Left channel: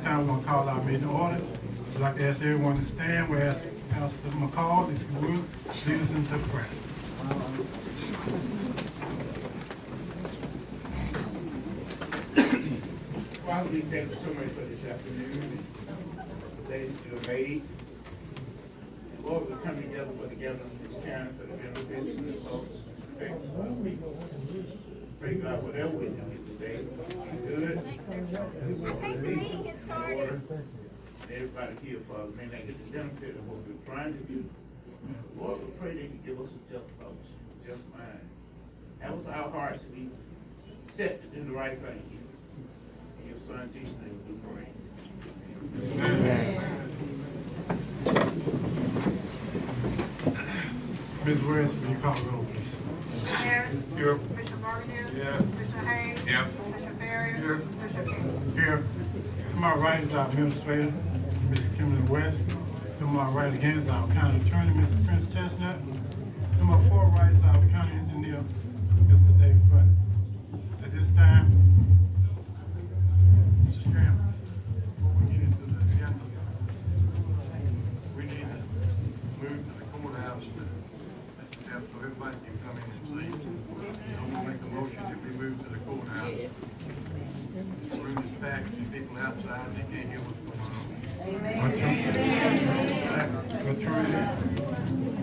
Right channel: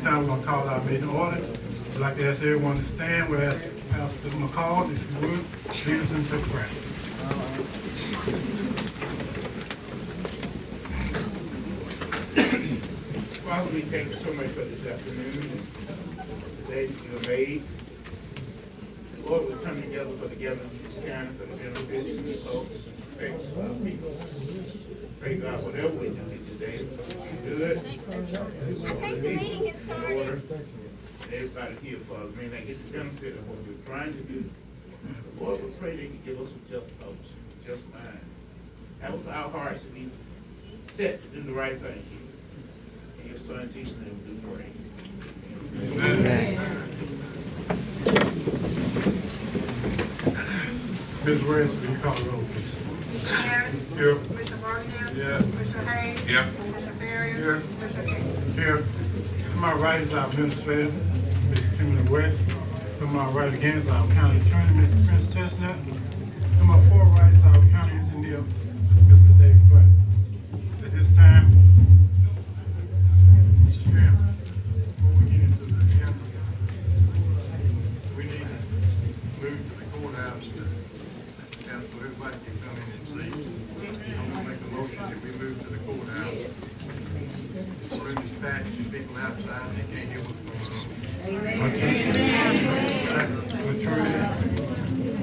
this time, we're going to call our meeting to order. I'd like to ask everyone to stand. We'll ask Pastor McCall, if you would, lead us into prayer. Father, we thank you so much for this afternoon and the day that you have made. And Lord, we come together for the gathering of this county for the benefit of the folks, thank you for our people. Pray God, whatever we do today, be good. I think the meeting is started. And everybody here, Father, may not get the benefit of what we're trying to do. Lord, we pray that you give us a just thoughts, just mind. Help our hearts to be set to do the right thing. In your son Jesus' name we do pray. Amen. Ms. West, will you call the roll, please? Aaron. Here. Commissioner Martin. Yes. Commissioner Hayes. Yep. Commissioner Barry. Here. Commissioner King. Here. To my right is our administrator, Ms. Kimberly West. To my right again is our county attorney, Ms. Prince Chestnut. To my far right is our county engineer, Mr. Dave Pratt. At this time, Mr. Chairman, before we get into the agenda, we need to move to the courthouse so everybody can come in and see. I'm gonna make a motion that we move to the courthouse. We're dispatching people outside, they can't hear what's going on.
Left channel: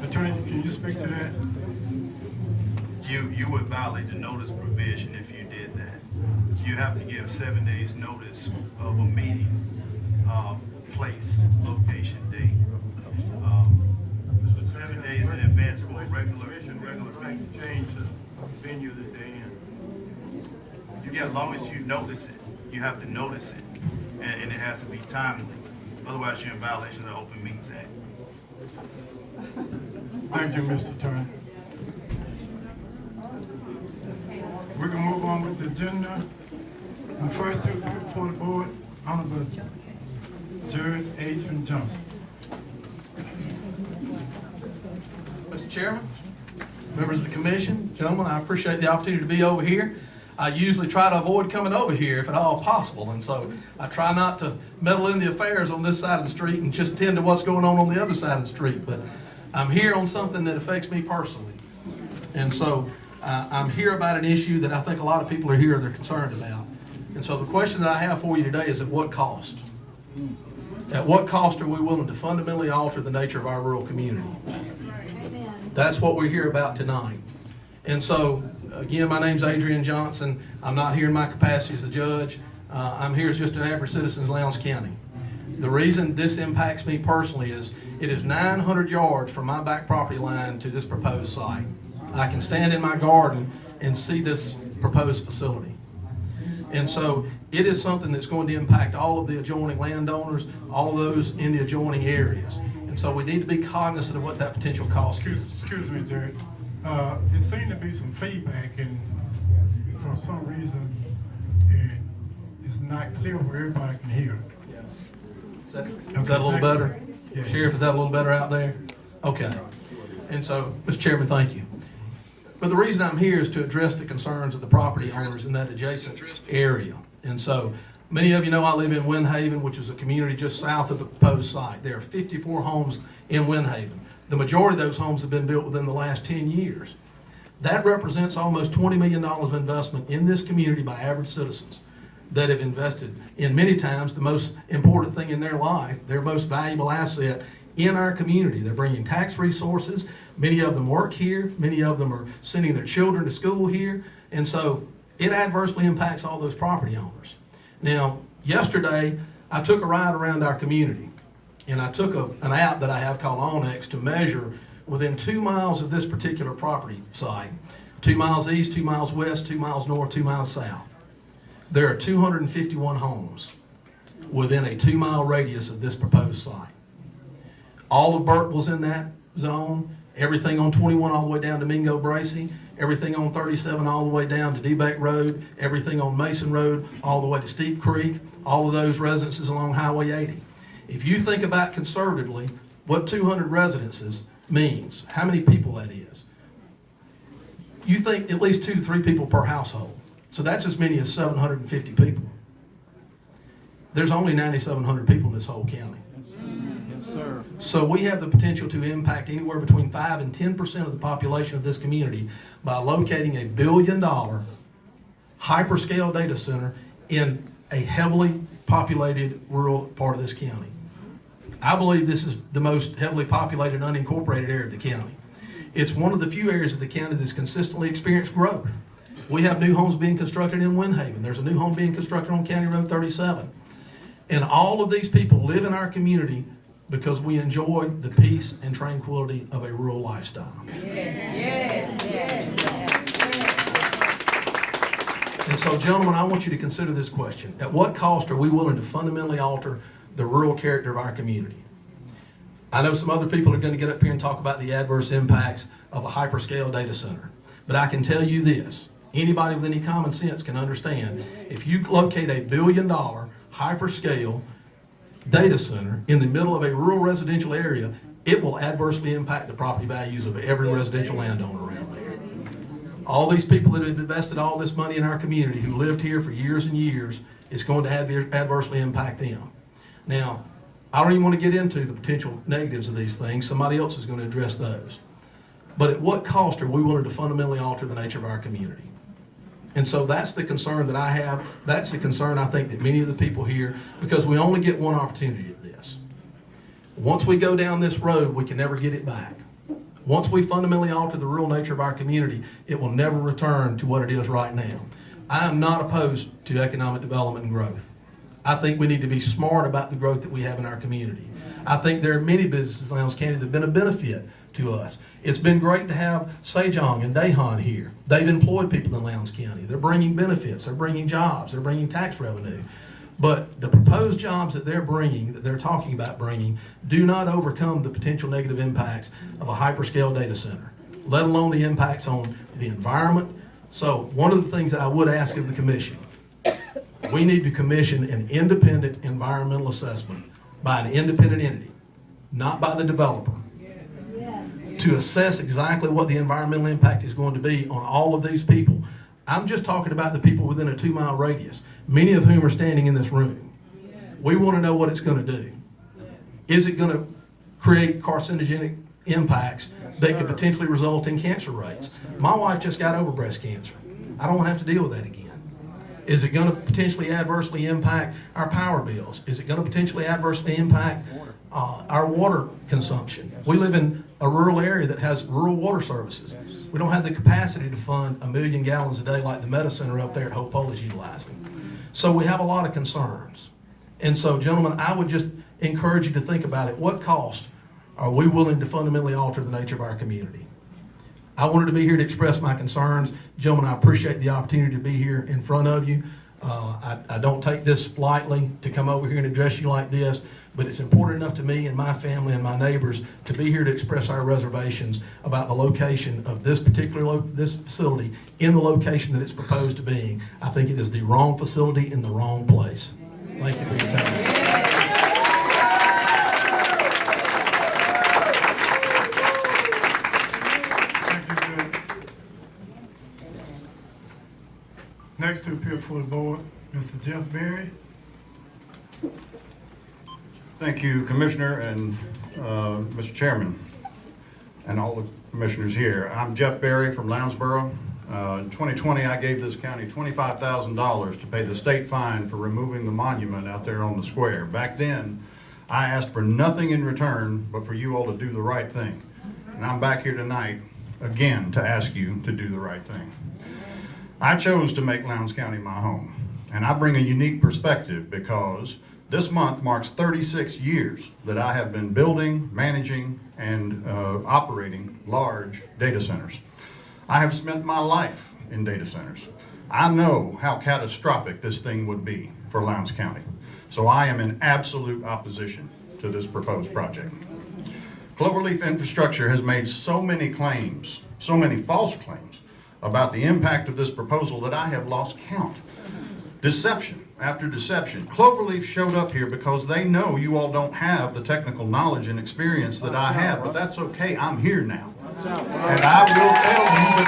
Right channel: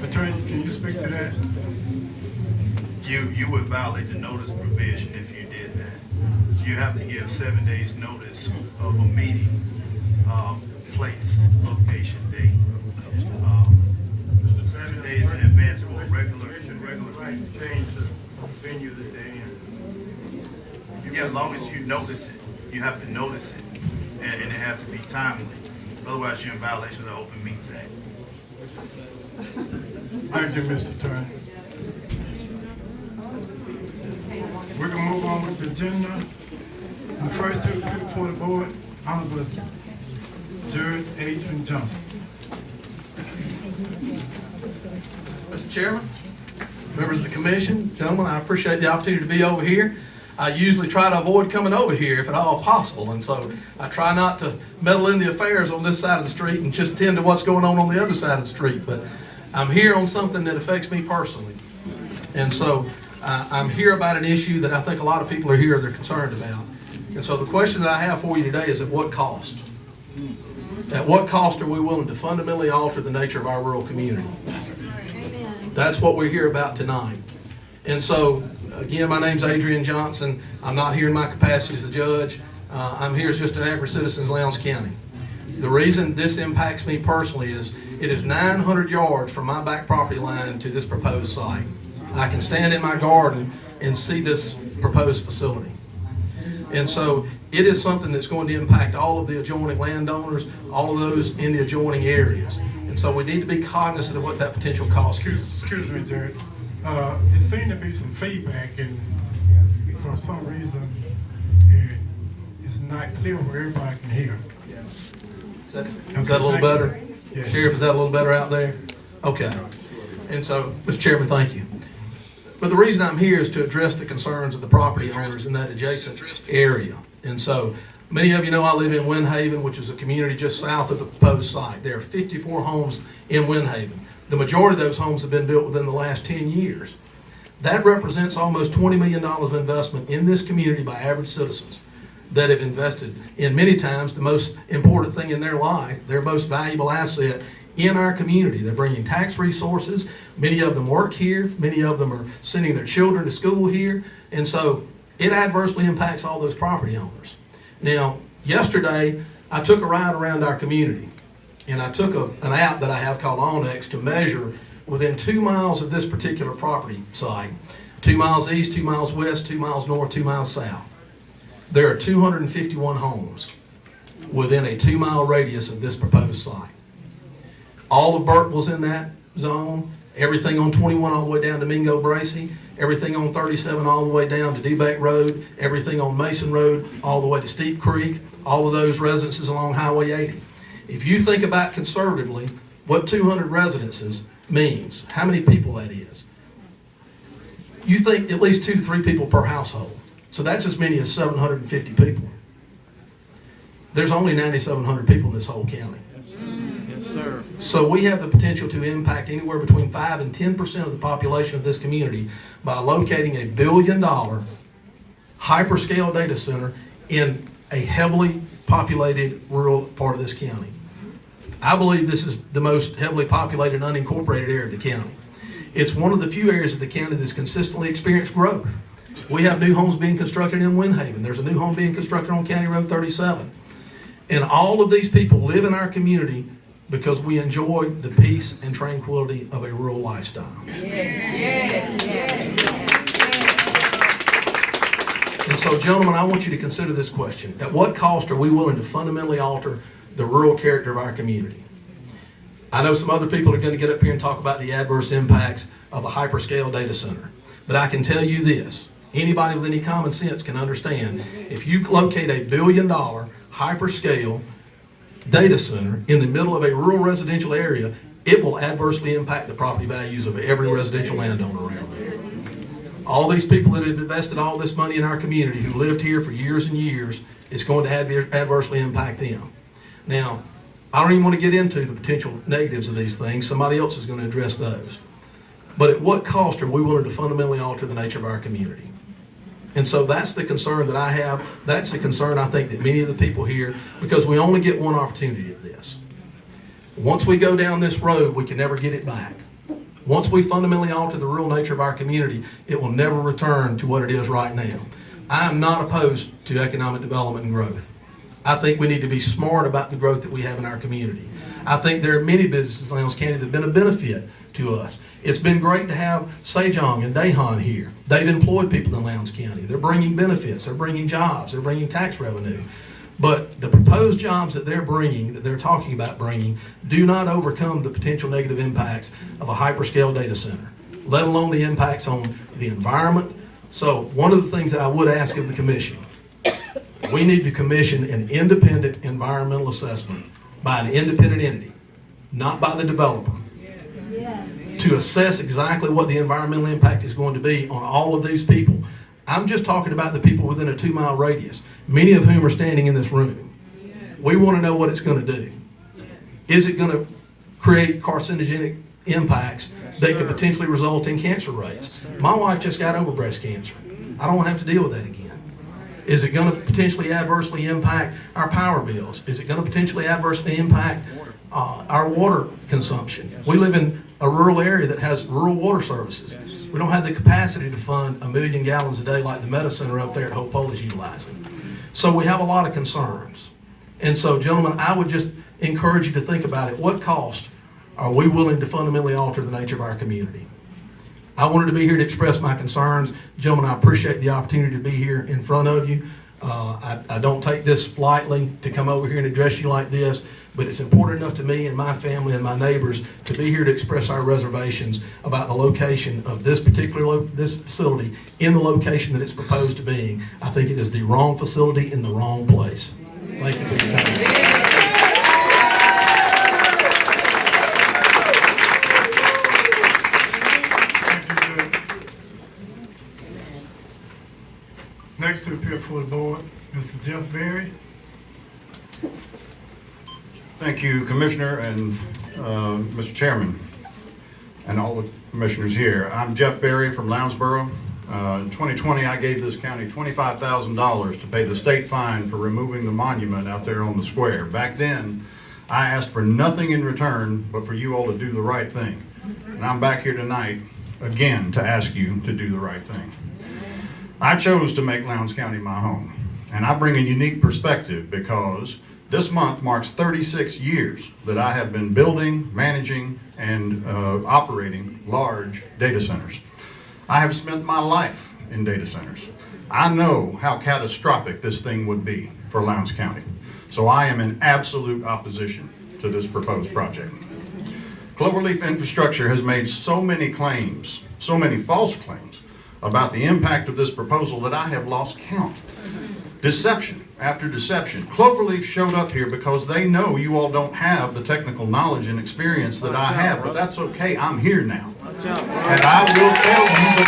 Attorney, can you speak to that? You would violate the notice provision if you did that. You have to give 7 days notice of a meeting, place, location, date. 7 days in advance for a regular meeting. Change the venue that they're in. Yeah, as long as you notice it, you have to notice it, and it has to be timely. Otherwise, you're in violation of the Open Meetings Act. Thank you, Mr. Attorney. We can move on with the agenda. And first, before the board, Honorable Jared Adrian Johnson. Mr. Chairman, members of the commission, gentlemen, I appreciate the opportunity to be over here. I usually try to avoid coming over here if at all possible, and so I try not to meddle in the affairs on this side of the street and just tend to what's going on the other side of the street. But I'm here on something that affects me personally, and so I'm here about an issue that I think a lot of people are here they're concerned about. And so the question that I have for you today is, at what cost? At what cost are we willing to fundamentally alter the nature of our rural community? That's what we're here about tonight. And so, again, my name's Adrian Johnson. I'm not here in my capacity as the judge. I'm here as just an average citizen in Lowndes County. The reason this impacts me personally is it is 900 yards from my back property line to this proposed site. I can stand in my garden and see this proposed facility. And so it is something that's going to impact all of the adjoining landowners, all of those in the adjoining areas. And so we need to be cognizant of what that potential cost is. Excuse me, Jared. It seemed to be some feedback, and for some reason, it's not clear where everybody can hear. Is that a little better? Yeah. Sheriff, is that a little better out there? Okay. And so, Mr. Chairman, thank you. But the reason I'm here is to address the concerns of the property owners in that adjacent area. And so, many of you know I live in Windhaven, which is a community just south of the proposed site. There are 54 homes in Windhaven. The majority of those homes have been built within the last 10 years. That represents almost $20 million of investment in this community by average citizens that have invested in, many times, the most important thing in their life, their most valuable asset in our community. They're bringing tax resources. Many of them work here. Many of them are sending their children to school here. And so it adversely impacts all those property owners. Now, yesterday, I took a ride around our community, and I took an app that I have called Onyx to measure within 2 miles of this particular property site, 2 miles east, 2 miles west, 2 miles north, 2 miles south. There are 251 homes within a 2 mile radius of this proposed site. All of Burkeville's in that zone, everything on 21 all the way down to Mingo Bracy, everything on 37 all the way down to D-Beck Road, everything on Mason Road all the way to Steep Creek, all of those residences along Highway 80. If you think about conservatively what 200 residences means, how many people that is, you think at least 2 to 3 people per household. So that's as many as 750 people. there's only 9,700 people in this whole county. Yes, sir. So we have the potential to impact anywhere between 5 and 10% of the population of this community by locating a $1 billion hyperscale data center in a heavily populated rural part of this county. I believe this is the most heavily populated unincorporated area of the county. It's one of the few areas of the county that's consistently experienced growth. We have new homes being constructed in Windhaven. There's a new home being constructed on County Road 37. And all of these people live in our community because we enjoy the peace and tranquility of a rural lifestyle. And so, gentlemen, I want you to consider this question. At what cost are we willing to fundamentally alter the rural character of our community? I know some other people are going to get up here and talk about the adverse impacts of a hyperscale data center. But I can tell you this, anybody with any common sense can understand, if you locate a $1 billion hyperscale data center in the middle of a rural residential area, it will adversely impact the property values of every residential landowner around there. All these people that have invested all this money in our community who lived here for years and years, it's going to adversely impact them. Now, I don't even want to get into the potential negatives of these things. Somebody else is going to address those. But at what cost are we willing to fundamentally alter the nature of our community? And so that's the concern that I have. That's the concern I think that many of the people here, because we only get one opportunity at this. Once we go down this road, we can never get it back. Once we fundamentally alter the rural nature of our community, it will never return to what it is right now. I am not opposed to economic development and growth. I think we need to be smart about the growth that we have in our community. I think there are many businesses in Lowndes County that have been a benefit to us. It's been great to have Sejong and Dahan here. They've employed people in Lowndes County. They're bringing benefits, they're bringing jobs, they're bringing tax revenue. But the proposed jobs that they're bringing, that they're talking about bringing, do not overcome the potential negative impacts of a hyperscale data center, let alone the impacts on the environment. So one of the things that I would ask of the commission, we need to commission an independent environmental assessment by an independent entity, not by the developer, to assess exactly what the environmental impact is going to be on all of these people. I'm just talking about the people within a 2-mile radius, many of whom are standing in this room. We want to know what it's going to do. Is it going to create carcinogenic impacts that could potentially result in cancer rates? My wife just got over breast cancer. I don't want to have to deal with that again. Is it going to potentially adversely impact our power bills? Is it going to potentially adversely impact our water consumption? We live in a rural area that has rural water services. We don't have the capacity to fund 1 million gallons a day like the Meta Center up there at Hope Pole is utilizing. So we have a lot of concerns. And so, gentlemen, I would just encourage you to think about it. What cost are we willing to fundamentally alter the nature of our community? I wanted to be here to express my concerns. Gentlemen, I appreciate the opportunity to be here in front of you. I don't take this lightly to come over here and address you like this, but it's important enough to me and my family and my neighbors to be here to express our reservations about the location of this particular this facility in the location that it's proposed to being. I think it is the wrong facility in the wrong place. Thank you for your time. Next to appear before the board, Mr. Jeff Berry. Thank you, Commissioner and Mr. Chairman, and all the commissioners here. I'm Jeff Berry from Lounsboro. In 2020, I gave this county $25,000 to pay the state fine for removing the monument out there on the square. Back then, I asked for nothing in return but for you all to do the right thing. And I'm back here tonight again to ask you to do the right thing. I chose to make Lowndes County my home, and I bring a unique perspective because this month marks 36 years that I have been building, managing, and operating large data centers. I have spent my life in data centers. I know how catastrophic this thing would be for Lowndes County, so I am in absolute opposition to this proposed project. Cloverleaf Infrastructure has made so many claims, so many false claims, about the impact of this proposal that I have lost count. Deception after deception. Cloverleaf showed up here because they know you all don't have the technical knowledge and experience that I have, but that's okay, I'm here now. And I will tell you the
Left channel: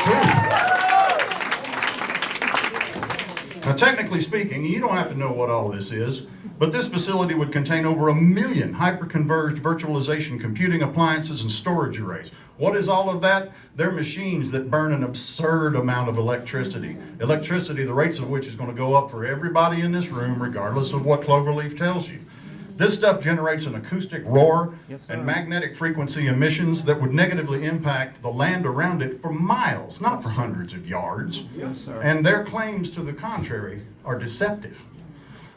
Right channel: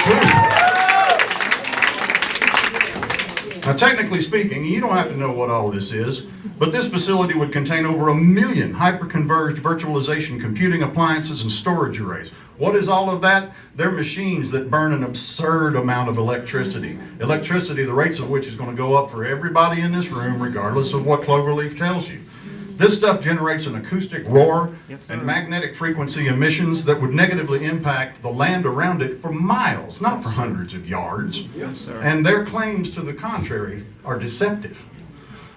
truth. Now, technically speaking, you don't have to know what all this is, but this facility would contain over 1 million hyper-converged virtualization computing appliances and storage arrays. What is all of that? They're machines that burn an absurd amount of electricity. Electricity, the rates of which is going to go up for everybody in this room, regardless of what Cloverleaf tells you. This stuff generates an acoustic roar and magnetic frequency emissions that would negatively impact the land around it for miles, not for hundreds of yards. And their claims to the contrary are deceptive.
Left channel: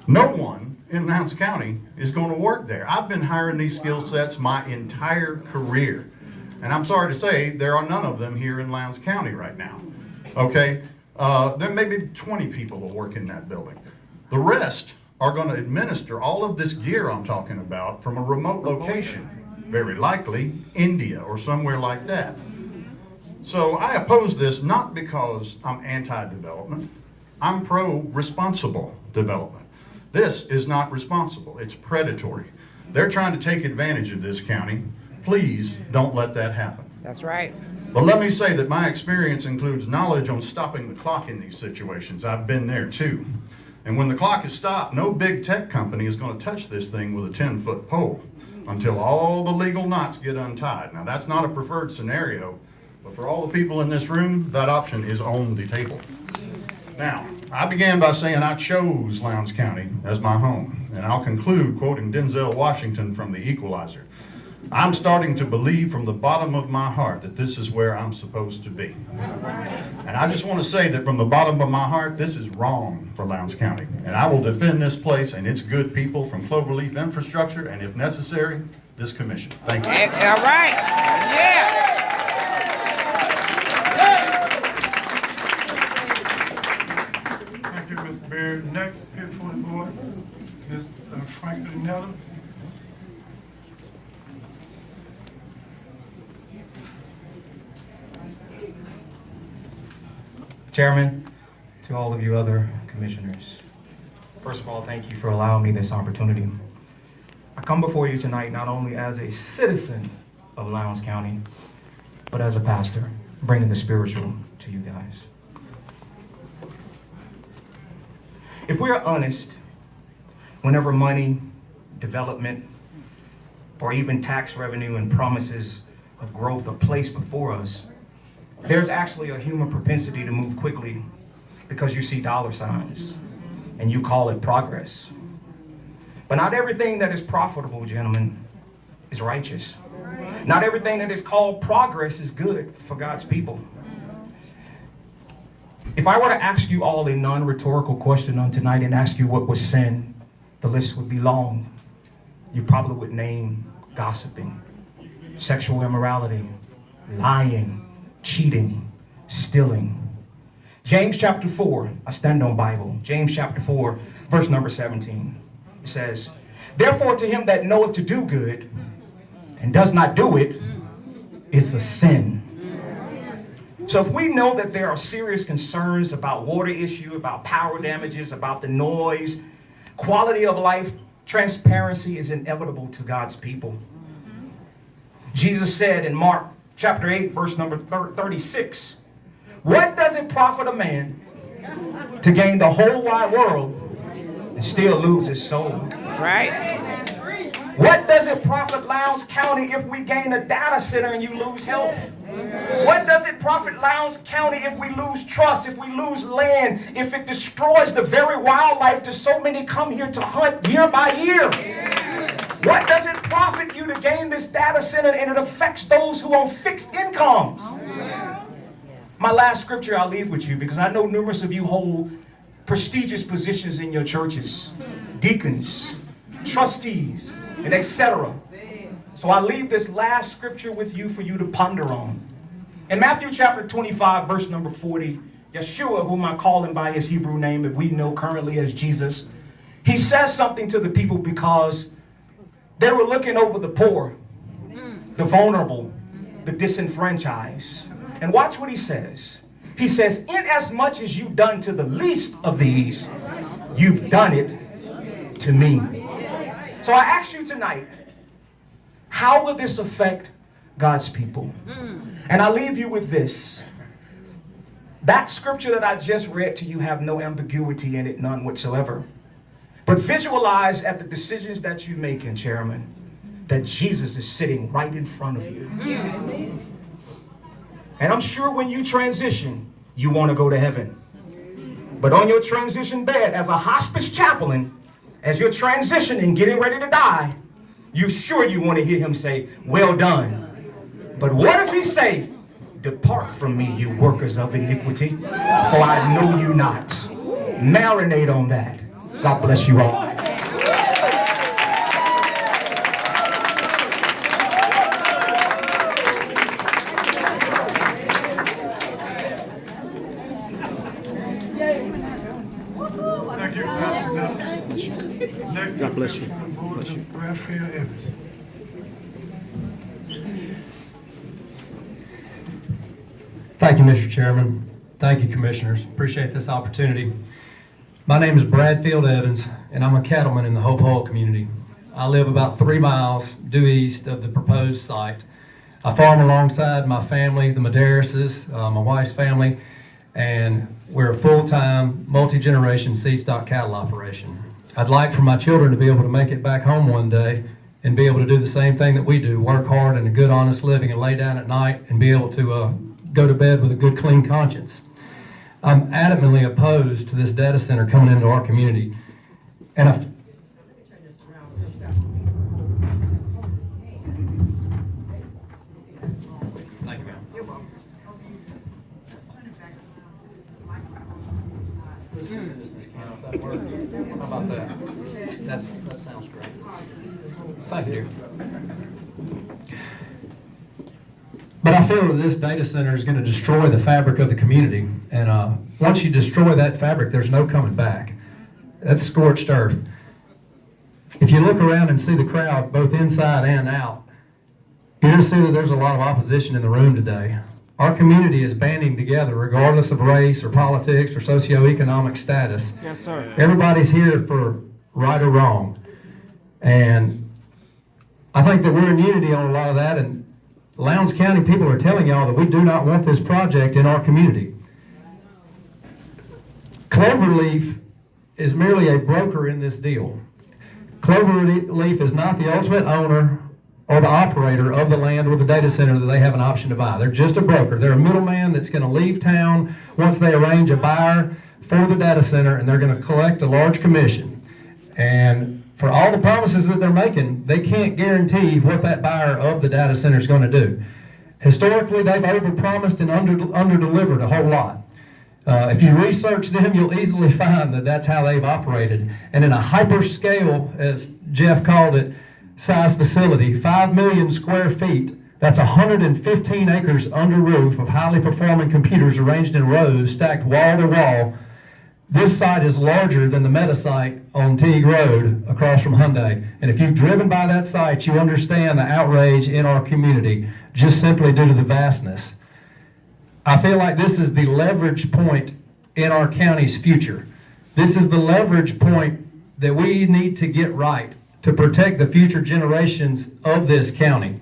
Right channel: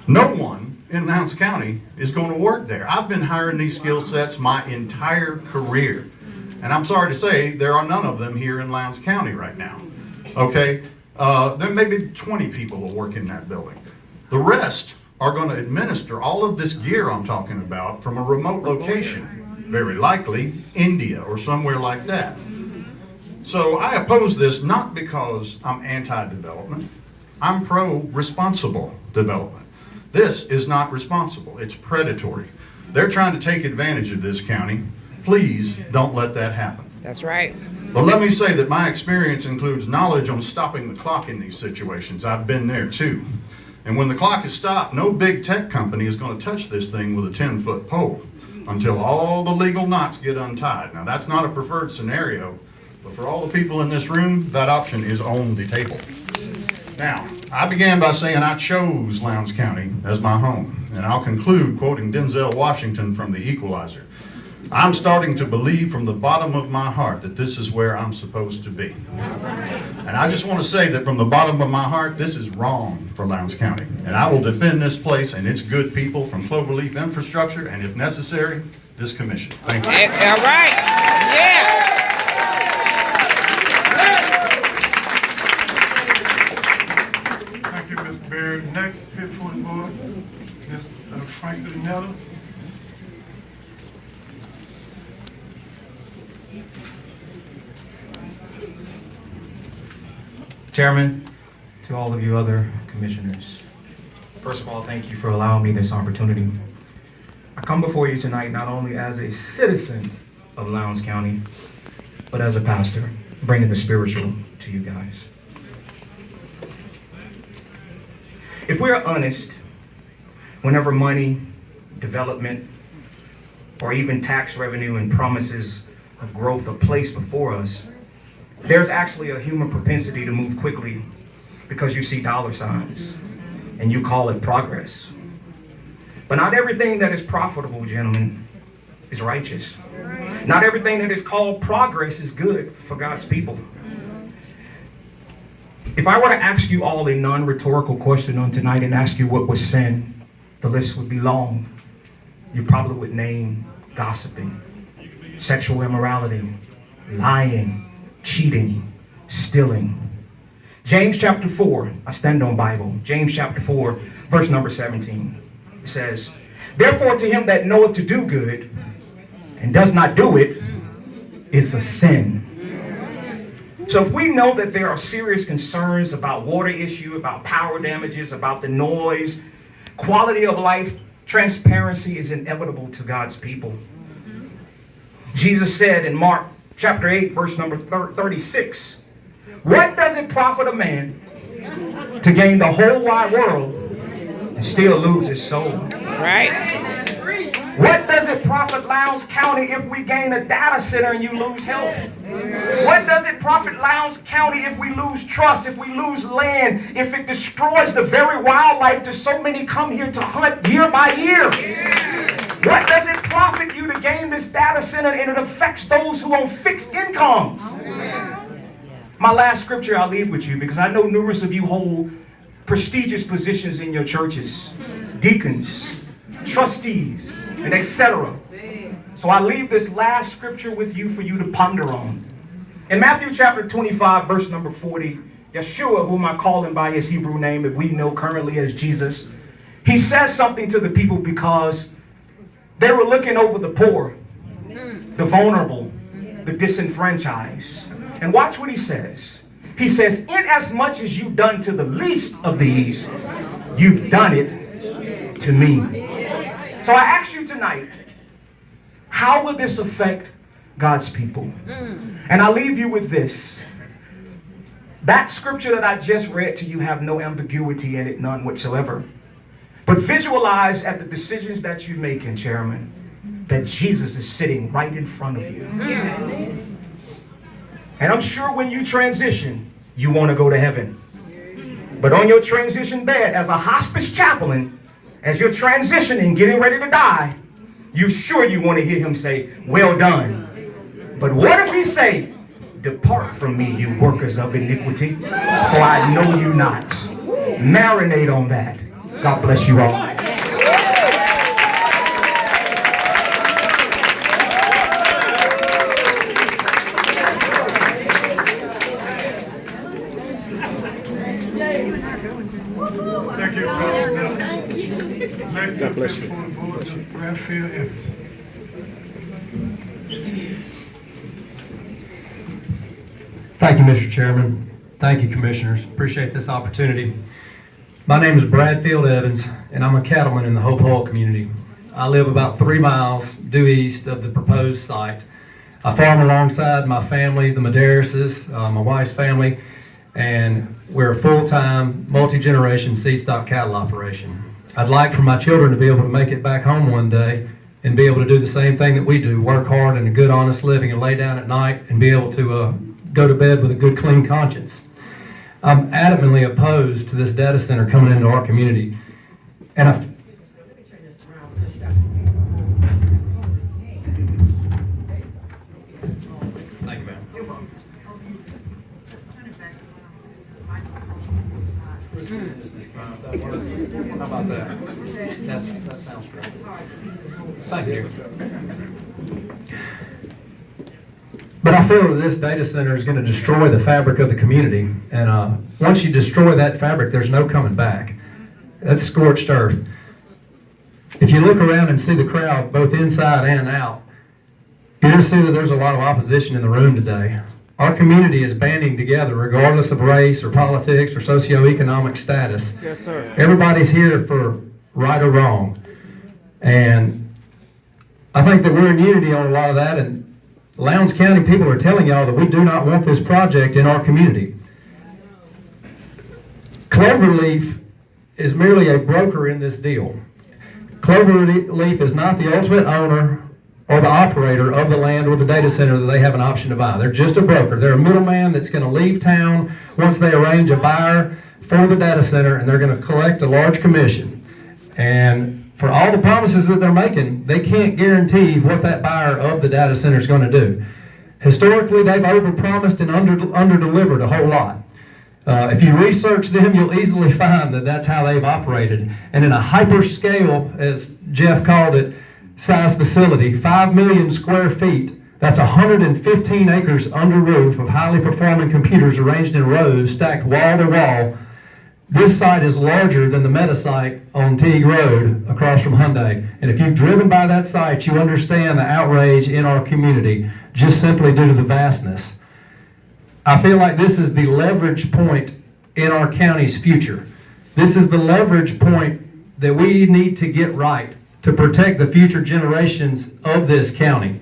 No one in Lowndes County is going to work there. I've been hiring these skill sets my entire career. And I'm sorry to say, there are none of them here in Lowndes County right now. Okay? There may be 20 people who work in that building. The rest are going to administer all of this gear I'm talking about from a remote location, very likely India or somewhere like that. So I oppose this not because I'm anti-development. I'm pro-responsible development. This is not responsible. It's predatory. They're trying to take advantage of this county. Please don't let that happen. That's right. But let me say that my experience includes knowledge on stopping the clock in these situations. I've been there too. And when the clock is stopped, no big tech company is going to touch this thing with a 10-foot pole until all the legal knots get untied. Now, that's not a preferred scenario, but for all the people in this room, that option is on the table. Now, I began by saying I chose Lowndes County as my home, and I'll conclude quoting Denzel Washington from The Equalizer. I'm starting to believe from the bottom of my heart that this is where I'm supposed to be. And I just want to say that from the bottom of my heart, this is wrong for Lowndes County. And I will defend this place and its good people from Cloverleaf infrastructure, and if necessary, this commission. Thank you. All right. Yeah. Thank you, Mr. Berry. Next, here for the board, Mr. Franklin Nelson. Chairman, to all of you other commissioners, first of all, thank you for allowing me this opportunity. I come before you tonight not only as a citizen of Lowndes County, but as a pastor, bringing the spiritual to you guys. If we're honest, whenever money, development, or even tax revenue and promises of growth are placed before us, there's actually a human propensity to move quickly because you see dollar signs and you call it progress. But not everything that is profitable, gentlemen, is righteous. Not everything that is called progress is good for God's people. If I were to ask you all a non-rhetorical question on tonight and ask you what was sin, the list would be long. You probably would name gossiping, sexual immorality, lying, cheating, stealing. James chapter 4, I stand on Bible. James chapter 4, verse number 17. It says, therefore to him that knoweth to do good and does not do it is a sin. So if we know that there are serious concerns about water issue, about power damages, about the noise, quality of life, transparency is inevitable to God's people. Jesus said in Mark chapter 8, verse number 36, what does it profit a man to gain the whole wide world and still lose his soul? Right. What does it profit Lowndes County if we gain a data center and you lose health? What does it profit Lowndes County if we lose trust, if we lose land, if it destroys the very wildlife that so many come here to hunt year by year? What does it profit you to gain this data center and it affects those who own fixed incomes? My last scripture I'll leave with you because I know numerous of you hold prestigious positions in your churches, deacons, trustees, and etc. So I leave this last scripture with you for you to ponder on. In Matthew chapter 25, verse number 40, Yeshua, whom I call him by his Hebrew name, if we know currently as Jesus, he says something to the people because they were looking over the poor, the vulnerable, the disenfranchised. And watch what he says. He says, inasmuch as you've done to the least of these, you've done it to me. So I ask you tonight, how will this affect God's people? And I leave you with this. That scripture that I just read to you have no ambiguity in it, none whatsoever. But visualize at the decisions that you make, Chairman, that Jesus is sitting right in front of you. And I'm sure when you transition, you want to go to heaven. But on your transition bed, as a hospice chaplain, as you're transitioning, getting ready to die, you sure you want to hear him say, well done. But what if he say, depart from me, you workers of iniquity, for I know you not. Marinate on that. God bless you all. Thank you, God bless you. Bradfield Evans. Thank you, Mr. Chairman. Thank you, Commissioners. Appreciate this opportunity. My name is Bradfield Evans, and I'm a cattleman in the Hope Hole community. I live about 3 miles due east of the proposed site. I farm alongside my family, the Madeiras, my wife's family, and we're a full-time, multi-generation seed stock cattle operation. I'd like for my children to be able to make it back home one day and be able to do the same thing that we do, work hard and a good, honest living, and lay down at night and be able to go to bed with a good, clean conscience. I'm adamantly opposed to this data center coming into our community. And I... Thank you, ma'am. How about that? That sounds great. Thank you. But I feel that this data center is going to destroy the fabric of the community. And once you destroy that fabric, there's no coming back. That's scorched earth. If you look around and see the crowd, both inside and out, you're going to see that there's a lot of opposition in the room today. Our community is banding together regardless of race or politics or socioeconomic status. Yes, sir. Everybody's here for right or wrong. And I think that we're in unity on a lot of that. And Lowndes County people are telling y'all that we do not want this project in our community. Cloverleaf is merely a broker in this deal. Cloverleaf is not the ultimate owner or the operator of the land or the data center that they have an option to buy. They're just a broker. They're a middleman that's going to leave town once they arrange a buyer for the data center, and they're going to collect a large commission. And for all the promises that they're making, they can't guarantee what that buyer of the data center is going to do. Historically, they've overpromised and under-delivered a whole lot. If you research them, you'll easily find that that's how they've operated. And in a hyperscale, as Jeff called it, size facility, 5 million square feet, that's 115 acres under roof of highly performing computers arranged in rows, stacked wall to wall. This site is larger than the Meta site on Teague Road across from Hyundai. And if you've driven by that site, you understand the outrage in our community just simply due to the vastness. I feel like this is the leverage point in our county's future. This is the leverage point that we need to get right to protect the future generations of this county.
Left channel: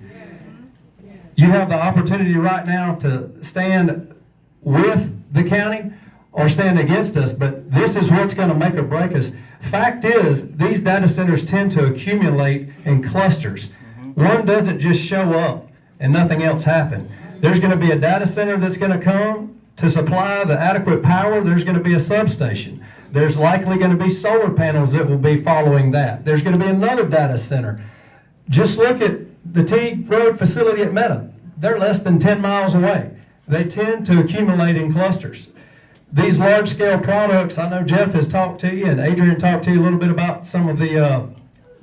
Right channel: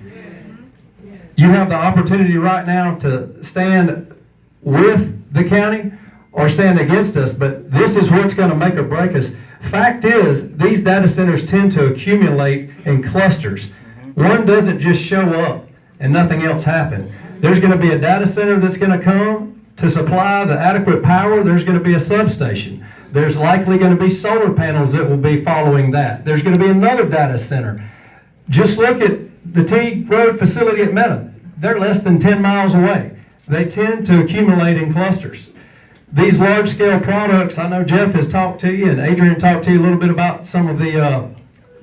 You have the opportunity right now to stand with the county or stand against us, but this is what's going to make or break us. Fact is, these data centers tend to accumulate in clusters. One doesn't just show up and nothing else happen. There's going to be a data center that's going to come to supply the adequate power. There's going to be a substation. There's likely going to be solar panels that will be following that. There's going to be another data center. Just look at the Teague Road facility at Meta. They're less than 10 miles away. They tend to accumulate in clusters. These large-scale products, I know Jeff has talked to you and Adrian talked to you a little bit about some of the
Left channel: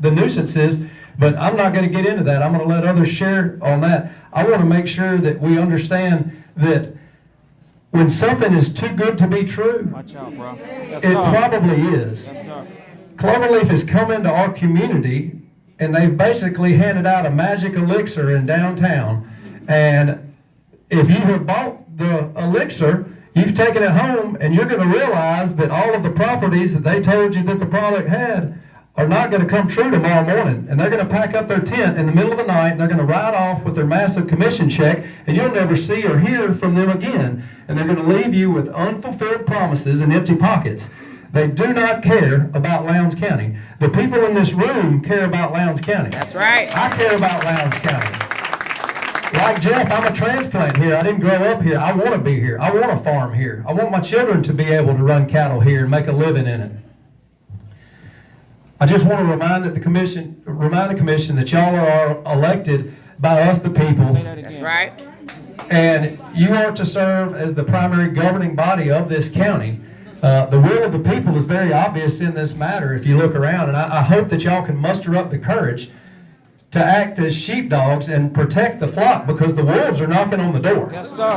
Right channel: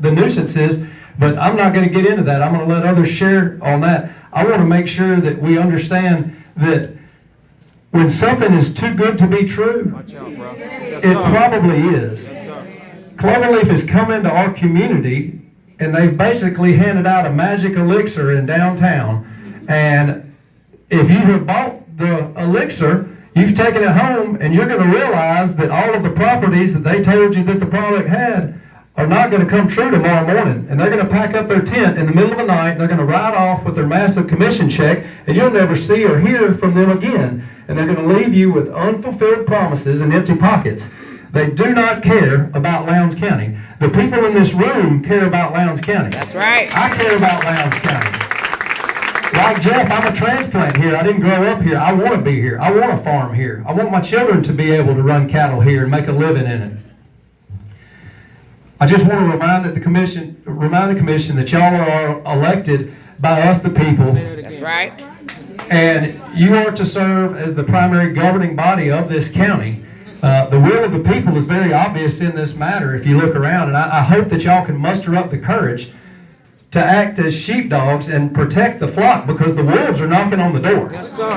nuisances, but I'm not going to get into that. I'm going to let others share on that. I want to make sure that we understand that when something is too good to be true, it probably is. Cloverleaf has come into our community and they've basically handed out a magic elixir in downtown. And if you have bought the elixir, you've taken it home and you're going to realize that all of the properties that they told you that the product had are not going to come true tomorrow morning, and they're going to pack up their tent in the middle of the night, and they're going to ride off with their massive commission check, and you'll never see or hear from them again, and they're going to leave you with unfulfilled promises and empty pockets. They do not care about Lowndes County. The people in this room care about Lowndes County. That's right. I care about Lowndes County. Like Jeff, I'm a transplant here. I didn't grow up here. I want to be here. I want to farm here. I want my children to be able to run cattle here and make a living in it. I just want to remind the commission that y'all are elected by us, the people. That's right. And you are to serve as the primary governing body of this county. The will of the people is very obvious in this matter if you look around, and I hope that y'all can muster up the courage to act as sheepdogs and protect the flock, because the wolves are knocking on the door. Yes, sir.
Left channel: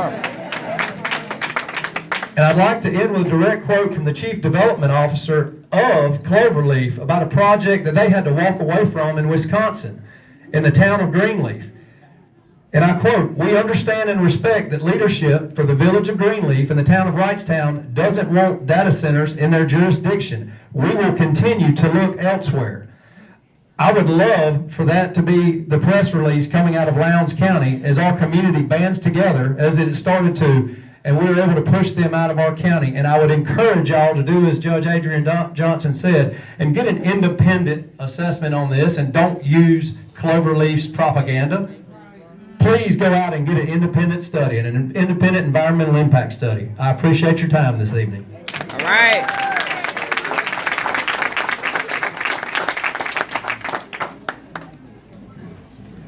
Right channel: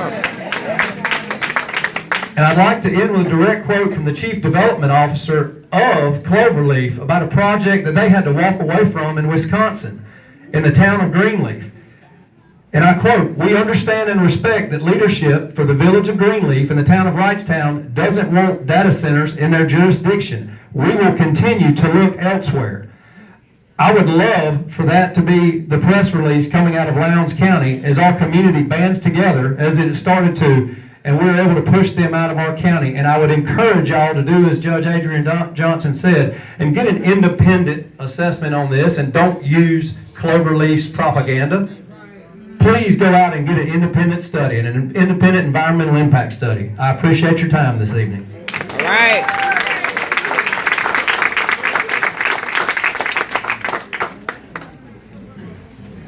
And I'd like to end with a direct quote from the Chief Development Officer of Cloverleaf about a project that they had to walk away from in Wisconsin, in the town of Greenleaf. And I quote, "We understand and respect that leadership for the village of Greenleaf and the town of Wrightstown doesn't want data centers in their jurisdiction. We will continue to look elsewhere." I would love for that to be the press release coming out of Lowndes County as our community bands together, as it started to, and we're able to push them out of our county. And I would encourage y'all to do as Judge Adrian Johnson said, and get an independent assessment on this, and don't use Cloverleaf's propaganda. Please go out and get an independent study, and an independent environmental impact study. I appreciate your time this evening. All right.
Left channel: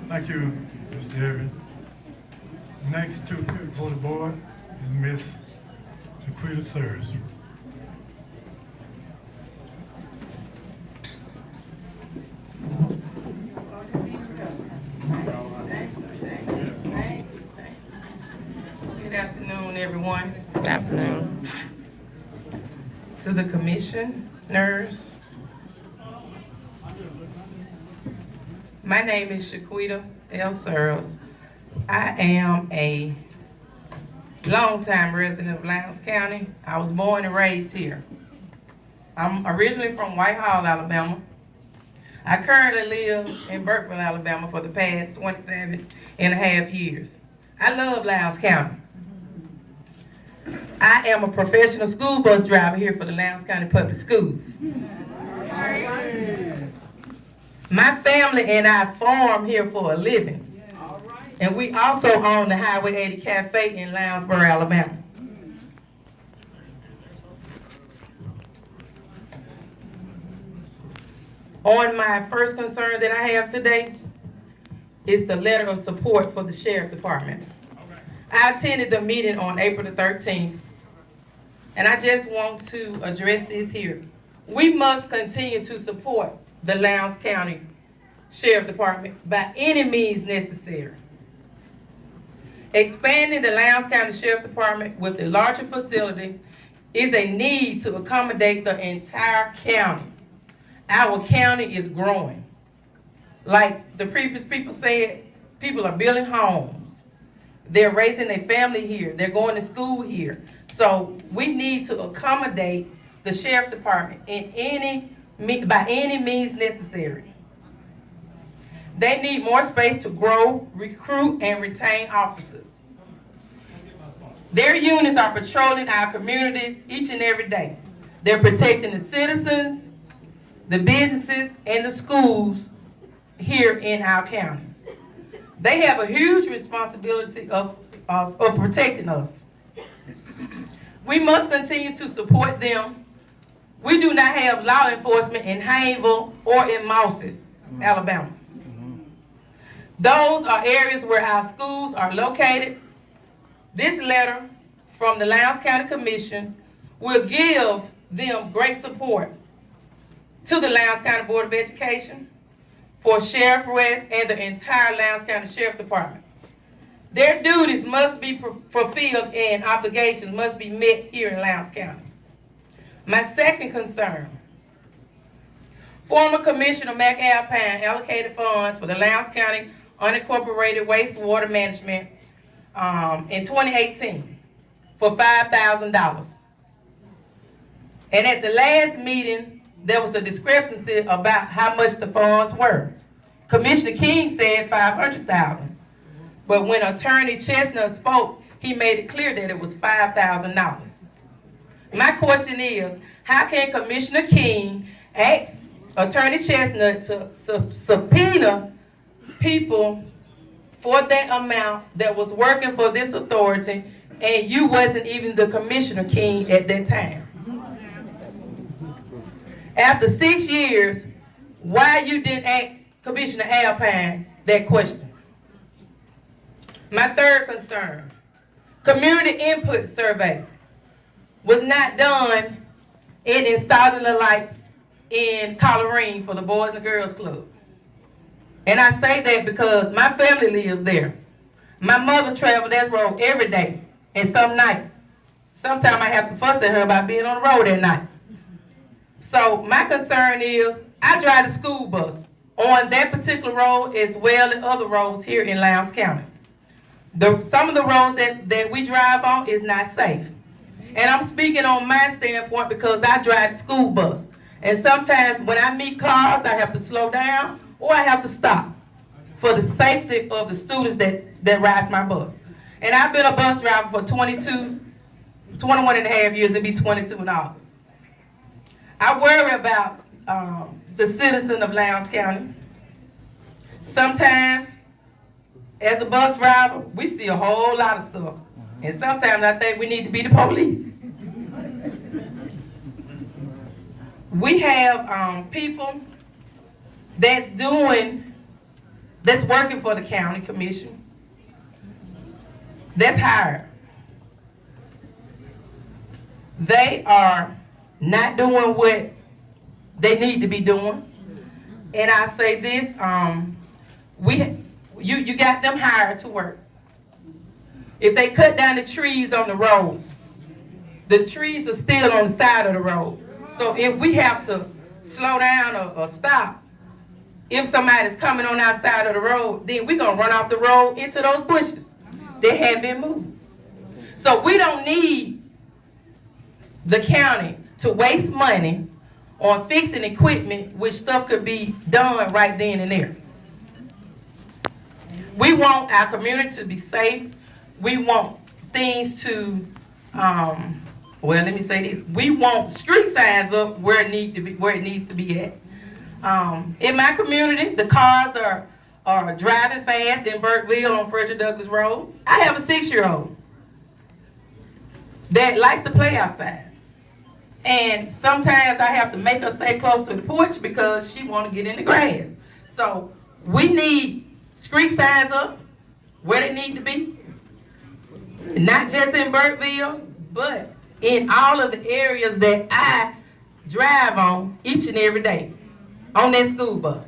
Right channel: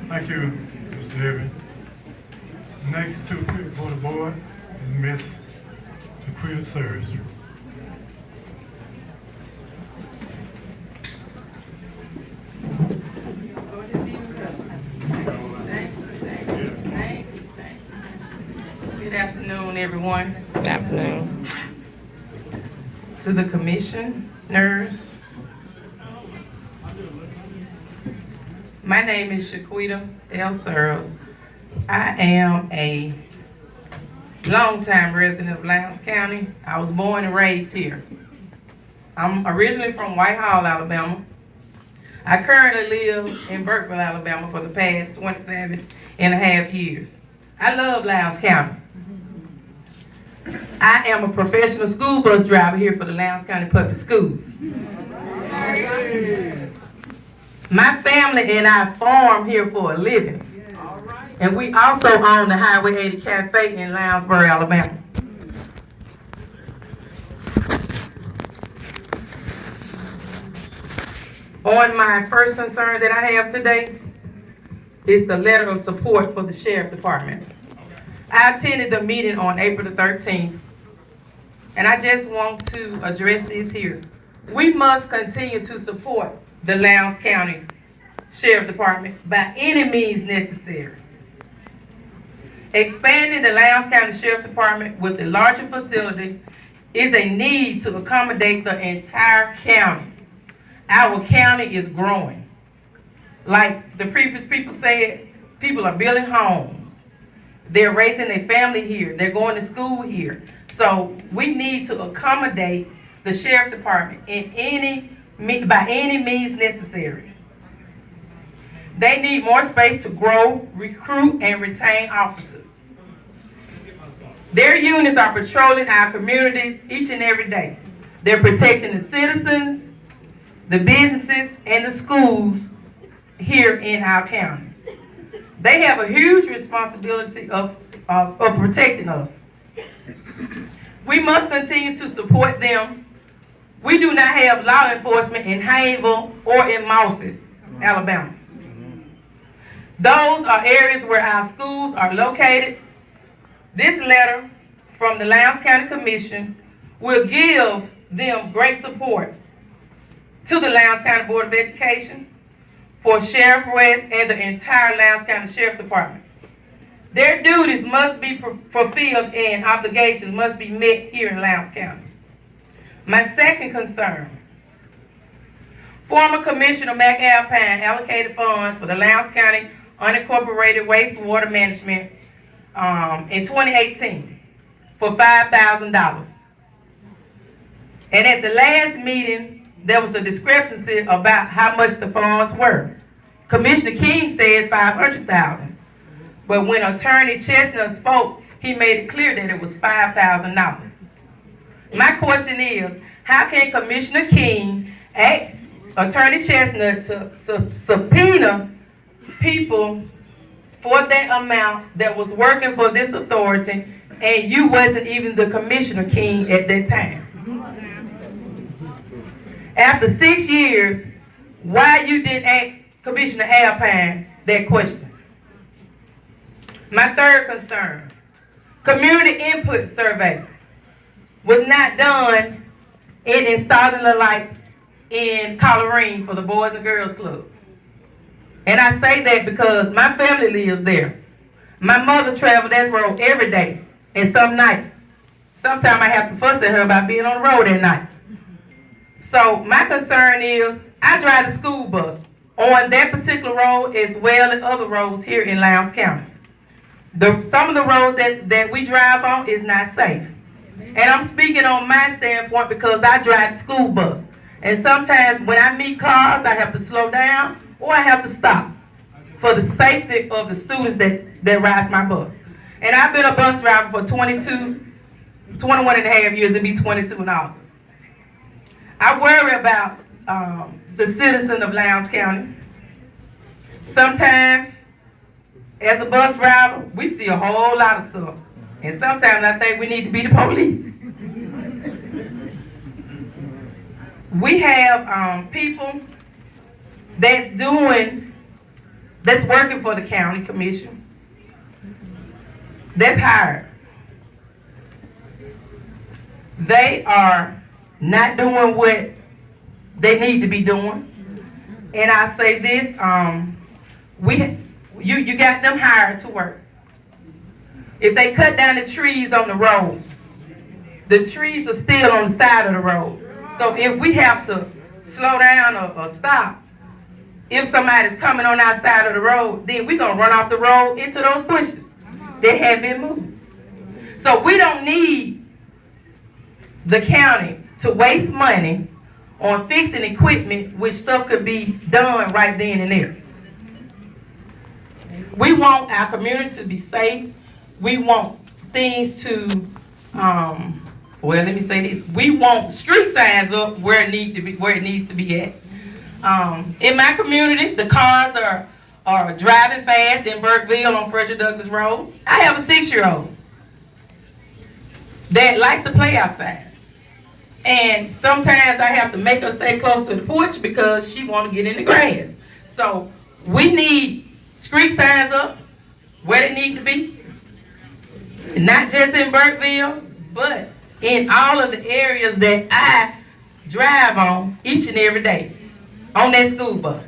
Thank you, Mr. Irvin. Next to appear before the board is Miss Shaquita Sears. Good afternoon, everyone. Good afternoon. To the commissioners. My name is Shaquita L. Searles. I am a longtime resident of Lowndes County. I was born and raised here. I'm originally from Whitehall, Alabama. I currently live in Burkeville, Alabama for the past 27 and a half years. I love Lowndes County. I am a professional school bus driver here for the Lowndes County Public Schools. My family and I farm here for a living. And we also own the Highway 80 Cafe in Lounsboro, Alabama. On my first concern that I have today is the letter of support for the Sheriff Department. I attended the meeting on April the 13th, and I just want to address this here. We must continue to support the Lowndes County Sheriff Department by any means necessary. Expanding the Lowndes County Sheriff Department with a larger facility is a need to accommodate the entire county. Our county is growing. Like the previous people said, people are building homes. They're raising their family here. They're going to school here. So we need to accommodate the Sheriff Department by any means necessary. They need more space to grow, recruit, and retain officers. Their units are patrolling our communities each and every day. They're protecting the citizens, the businesses, and the schools here in our county. They have a huge responsibility of protecting us. We must continue to support them. We do not have law enforcement in Haynesville or in Mosses, Alabama. Those are areas where our schools are located. This letter from the Lowndes County Commission will give them great support to the Lowndes County Board of Education, for Sheriff West, and the entire Lowndes County Sheriff Department. Their duties must be fulfilled and obligations must be met here in Lowndes County. My second concern, former Commissioner McAlpine allocated funds for the Lowndes County Unincorporated Wastewater Management in 2018 for $5,000. And at the last meeting, there was a discrepancy about how much the funds were. Commissioner King said 500,000, but when Attorney Chestnut spoke, he made it clear that it was $5,000. My question is, how can Commissioner King ask Attorney Chestnut to subpoena people for that amount that was working for this authority, and you wasn't even the Commissioner King at that time? After 6 years, why you didn't ask Commissioner Alpine that question? My third concern, community input survey was not done in installing the lights in Colorine for the Boys and Girls Club. And I say that because my family lives there. My mother traveled that road every day, and some nights. Sometimes I have to fuss at her about being on the road at night. So my concern is, I drive the school bus on that particular road as well as other roads here in Lowndes County. Some of the roads that we drive on is not safe. And I'm speaking on my standpoint because I drive the school bus. And sometimes when I meet cars, I have to slow down or I have to stop for the safety of the students that ride my bus. And I've been a bus driver for 21 and a half years. It'll be 22 in August. I worry about the citizen of Lowndes County. Sometimes, as a bus driver, we see a whole lot of stuff. And sometimes I think we need to be the police. We have people that's working for the county commission, that's hired. They are not doing what they need to be doing. And I say this, you got them hired to work. If they cut down the trees on the road, the trees are still on the side of the road. So if we have to slow down or stop, if somebody's coming on our side of the road, then we're gonna run off the road into those bushes that have been moved. So we don't need the county to waste money on fixing equipment which stuff could be done right then and there. We want our community to be safe. We want things to, let me say this. We want street signs up where it needs to be at. In my community, the cars are driving fast in Burkeville on Frederick Douglass Road. I have a 6-year-old that likes to play outside. And sometimes I have to make her stay close to the porch because she want to get in the grass. So we need street signs up where they need to be. Not just in Burkeville, but in all of the areas that I drive on each and every day on that school bus.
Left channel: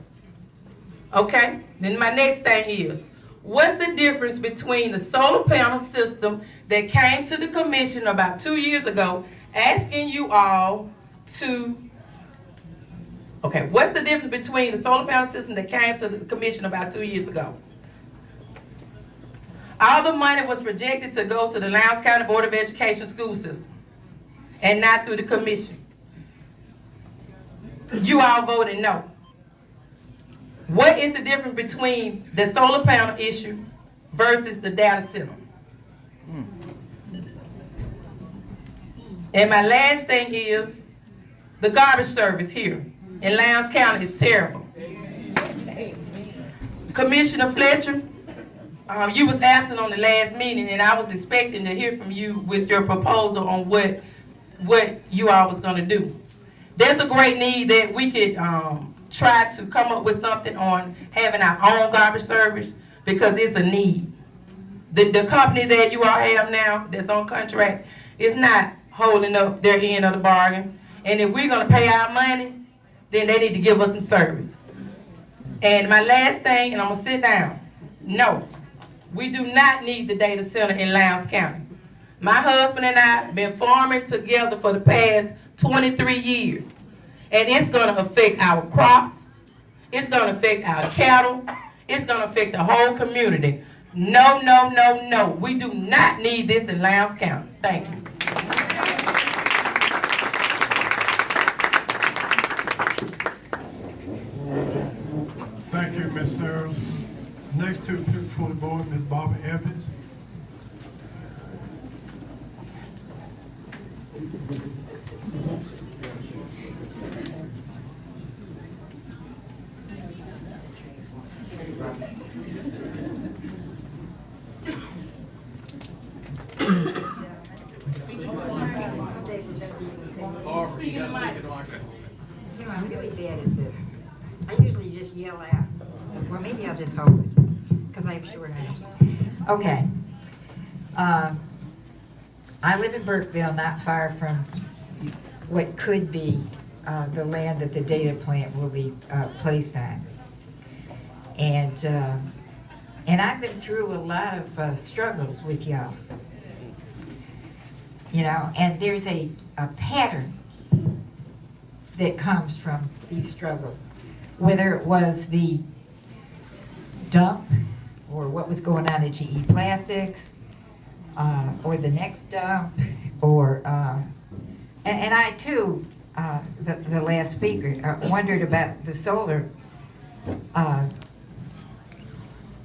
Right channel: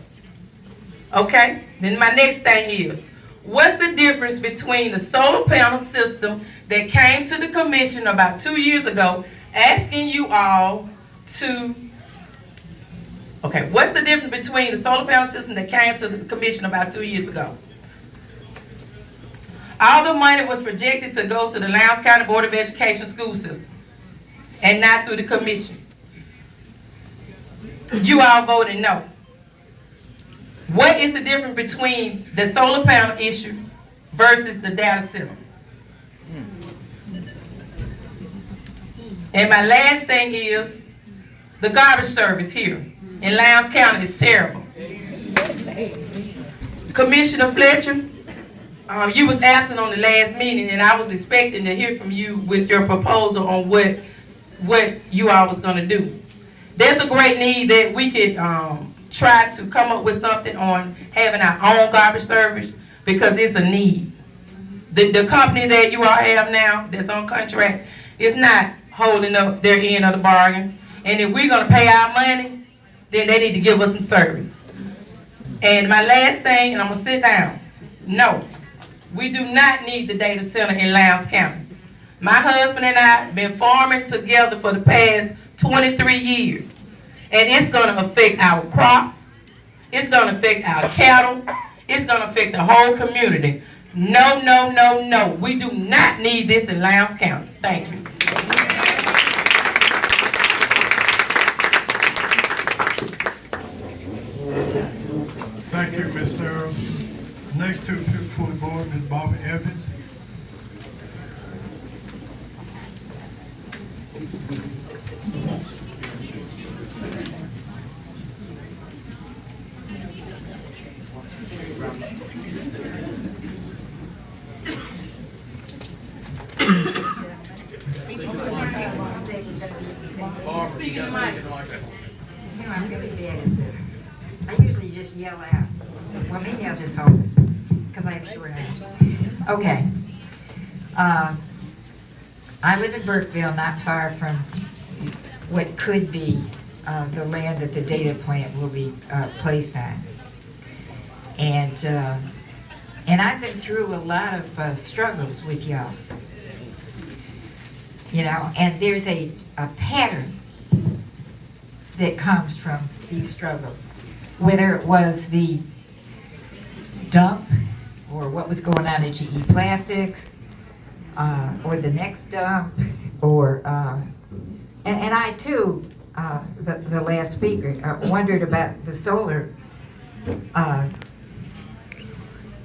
Okay? Then my next thing is, what's the difference between the solar panel system that came to the commission about 2 years ago asking you all to, what's the difference between the solar panel system that came to the commission about 2 years ago? All the money was projected to go to the Lowndes County Board of Education school system and not through the commission. You all voted no. What is the difference between the solar panel issue versus the data center? And my last thing is, the garbage service here in Lowndes County is terrible. Commissioner Fletcher, you was absent on the last meeting, and I was expecting to hear from you with your proposal on what you all was gonna do. There's a great need that we could try to come up with something on having our own garbage service because it's a need. The company that you all have now that's on contract is not holding up their end of the bargain. And if we're gonna pay our money, then they need to give us some service. And my last thing, and I'm gonna sit down. No, we do not need the data center in Lowndes County. My husband and I have been farming together for the past 23 years. And it's gonna affect our crops. It's gonna affect our cattle. It's gonna affect the whole community. No, no, no, no. We do not need this in Lowndes County. Thank you. serves. Next to before the board, Ms. Barbara Evans. I'm really bad at this. I usually just yell out. Well, maybe I'll just hold it, because I have short arms. Okay. I live in Burkeville, not far from what could be the land that the data plant will be placed on. And I've been through a lot of struggles with y'all. You know, and there's a pattern that comes from these struggles. Whether it was the dump, or what was going on at GE Plastics, or the next dump, or, and I too, the last speaker, wondered about the solar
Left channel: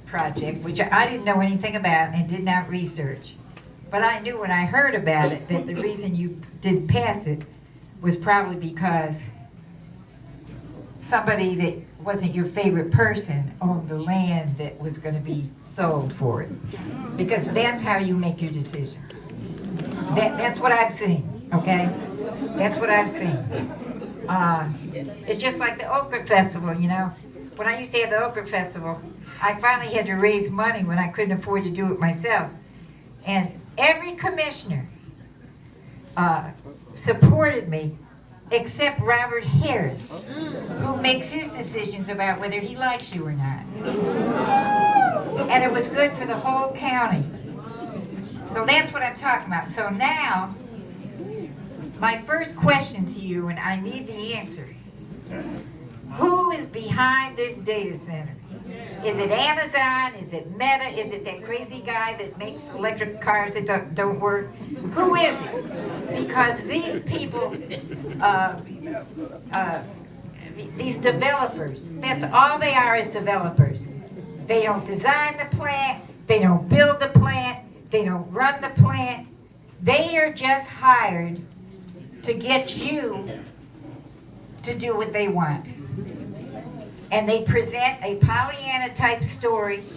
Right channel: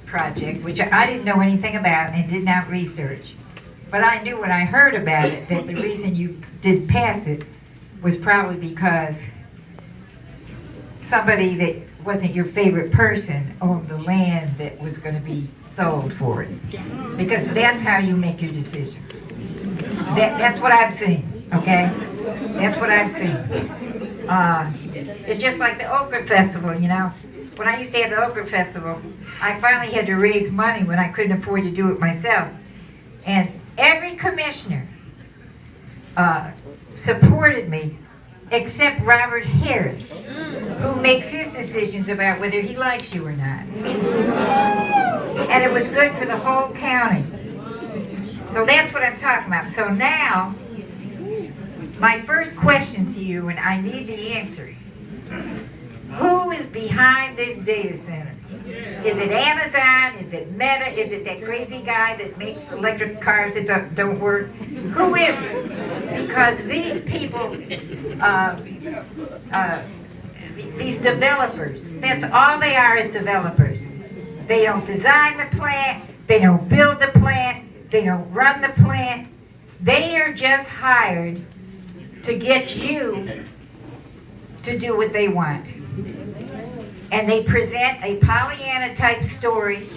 project, which I didn't know anything about and did not research. But I knew when I heard about it that the reason you didn't pass it was probably because somebody that wasn't your favorite person owned the land that was going to be sold for it. Because that's how you make your decisions. That's what I've seen, okay? That's what I've seen. It's just like the Okra Festival, you know? When I used to have the Okra Festival, I finally had to raise money when I couldn't afford to do it myself. And every commissioner supported me except Robert Harris, who makes his decisions about whether he likes you or not. And it was good for the whole county. So that's what I'm talking about. So now, my first question to you, and I need the answer, who is behind this data center? Is it Amazon? Is it Meta? Is it that crazy guy that makes electric cars that don't work? Who is it? Because these people, these developers, that's all they are, is developers. They don't design the plant, they don't build the plant, they don't run the plant. They are just hired to get you to do what they want. And they present a Pollyanna type story,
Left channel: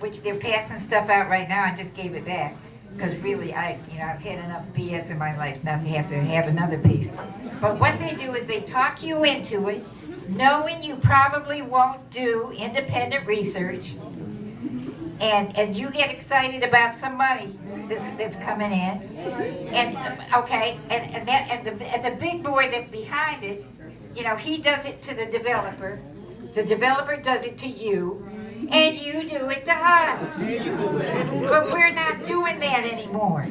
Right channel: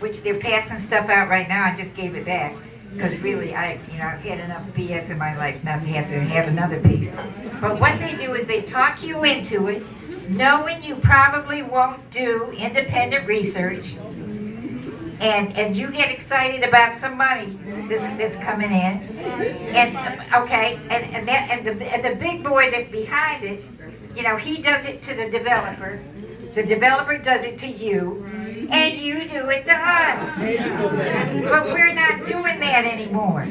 which they're passing stuff out right now. I just gave it back because really, I've had enough BS in my life not to have another piece. But what they do is they talk you into it, knowing you probably won't do independent research, and you get excited about some money that's coming in, and okay, and the big boy that's behind it, you know, he does it to the developer does it to you, and you do it to us. But we're not doing that anymore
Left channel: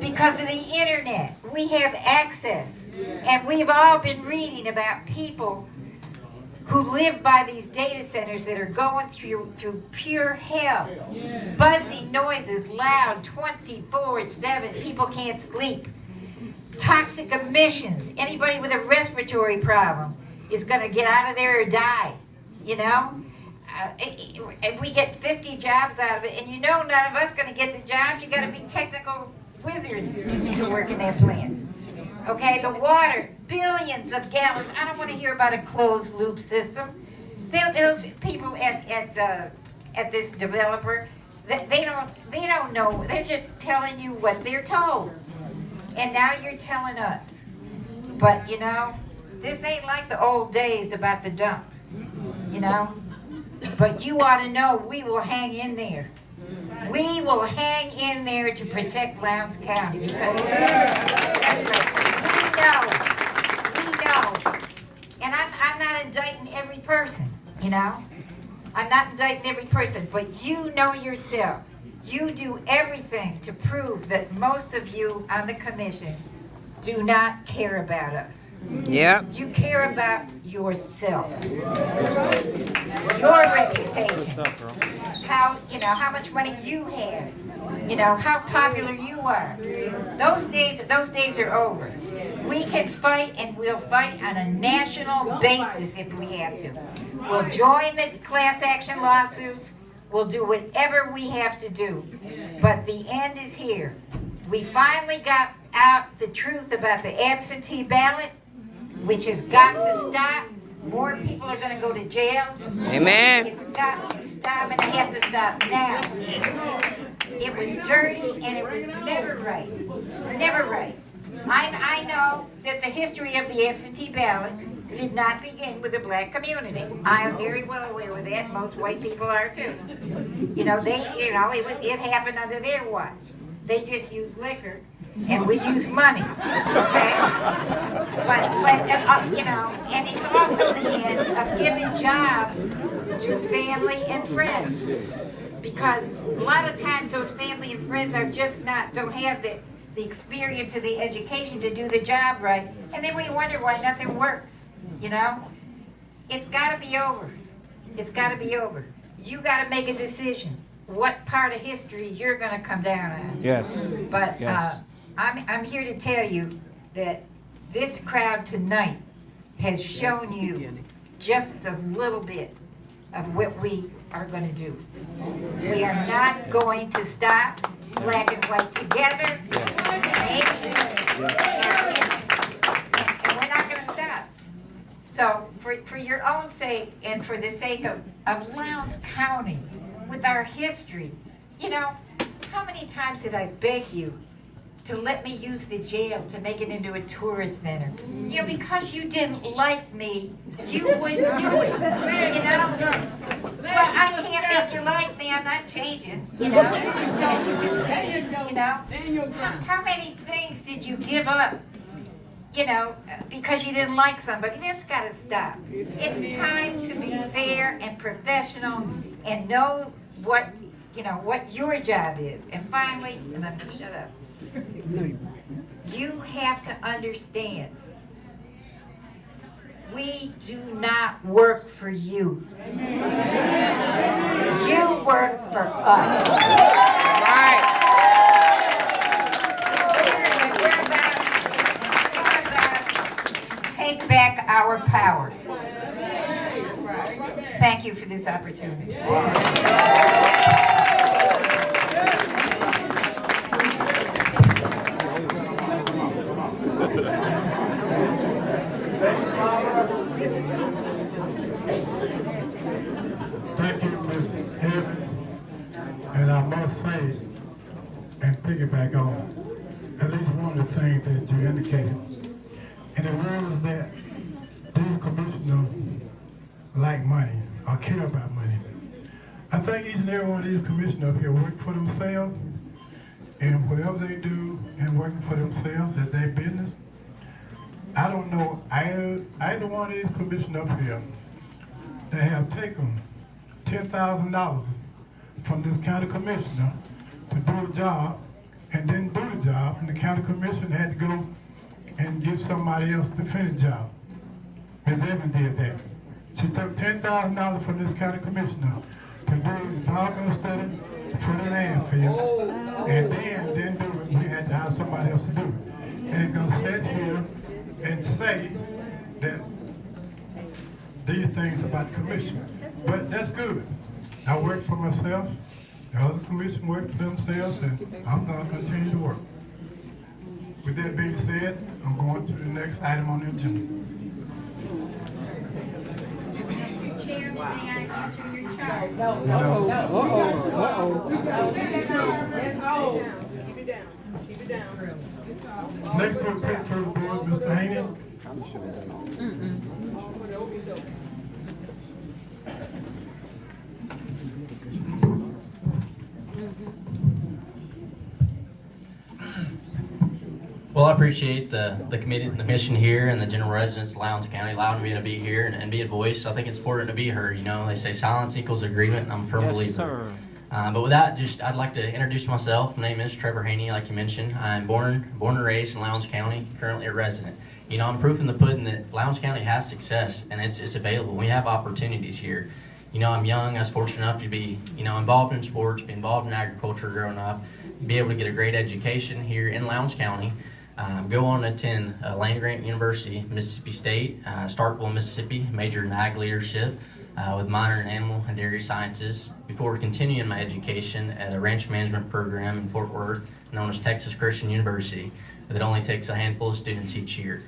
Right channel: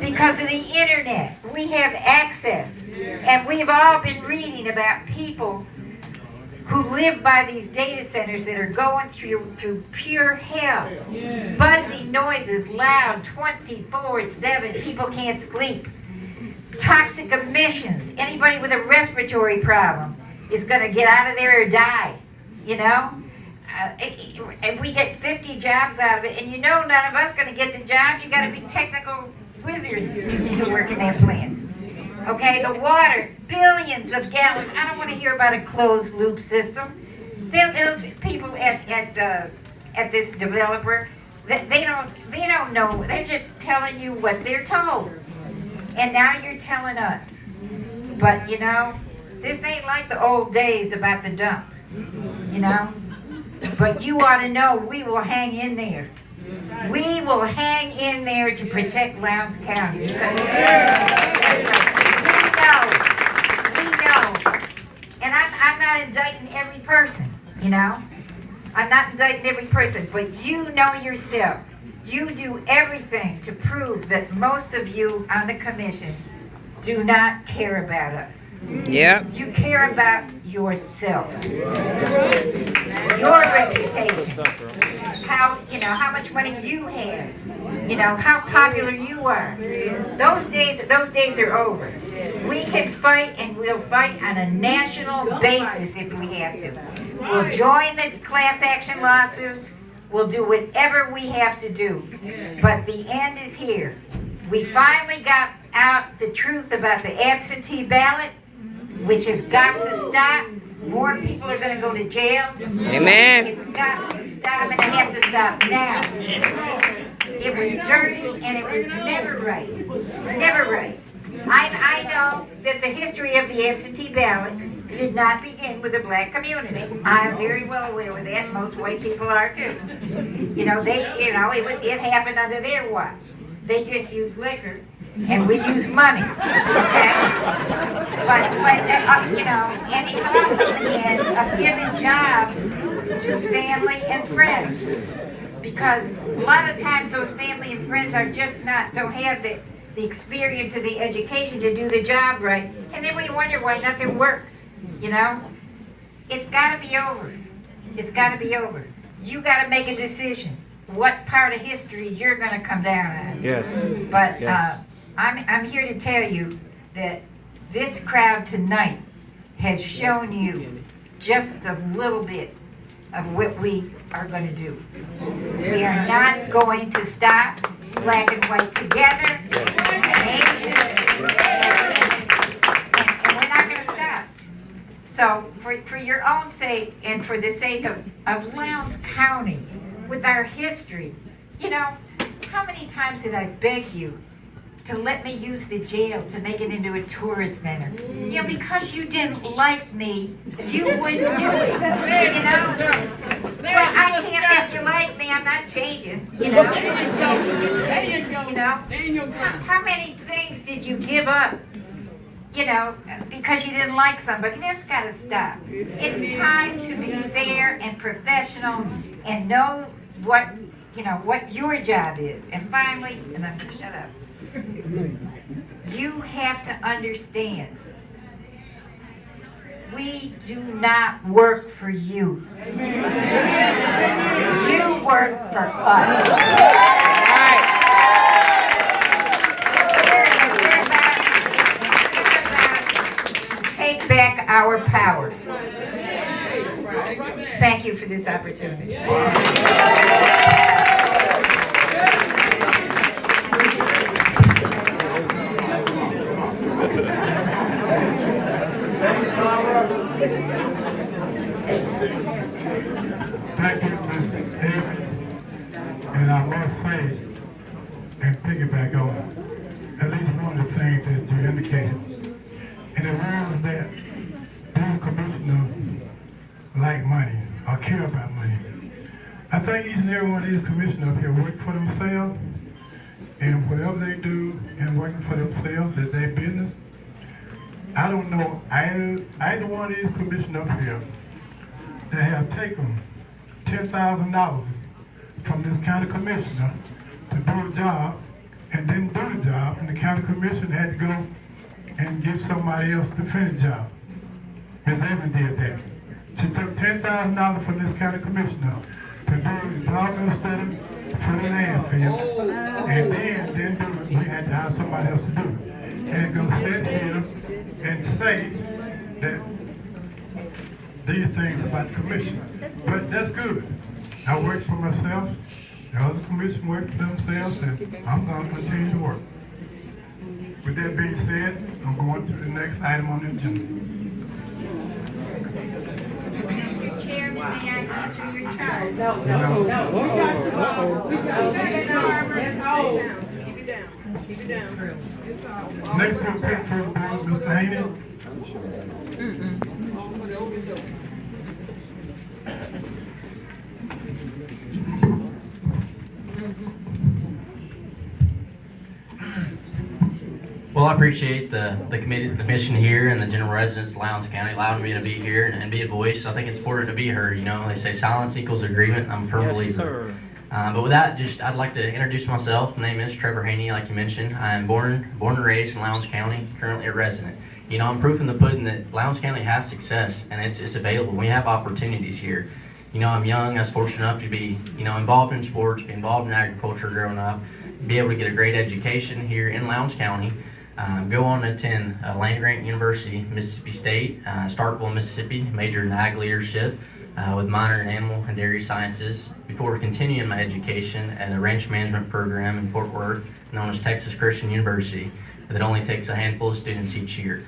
because of the internet. We have access, and we've all been reading about people who live by these data centers that are going through pure hell. Buzzy noises, loud, 24/7, people can't sleep. Toxic emissions, anybody with a respiratory problem is going to get out of there or die, you know? And we get 50 jobs out of it, and you know none of us going to get the jobs. You got to be technical wizards to work in that plant. Okay, the water, billions of gallons. I don't want to hear about a closed loop system. Those people at this developer, they don't know. They're just telling you what they're told. And now you're telling us. But you know, this ain't like the old days about the dump, you know? But you ought to know we will hang in there. We will hang in there to protect Lowndes County. Because we know. And I'm not indicting every person, you know? I'm not indicting every person, but you know yourself. You do everything to prove that most of you on the commission do not care about us. Yep. You care about yourself, your reputation, how much money you have, how popular you are. Those days are over. We can fight, and we'll fight on a national basis if we have to. We'll join the class action lawsuits. We'll do whatever we have to do. But the end is here. We finally got out the truth about the absentee ballot, which has got to stop. More people are going to go to jail. Amen. It's got to stop, and it has to stop now. It was dirty, and it was never right. Never right. I know that the history of the absentee ballot did not begin with the black community. I'm very well aware of that. Most white people are too. It happened under their watch. They just use liquor, and we use money. Okay? And it's also the end of giving jobs to family and friends. Because a lot of times those family and friends are just don't have the experience or the education to do the job right. And then we wonder why nothing works, It's got to be over. It's got to be over. You got to make a decision what part of history you're going to come down on. Yes. But Yes. I'm here to tell you that this crowd tonight has shown you just a little bit of what we are going to do. We are not going to stop black and white together. And we're not going to stop. So for your own sake and for the sake of Lowndes County, with our history, how many times did I beg you to let me use the jail to make it into a tourist center? Because you didn't like me, you wouldn't do it. Well, I can't, if you like me, I'm not changing, How many things did you give up, because you didn't like somebody? That's got to stop. It's time to be fair and professional and know what your job is. And finally, and I'm going to shut up, you have to understand, we do not work for you. You work for us. Right. We're about to take back our power. Thank you for this opportunity. Thank you, Ms. Evans. And I must say, and piggyback on at least one of the things that you indicated, and it was that these commissioners like money or care about money. I think each and every one of these commissioners up here work for themselves, and whatever they do and working for themselves, that their business. I don't know either one of these commissioners up here that have taken $10,000 from this county commissioner to do a job and didn't do the job, and the county commissioner had to go and give somebody else to finish the job. Ms. Evans did that. She took $10,000 from this county commissioner to do the environmental study for the landfill, and then didn't do it. We had to hire somebody else to do it. And gonna sit here and say that these things about the commission. But that's good. I work for myself, the other commission work for themselves, and I'm gonna continue to work. With that being said, I'm going to the next item on the agenda. Mr. Chair, may I answer your charge? Next to the pick for the board, Mr. Haney. Well, I appreciate the commission here and the general residents of Lowndes County allowing me to be here and be a voice. I think it's important to be heard. They say silence equals agreement, and I'm a firm believer. But with that, I'd like to introduce myself. My name is Trevor Haney, like you mentioned. I'm born and raised in Lowndes County, currently a resident. I'm proof in the pudding that Lowndes County has success, and it's available. We have opportunities here. I'm young. I was fortunate enough to be, involved in sports, be involved in agriculture growing up, be able to get a great education here in Lowndes County. Go on to attend Land Grant University, Mississippi State, Starkville, Mississippi, major in ag leadership. with minor in animal and dairy sciences before continuing my education at a ranch management program in Fort Worth known as Texas Christian University that only takes a handful of students each year.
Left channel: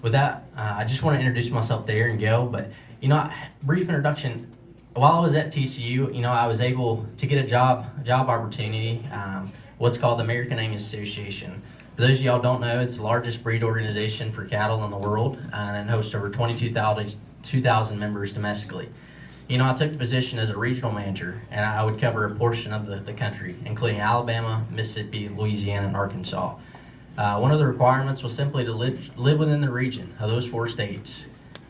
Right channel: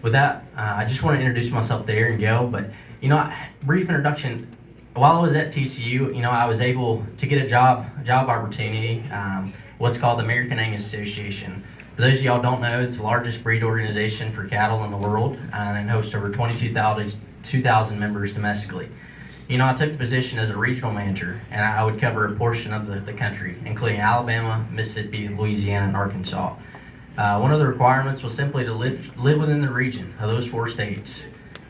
With that, I just want to introduce myself there and go, but brief introduction. While I was at TCU, I was able to get a job opportunity, what's called the American Angus Association. For those of y'all don't know, it's the largest breed organization for cattle in the world and hosts over 22,000 members domestically. I took the position as a regional manager, and I would cover a portion of the country, including Alabama, Mississippi, Louisiana, and Arkansas. One of the requirements was simply to live within the region of those 4 states.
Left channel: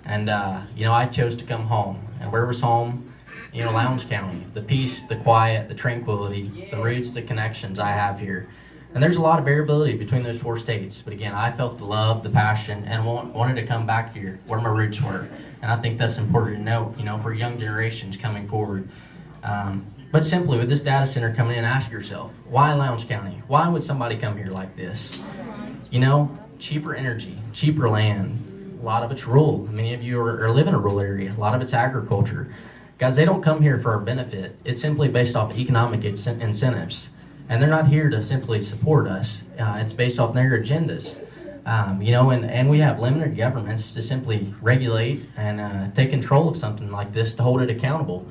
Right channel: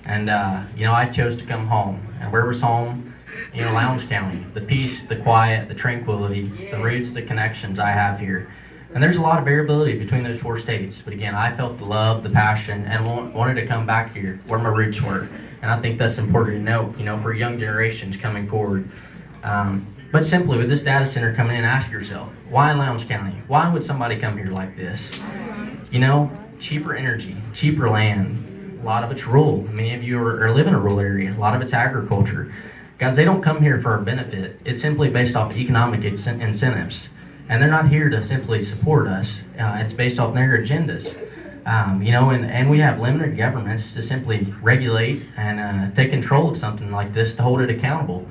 And, I chose to come home. And where was home? Lowndes County. The peace, the quiet, the tranquility, the roots, the connections I have here. And there's a lot of variability between those 4 states. But again, I felt the love, the passion, and wanted to come back here where my roots were. And I think that's important to note, for young generations coming forward. But simply, with this data center coming in, ask yourself, why Lowndes County? Why would somebody come here like this? Cheaper energy, cheaper land. A lot of it's rural. Many of you live in a rural area. A lot of it's agriculture. Guys, they don't come here for our benefit. It's simply based off economic incentives. And they're not here to simply support us. It's based off their agendas. And we have limited governments to simply regulate and take control of something like this to hold it accountable.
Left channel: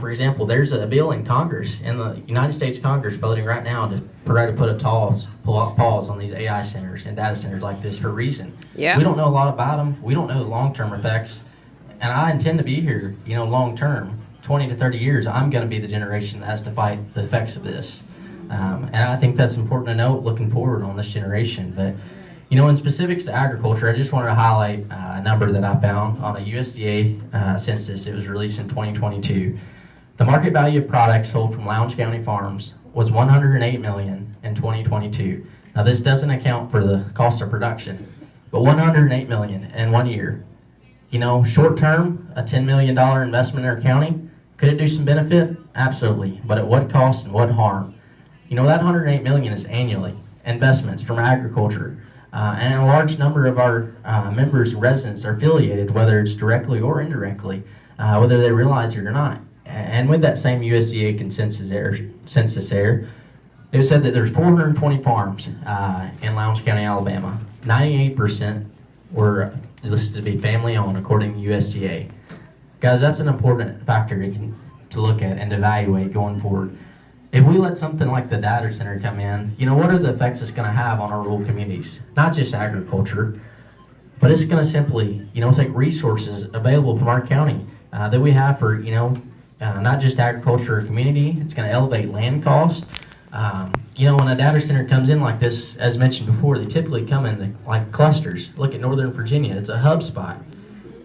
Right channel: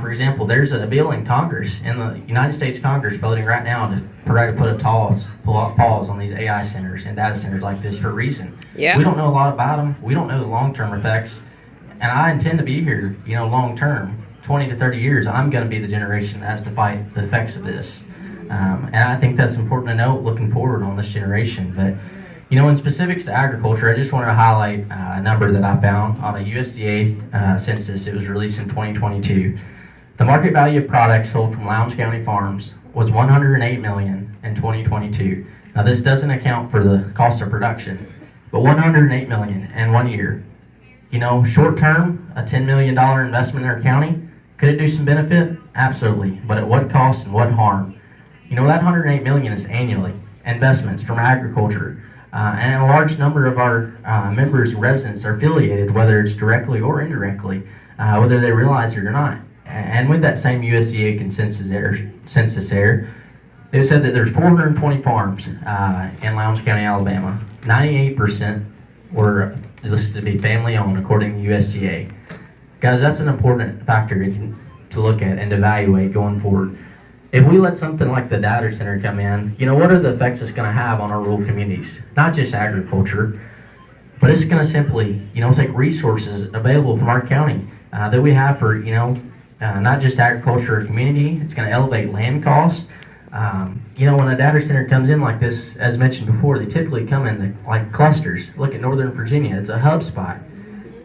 For example, there's a bill in Congress, in the United States Congress, voting right now to try to put a pause on these AI centers and data centers like this for a reason. Yeah. We don't know a lot about them. We don't know the long-term effects. And I intend to be here, long-term, 20 to 30 years. I'm going to be the generation that has to fight the effects of this. And I think that's important to note looking forward on this generation. But, in specifics to agriculture, I just wanted to highlight a number that I found on a USDA census. It was released in 2022. The market value of products sold from Lowndes County farms was $108 million in 2022. Now, this doesn't account for the cost of production, but $108 million in 1 year. Short term, a $10 million investment in our county, could it do some benefit? Absolutely, but at what cost and what harm? That $108 million is annually investments from agriculture, and a large number of our members and residents are affiliated, whether it's directly or indirectly, whether they realize it or not. And with that same USDA census error, they said that there's 420 farms in Lowndes County, Alabama. 98% were listed to be family-owned, according to USDA. Guys, that's an important factor to look at and evaluate going forward. If we let something like the data center come in, what are the effects it's going to have on our rural communities? Not just agriculture, but it's going to simply, take resources available from our county that we have for, not just agriculture or community. It's going to elevate land costs. When a data center comes in like this, as mentioned before, they typically come in like clusters. Look at Northern Virginia, it's a hub spot.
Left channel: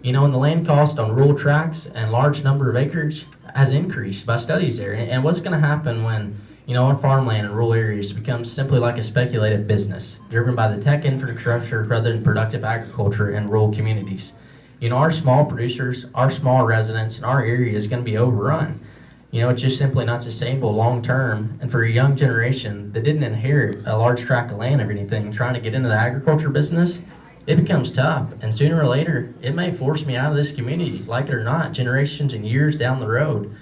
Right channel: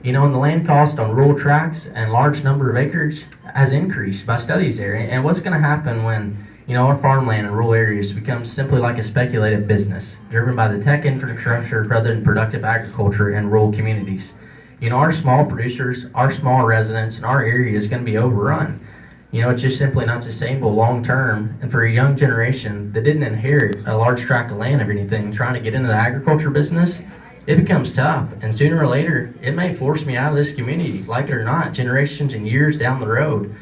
And the land cost on rural tracts and large number of acreage has increased by studies there. And what's going to happen when, our farmland in rural areas becomes simply like a speculative business, driven by the tech infrastructure rather than productive agriculture in rural communities? Our small producers, our small residents in our area is going to be overrun. It's just simply not sustainable long term. And for a young generation that didn't inherit a large tract of land or anything, trying to get into the agriculture business, it becomes tough. And sooner or later, it may force me out of this community, like it or not, generations and years down the road.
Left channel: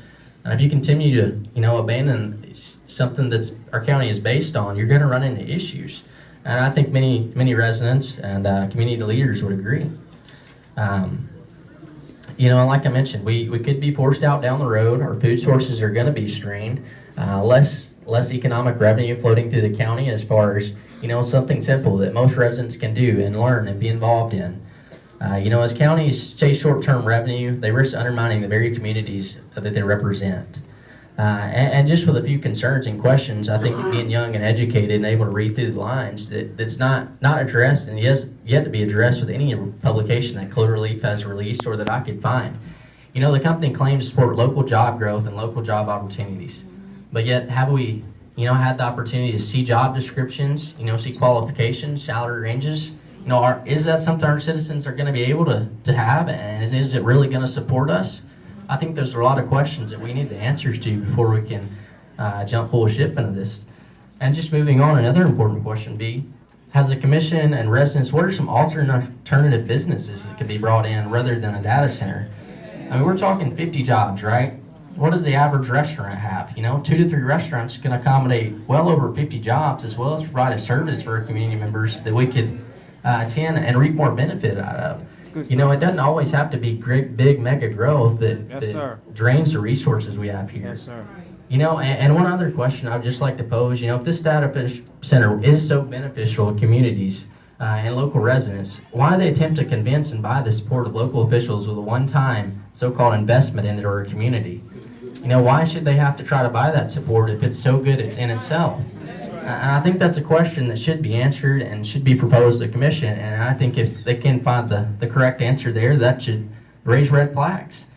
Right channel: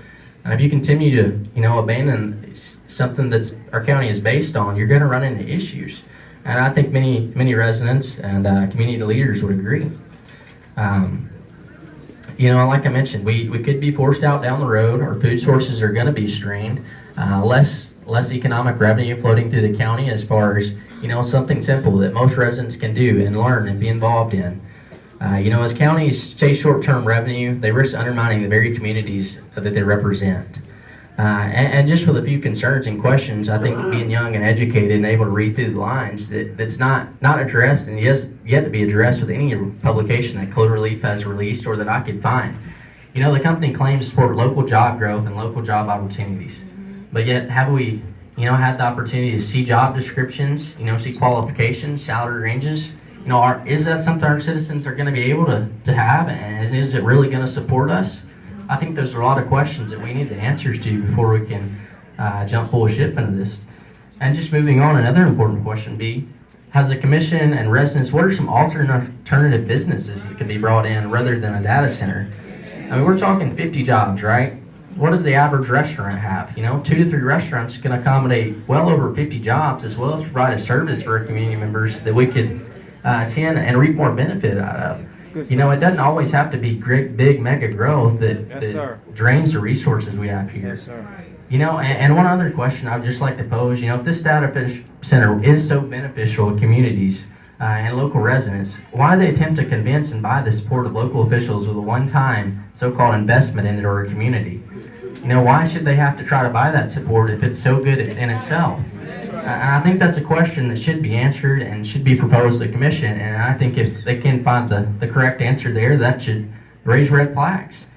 And if you continue to, abandon something that's our county is based on, you're going to run into issues. And I think many residents and community leaders would agree. Like I mentioned, we could be forced out down the road. Our food sources are going to be strained. Less economic revenue floating through the county as far as, something simple that most residents can do and learn and be involved in. As counties chase short-term revenue, they risk undermining the very communities that they represent. And just with a few concerns and questions, I think being young and educated and able to read through the lines, that's not addressed and yet to be addressed with any publication that Cloverleaf has released or that I could find. The company claims to support local job growth and local job opportunities. But yet, have we, had the opportunity to see job descriptions, see qualifications, salary ranges? Is that something our citizens are going to be able to have? And is it really going to support us? I think there's a lot of questions that we need the answers to before we can jump full ship into this. And just moving on, another important question be, has the commission and residents, what are some alternative businesses that can be brought in rather than a data center? I mean, we're talking 50 jobs, right? What does the average restaurant have? 2 to 3 restaurants can accommodate well over 50 jobs, as well as provide a service for our community members that we could attend and reap more benefit out of. It doesn't always have to be great, big, mega growth that drains the resources we have here. And one other question I'd just like to pose, if this data center is so beneficial to communities and local residents, why they attempt to convince and buy the support of local officials with a one-time so-called investment into our community? Why should they have to try to buy that support if it's so good in itself? And I think that's a question that should be answered and should be proposed to the commission. And I think if they can find the correct answer there, that should raise red flags.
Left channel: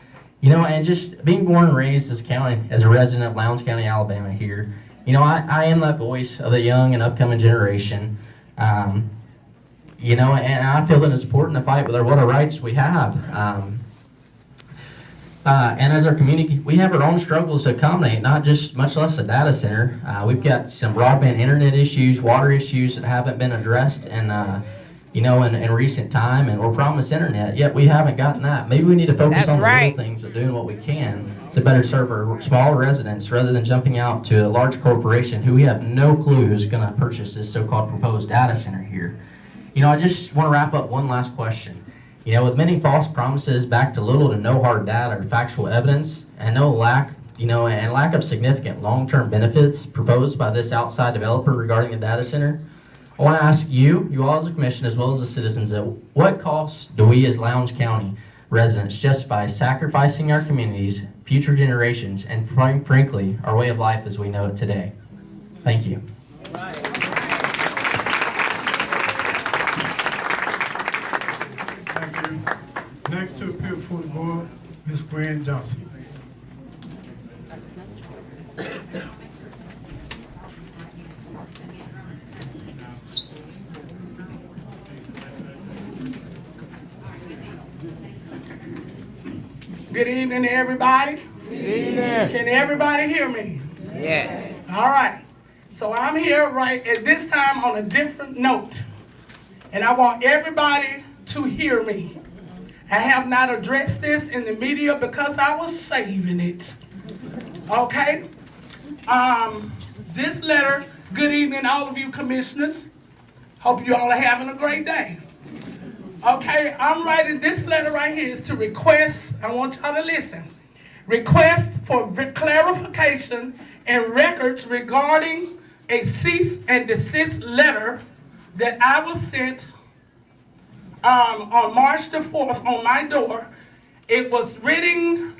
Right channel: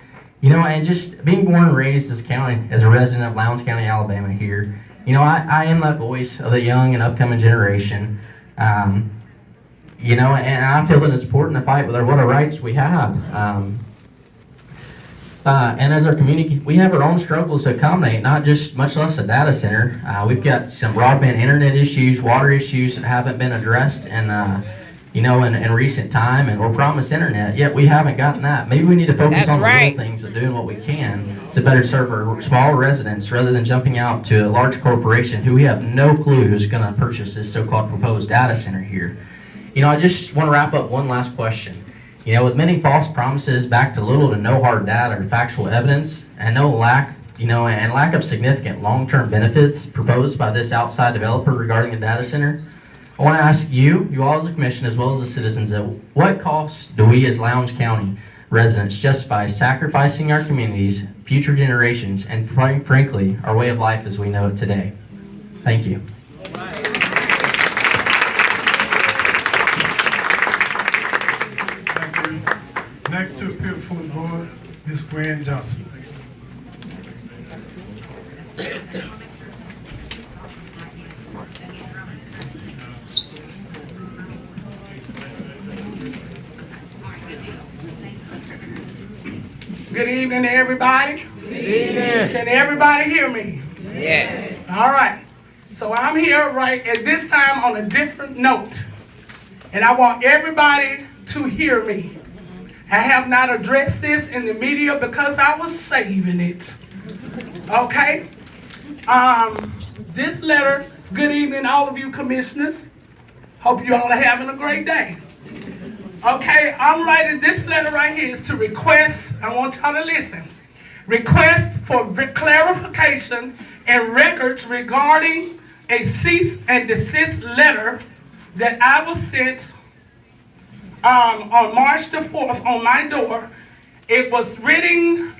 And just being born and raised as a resident of Lowndes County, Alabama here, I am that voice of the young and upcoming generation. And I feel that it's important to fight with what our rights we have. And as our community, we have our own struggles to accommodate, not just much less a data center. We've got some broadband internet issues, water issues that haven't been addressed in recent time, and we're promised internet, yet we haven't gotten that. Maybe we need to focus on the little things of doing what we can to better serve our small residents rather than jumping out to a large corporation who we have no clue who's going to purchase this so-called proposed data center here. I just want to wrap up one last question. With many false promises backed to little to no hard data or factual evidence, and lack of significant long-term benefits proposed by this outside developer regarding the data center, I want to ask you all as a commission, as well as the citizens, what cost do we as Lowndes County residents justify sacrificing our communities, future generations, and frankly, our way of life as we know it today? Thank you. Next to appeal before the board, Ms. Gwen Johnson. Good evening, everybody. Good evening. Can everybody hear me? Yes. All right. So I'm here right at this time on a different note, and I want everybody to hear me. I have not addressed this in the media because I was saving it. Okay? This letter, good evening, all of you commissioners. Hope you all are having a great day. Okay, I'm writing this letter right here is to request, I want y'all to listen, request for clarification and records regarding a cease and desist letter that I was sent on March the 4th on my door. It was written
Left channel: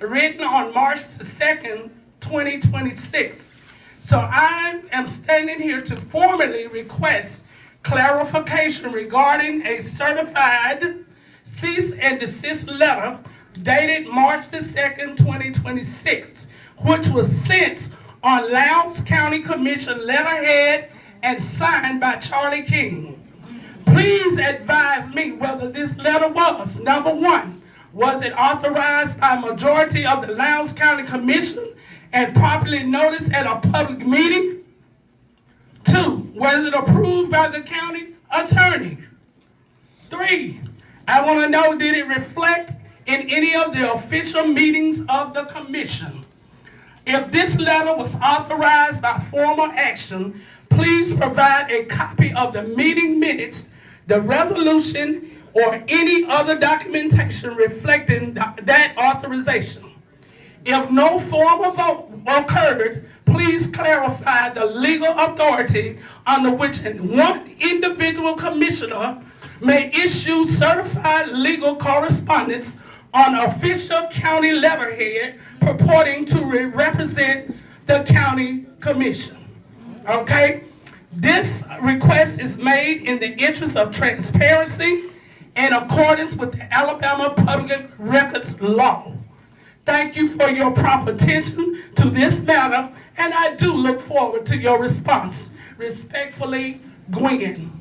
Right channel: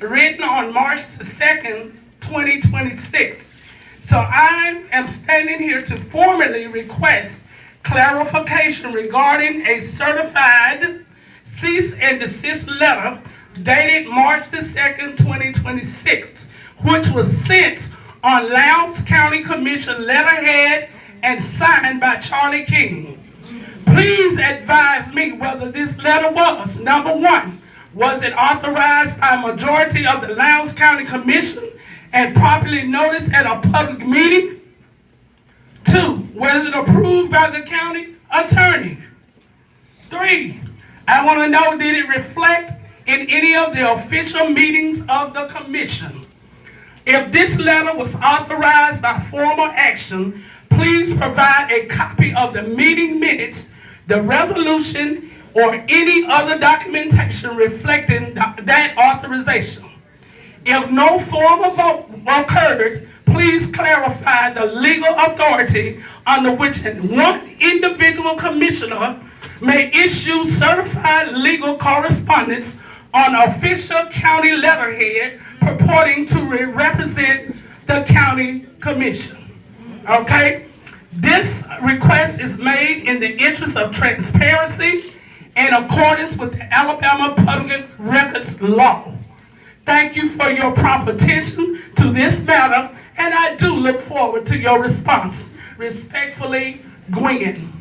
on March the 2nd, 2026. So I am standing here to formally request clarification regarding a certified cease and desist letter dated March the 2nd, 2026, which was sent on Lowndes County Commission letterhead and signed by Charlie King. Please advise me whether this letter was, number one, was it authorized by a majority of the Lowndes County Commission and properly noticed at a public meeting? Two, was it approved by the county attorney? Three, I want to know, did it reflect in any of the official meetings of the commission? If this letter was authorized by formal action, please provide a copy of the meeting minutes, the resolution, or any other documentation reflecting that authorization. If no formal vote occurred, please clarify the legal authority under which one individual commissioner may issue certified legal correspondence on official county letterhead purporting to represent the county commission. Okay? This request is made in the interest of transparency in accordance with the Alabama Public Records Law. Thank you for your prompt attention to this matter, and I do look forward to your response. Respectfully, Gwen.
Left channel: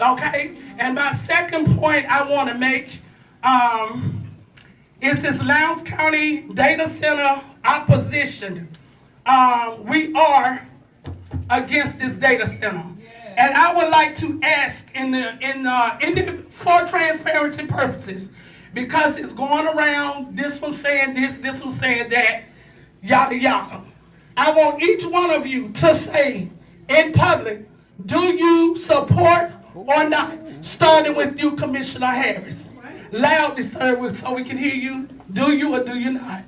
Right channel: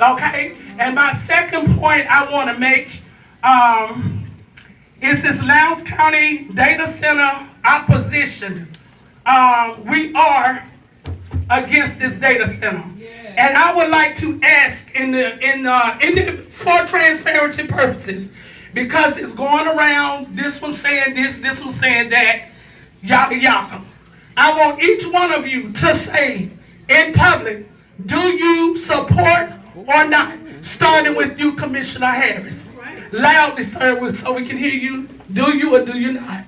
Okay? And my second point I want to make is this Lowndes County Data Center opposition. We are against this data center. And I would like to ask for transparency purposes, because it's going around, this one saying this one saying that, yada yada. I want each one of you to say in public, do you support or not? Starting with you, Commissioner Harris. Loudly, sir, so we can hear you. Do you or do you not?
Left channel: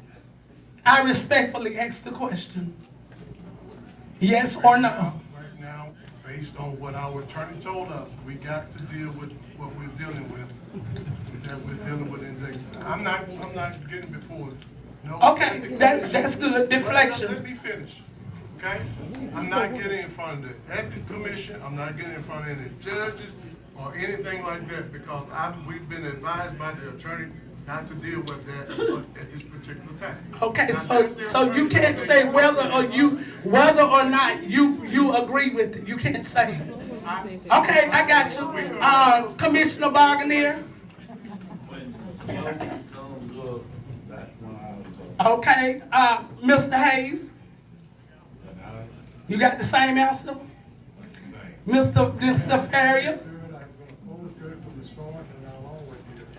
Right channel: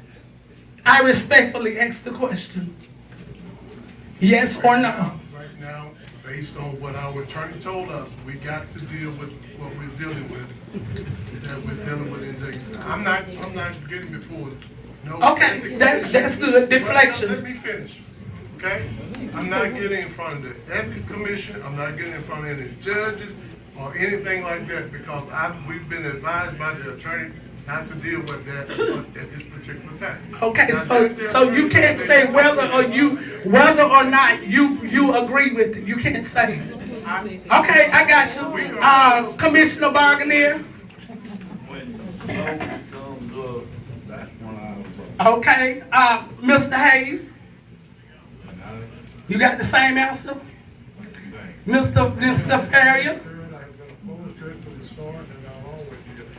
I respectfully ask the question. Yes or no? Right now, based on what our attorney told us, we got to deal with what we're dealing with, that we're dealing with in Jackson. I'm not getting before. No. Okay, that's good. Deflection. Let me finish. Okay? I'm not getting in front of the Ethics Commission. I'm not getting in front of any judges or anything like that because we've been advised by the attorney not to deal with that at this particular time. Okay, so you can't say whether or not you agree with it. You can't say. Okay, I got you. Commissioner Barganier. Okay, Mr. Hayes. You got the same answer? Mr. Ferrier?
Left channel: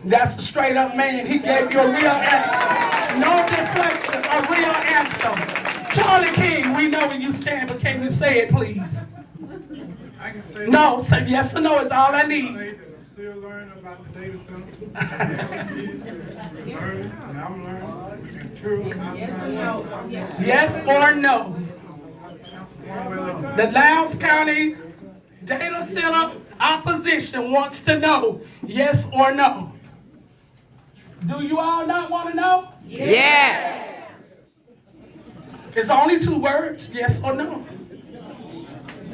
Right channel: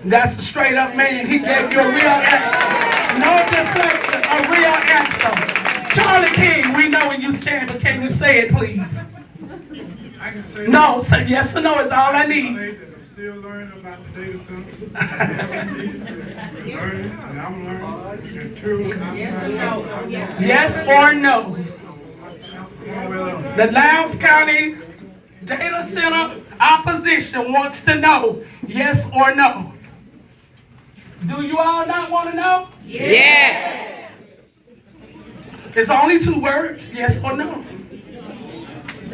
That's a straight up man. He gave you a real answer. No deflection, a real answer. Charlie King, we know where you stand, but can you say it, please? I can say no, say yes or no is all I need. I'm still learning about the data center. Learning, and I'm learning. And true, yes or no? The Lowndes County Data Center opposition wants to know yes or no. Do you all not want to know? Yes. It's only 2 words, yes or no.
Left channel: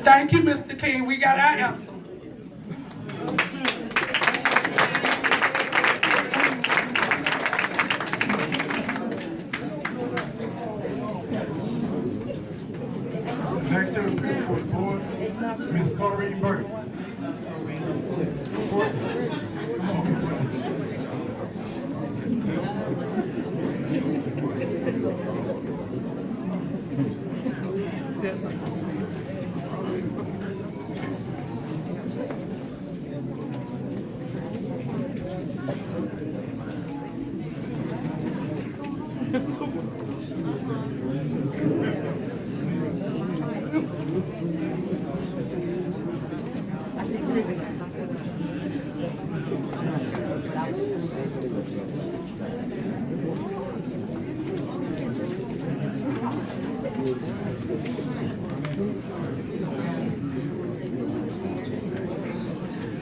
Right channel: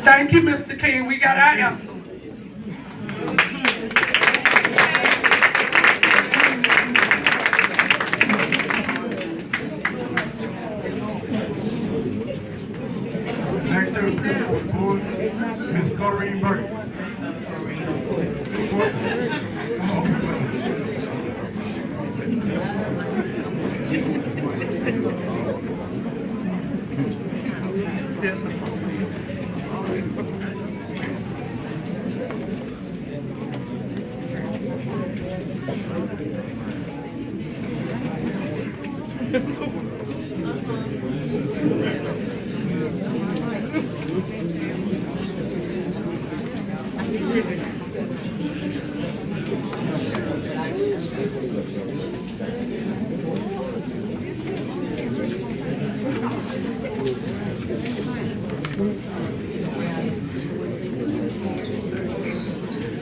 Thank you, Mr. King. We got our answer. Next to the board, Ms. Corrine Burke.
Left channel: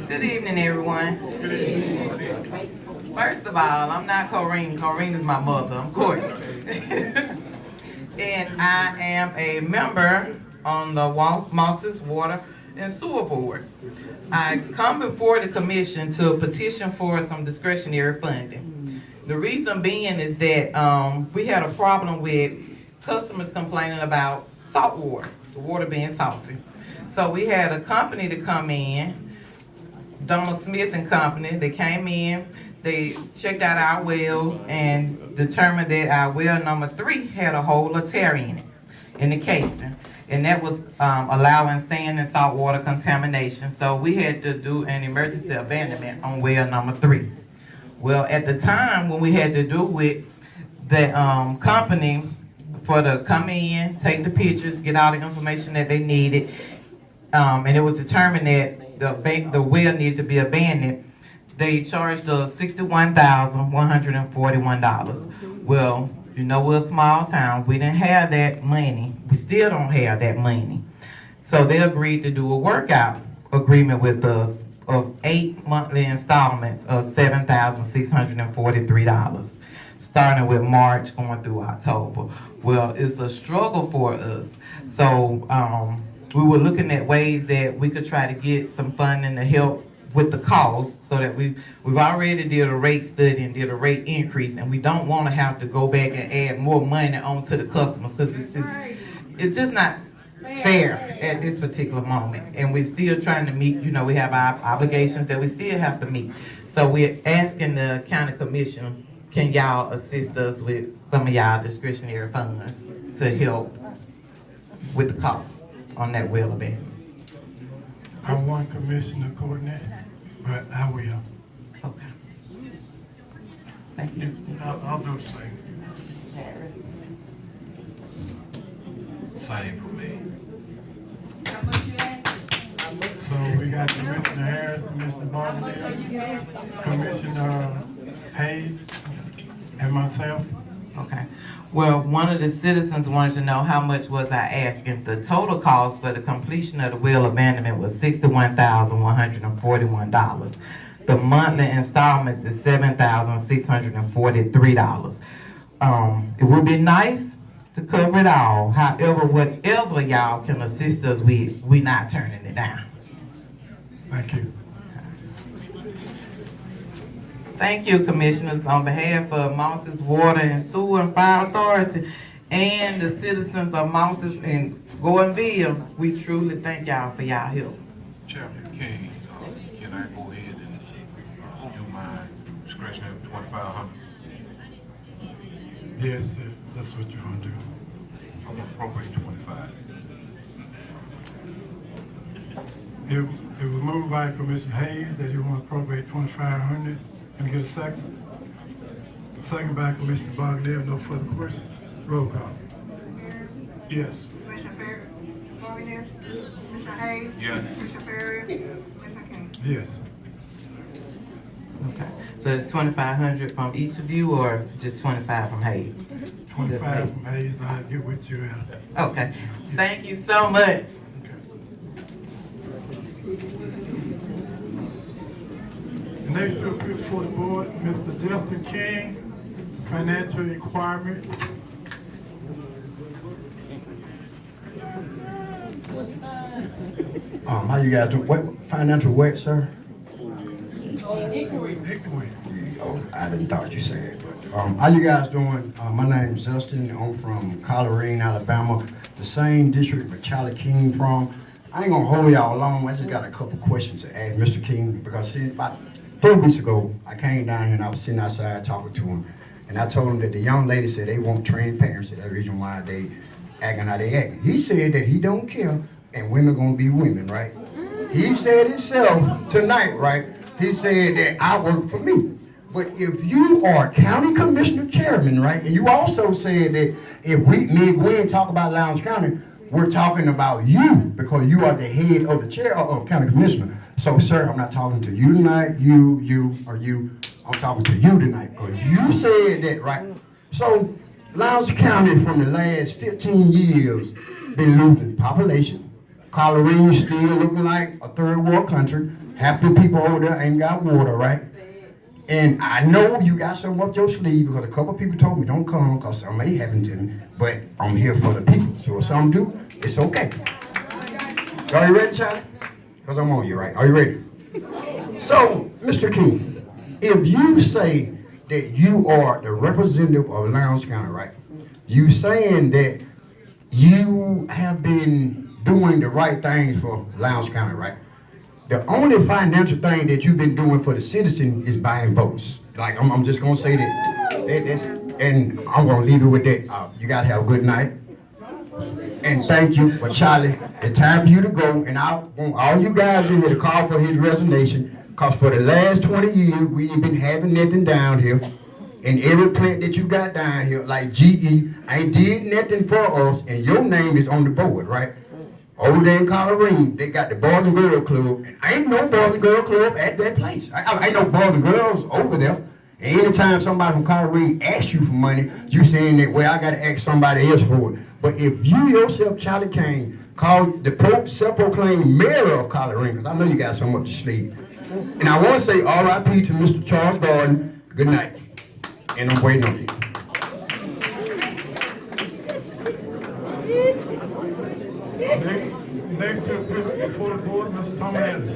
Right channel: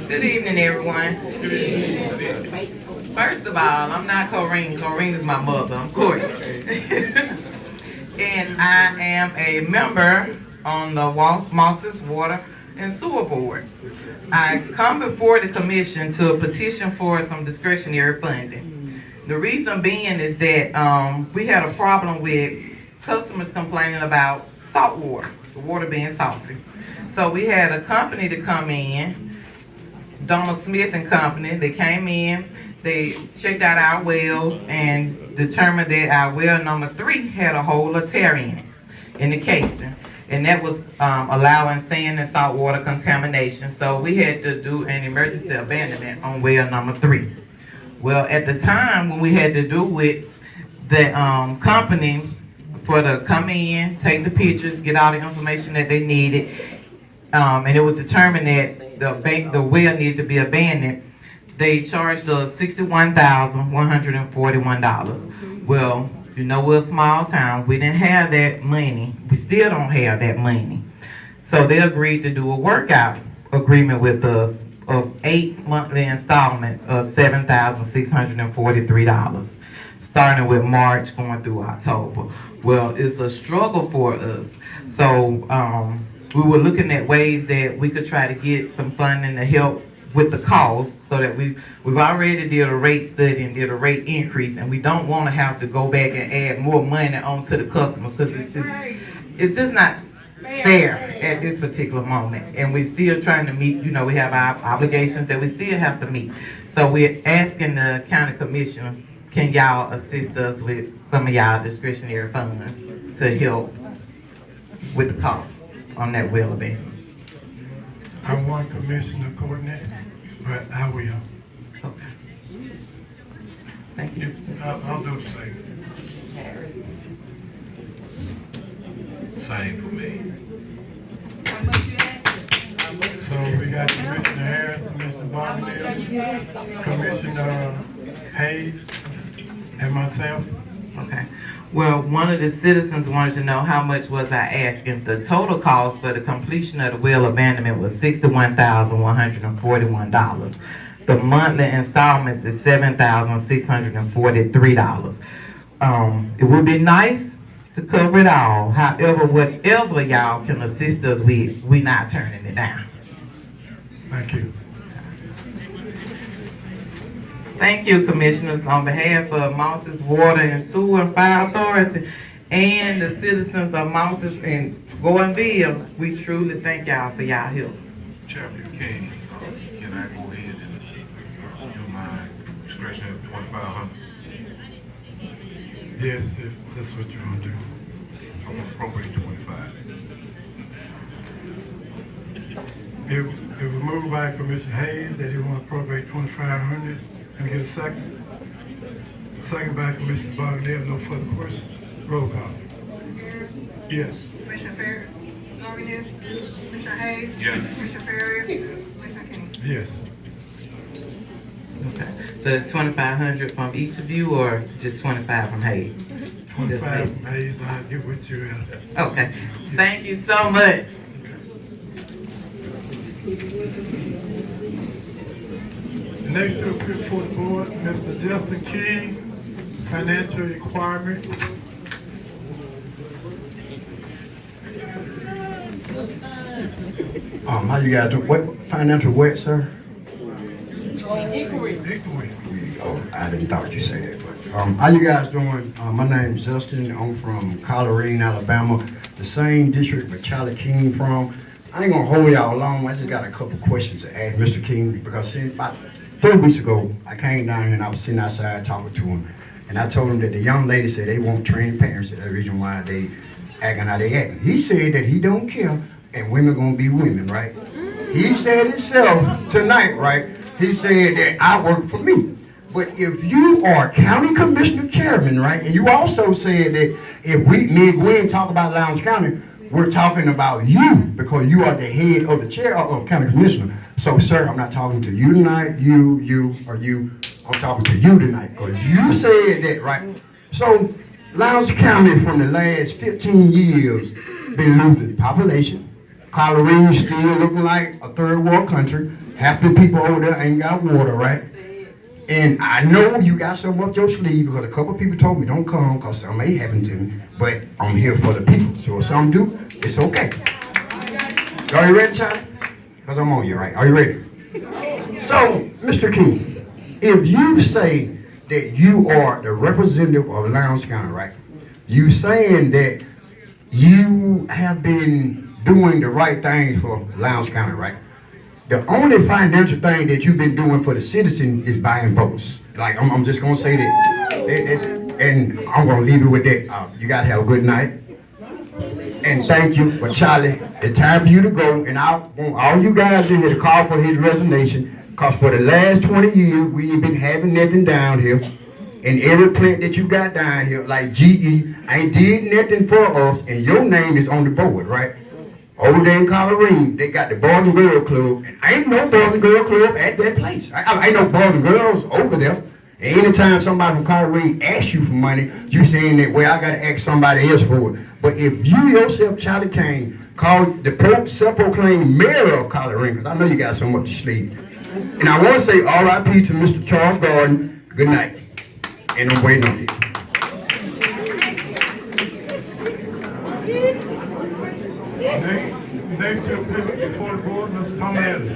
Good evening, everyone. First of all, I'm not Corrine. Corrine is my mother. I'm Courtney. And I am a member on the Mosses Water and Sewer Board. I come before the commission to petition for some discretionary funding. The reason being is that we had a problem with customers complaining about salt water, the water being salty. So we had a company to come in, Donald Smith and Company. They came in, they checked out our wells and determined that our well number 3 had a hole or tear in it, in the casing. And that was allowing sand and salt water contamination. So we had to do an emergency abandonment on well number 3. Well, at the time when we had to do it, the company for to come in, take the pictures, get all the information that they needed, and it was determined that the well needed to be abandoned, they charged us $61,141. Well, you know, we're a small town. We didn't have that money. We still don't have that money. So they agreed to do a workout agreement with us of 8 monthly installments of $7,643, starting with March going through October. Well, it's a struggle for us. So we were looking at ways that we could try to get some funding to help with the cost, so that we've already did a rate study and did a rate increase, and we don't want to have to go back and add more money onto the customers, because it's just not fair at this particular moment. And we're still trying to meet, you know, we have our obligations that we still have to meet. So we're asking the county commission, can y'all assist us with some of y'all discretionary funds to help with the cost on that well abandonment? I want Commissioner Courtney, but I will. Okay. Thank you. I'll do the same. Same for me. So we got Commissioner Harris, Commissioner Marvenita, Commissioner Hayes, and myself. Okay. Well, one of the citizens wanted to know how much was I asking. The total cost for the completion of the well abandonment was $61,141. The monthly installments is $7,643. It would be nice to cover it all. However, whatever y'all can assist us with, we not turning it down. Thank you. Thank you, Commissioners. On behalf of Mosses Water and Sewer and Fire Authority and the citizens of Mosses and Gordonville, we truly thank y'all for y'all help. Chairman King, can I go ahead and do my discretion of 2,500? Yes, if that's what you want to do. I'm gonna appropriate 25. It was moved by Commissioner Hayes that you want to appropriate 2,500. Can I get a second? Second by Commissioner Bartlett. No further questions. Roll call. Yes. Commissioner Perry? Yes. Commissioner Hayes? Yes. Commissioner Perry? Commissioner King? Yes. Okay. So it's 2,500 from each of you, or just 25 from Hayes? 25 from Hayes. I'll get with you. Okay. Thank you so much. Next to appear before the board, Mr. Justin King, financial requirement. How you guys doing? What financial what, sir? Inquiry. Oh, I didn't thought you said that, but how you guys doing? My name's Justin. I'm from Colorado, Alabama, the same district where Charlie King from. I ain't gonna hold y'all long. I just got a couple questions to ask Mr. King because about 3 weeks ago, I came down here and I was sitting outside talking to him, and I told him that the young lady said they want trained parents. That's the reason why they acting how they acting. He said that he don't care, and women gonna be women, right? He said himself tonight, right? He said that I work for me. But if you are county commissioner chairman, right, and you also said that if me and Gwen talk about Lowndes County, we're talking about you because you are the head of the chair of county commissioner. So, sir, I'm not talking to you tonight, you, or you. I'm talking to you tonight because you said that, right? So, Lowndes County from the last 15 years been losing population. Colorado still looking like a third world country. Half the people over there ain't got water, right? And I know you got something up your sleeve because a couple people told me don't come because something may happen to me. But I'm here for the people. So if something do, it's okay. Are you ready, Charlie? Because I'm on you, right? Are you ready? So, Mr. King, if you say that you are the representative of Lowndes County, right? You saying that you have been doing the right things for Lowndes County, right? The only financial thing that you've been doing for the citizen is buying votes. Like, I'm just gonna say that. And I'm gonna leave it with that. You guys have a good night. And thank you for Charlie. It's time for you to go. And I want all you guys in here to call for his resignation. Because for the last 20 years, we ain't been having nothing down here. And every plant that you got down here, like GE, ain't did nothing for us. And your name is on the board, right? Over there in Colorado, they got the Boys and Girls Club, and ain't no Boys and Girls Club at that place. Ain't no Boys and Girls over there. And anytime somebody from Colorado asks you for money, you saying that, well, I got to ask somebody else for it. But if you yourself, Charlie Kane, called the self-proclaimed mayor of Colorado, because I know you got something up your sleeve. And I want to say R.I.P. to Mr. Charles Gordon. Good night. And I'm waiting on you. Next to appear before the board, Mr. Tom Ellis.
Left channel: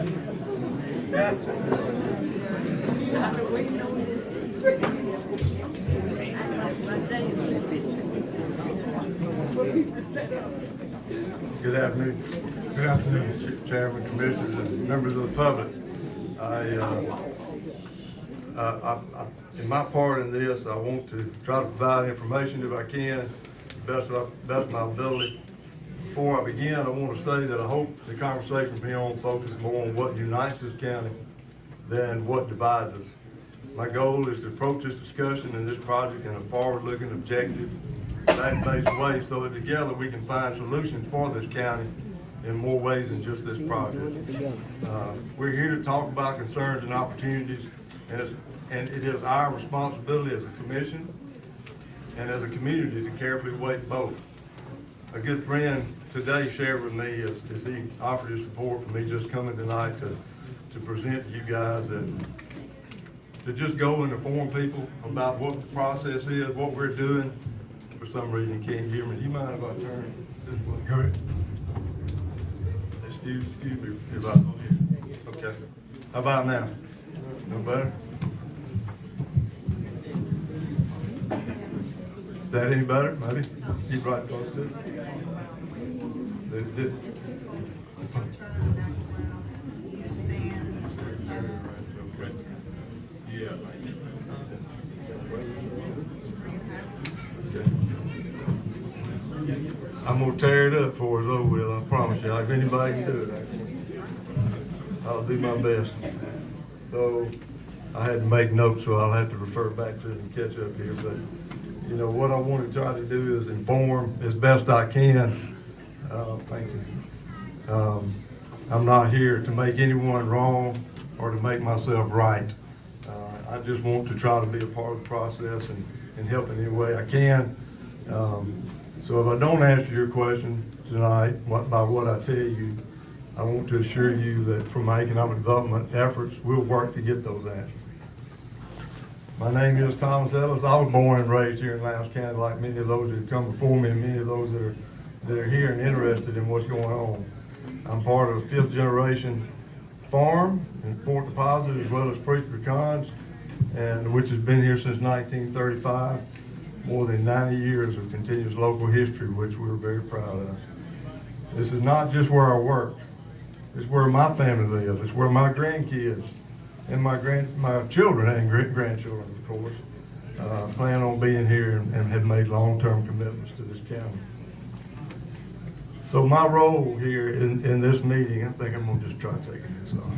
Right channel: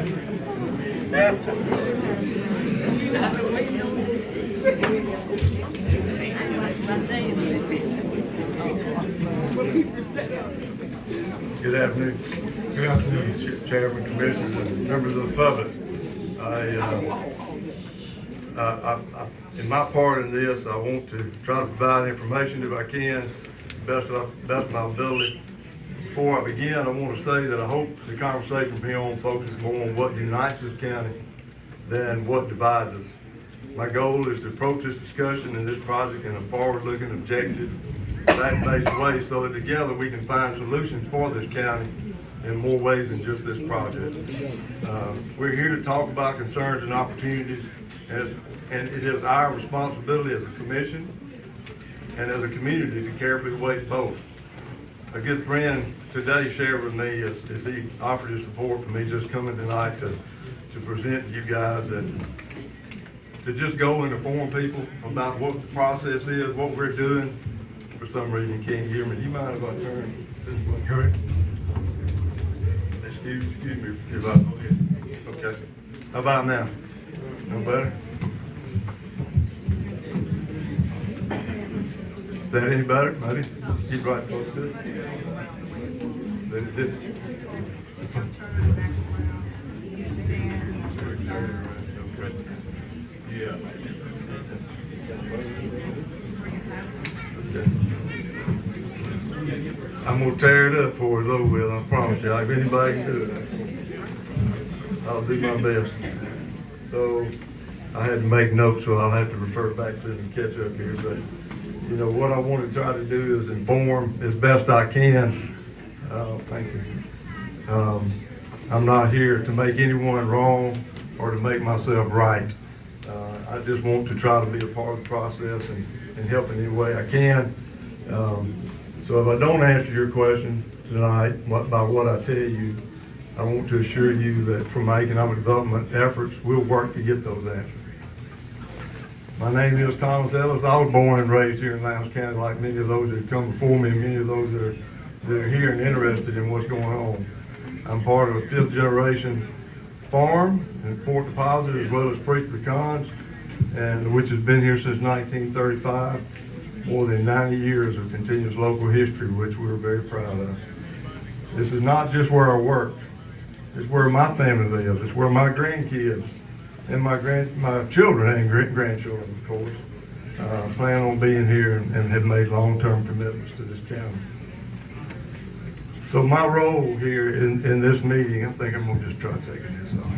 Good afternoon. Good afternoon. Chairman, commissioners, and members of the public. In my part in this, I want to try to provide information if I can, best of my ability. Before I begin, I want to say that I hope the conversation from here on focuses more on what unites this county than what divides us. My goal is to approach this discussion and this project in a forward-looking, objective, fact-based way so that together we can find solutions for this county in more ways than just this project. We're here to talk about concerns and opportunities, and it is our responsibility as a commission and as a community to carefully weigh both. A good friend today shared with me as he offered his support for me just coming tonight to present to you guys that to just go and inform people about what the process is, what we're doing. For some reason, you can't hear me. Do you mind if I turn this way? Go ahead. Excuse me if I, okay. How about now? No better? Is that any better, buddy? Keep right close to it. Yeah. I'm gonna tear it up for us, though, Will. I promise you. If anybody can do it, I'll do my best. So I had to make notes, so I'll have to refer back to it and catch up here. But you know what I want to try to do is inform as best I can. Thank you. I'm not here to make anyone wrong or to make myself right. I just want to try to be a part of the process and help in any way I can. So if I don't answer your question tonight by what I tell you, I want to assure you that from my economic development efforts, we'll work to get those answers. My name is Thomas Ellis. I was born and raised here in Lowndes County like many of those that have come before me and many of those that are here and interested in what's going on. I'm part of a 5th generation farm in Fort Deposit as well as Preach Pecans, and which has been here since 1935. More than 90 years of continuous local history, which we're very proud of. This is not just where I work. It's where my family lives. It's where my grandkids and my children and grandchildren, of course, plan on being here and have made long-term commitments to this county. So my role here in this meeting, I think I'm gonna just try taking this off.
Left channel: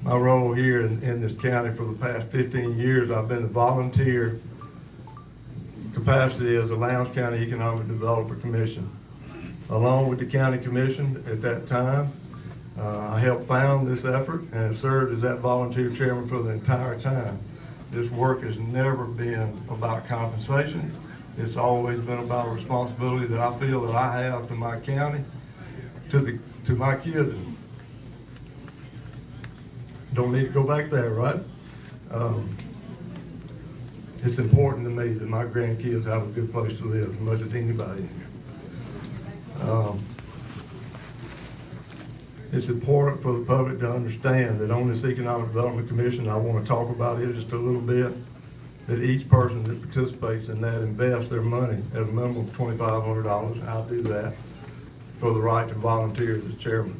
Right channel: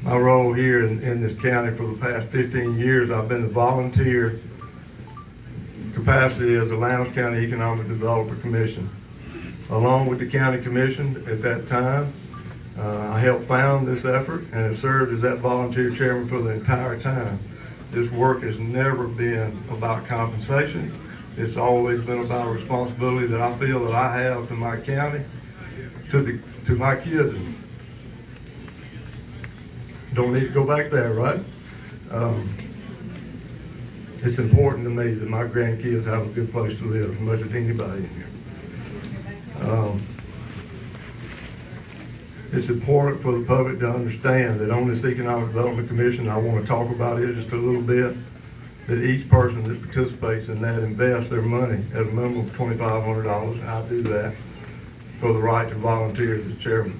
My role here in this county for the past 15 years, I've been the volunteer capacity as the Lowndes County Economic Development Commission. Along with the county commission at that time, I helped found this effort and have served as that volunteer chairman for the entire time. This work has never been about compensation. It's always been about a responsibility that I feel that I have to my county, to my kids. Don't need to go back there, right? It's important to me that my grandkids have a good place to live as much as anybody in here. It's important for the public to understand that on this Economic Development Commission, I want to talk about it just a little bit, that each person that participates in that invests their money at a minimum of $2,500, and I do that for the right to volunteer as chairman.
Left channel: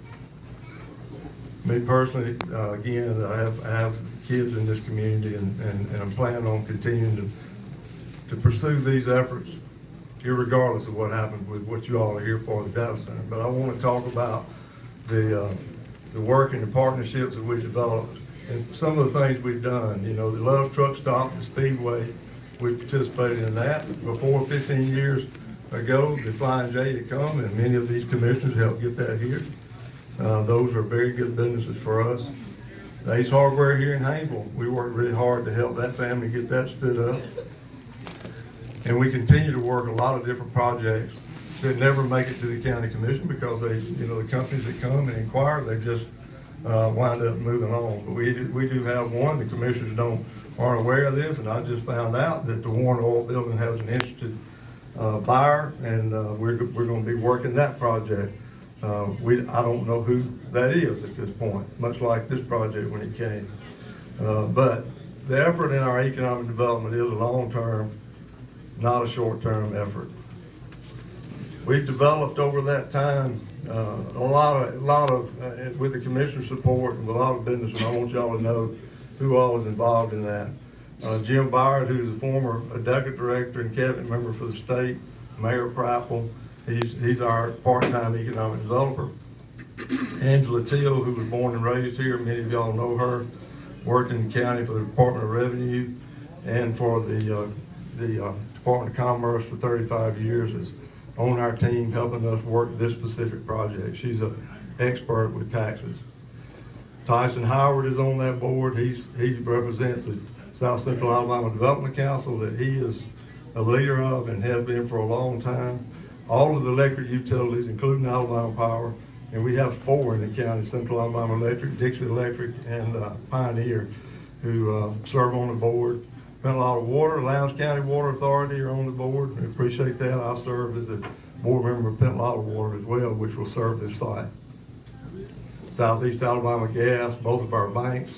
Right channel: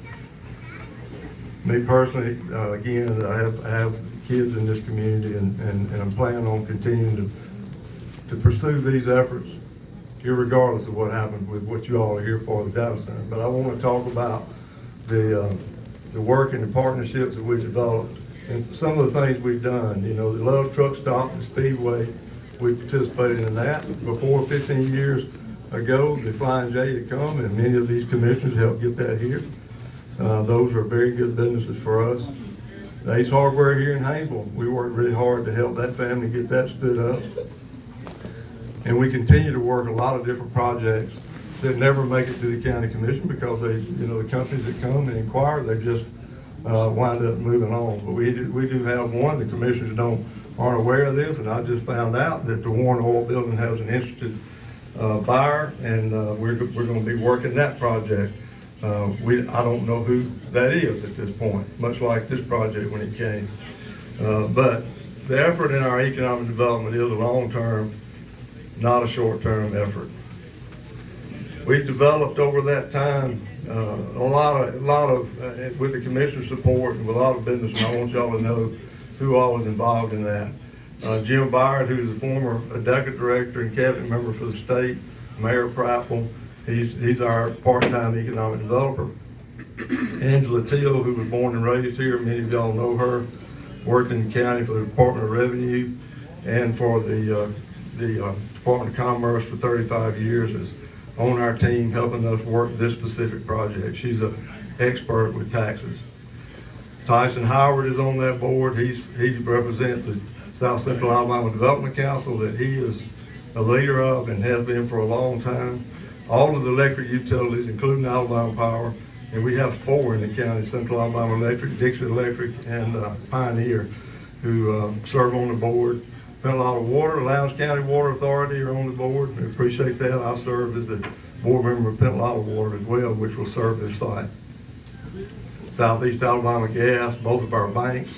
Me personally, again, I have kids in this community, and I'm planning on continuing to pursue these efforts, irregardless of what happens with what you all are here for, the data center. But I want to talk about the work and the partnerships that we've developed and some of the things we've done. You know, the Love Truck Stop, the Speedway, we participated in that. Before 15 years ago, the Flying J had come, and many of these commissioners helped get that here. Those are very good businesses for us. The Ace Hardware here in Haynesville, we worked really hard to help that family get that stood up. And we continue to work a lot of different projects that never make it to the county commission because they, you know, the companies that come and inquire, they just wind up moving on. But we do have one, the commissioners aren't aware of this, and I just found out that the Warren Oil Building has an interested buyer, and we're going to be working that project. I don't know who that is at this point, much like this project when it came. But the effort in our economic development is a long-term, not a short-term effort. We've developed over that time a lot of with the commissioner's support and with a lot of business, and I want y'all to know who all is involved in that. Jim Byard, who's a former ADECA director and cabinet member for the state, Mayor Prattville, he's our part-time economic developer. Angela Teal, who was born and raised here, many of y'all know her. worked in the county for the Department of Revenue and for the Department of Commerce for 35 years, is on our team helping us work this specific project. She's an expert with taxes. Tyson Howard is on that board. He represents the South Central Alabama Development Council that he is a leader of and has been for a long time. All of the electric utilities, including Alabama Power, and we have 4 in the county: Central Alabama Electric, Dixie Electric, and Pioneer, who serve on the board. Spent a lot of water. Lowndes County Water Authority are on the board. We appreciate that. I served as a board member of Penn Water as well, which will serve this site. Southeast Alabama Gas, both of our banks.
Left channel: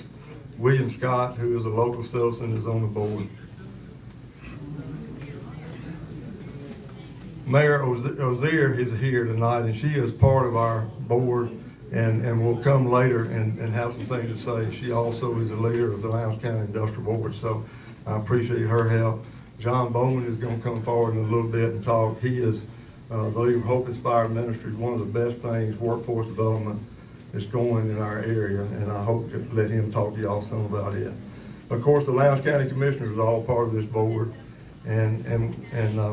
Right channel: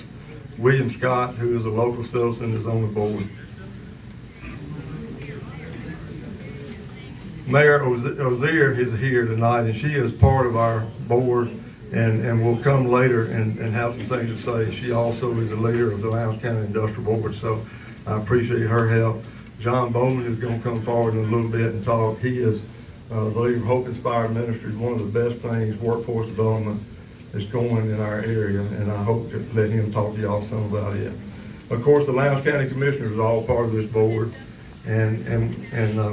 William Scott, who is a local citizen, is on the board. Mayor Ozier is here tonight, and she is part of our board and will come later and have some things to say. She also is a leader of the Lowndes County Industrial Board, so I appreciate her help. John Bowman is going to come forward in a little bit and talk. He is the leader of Hope Inspired Ministries, one of the best things, workforce development, is going in our area, and I hope to let him talk to y'all some about it. Of course, the Lowndes County Commissioners are all part of this board, and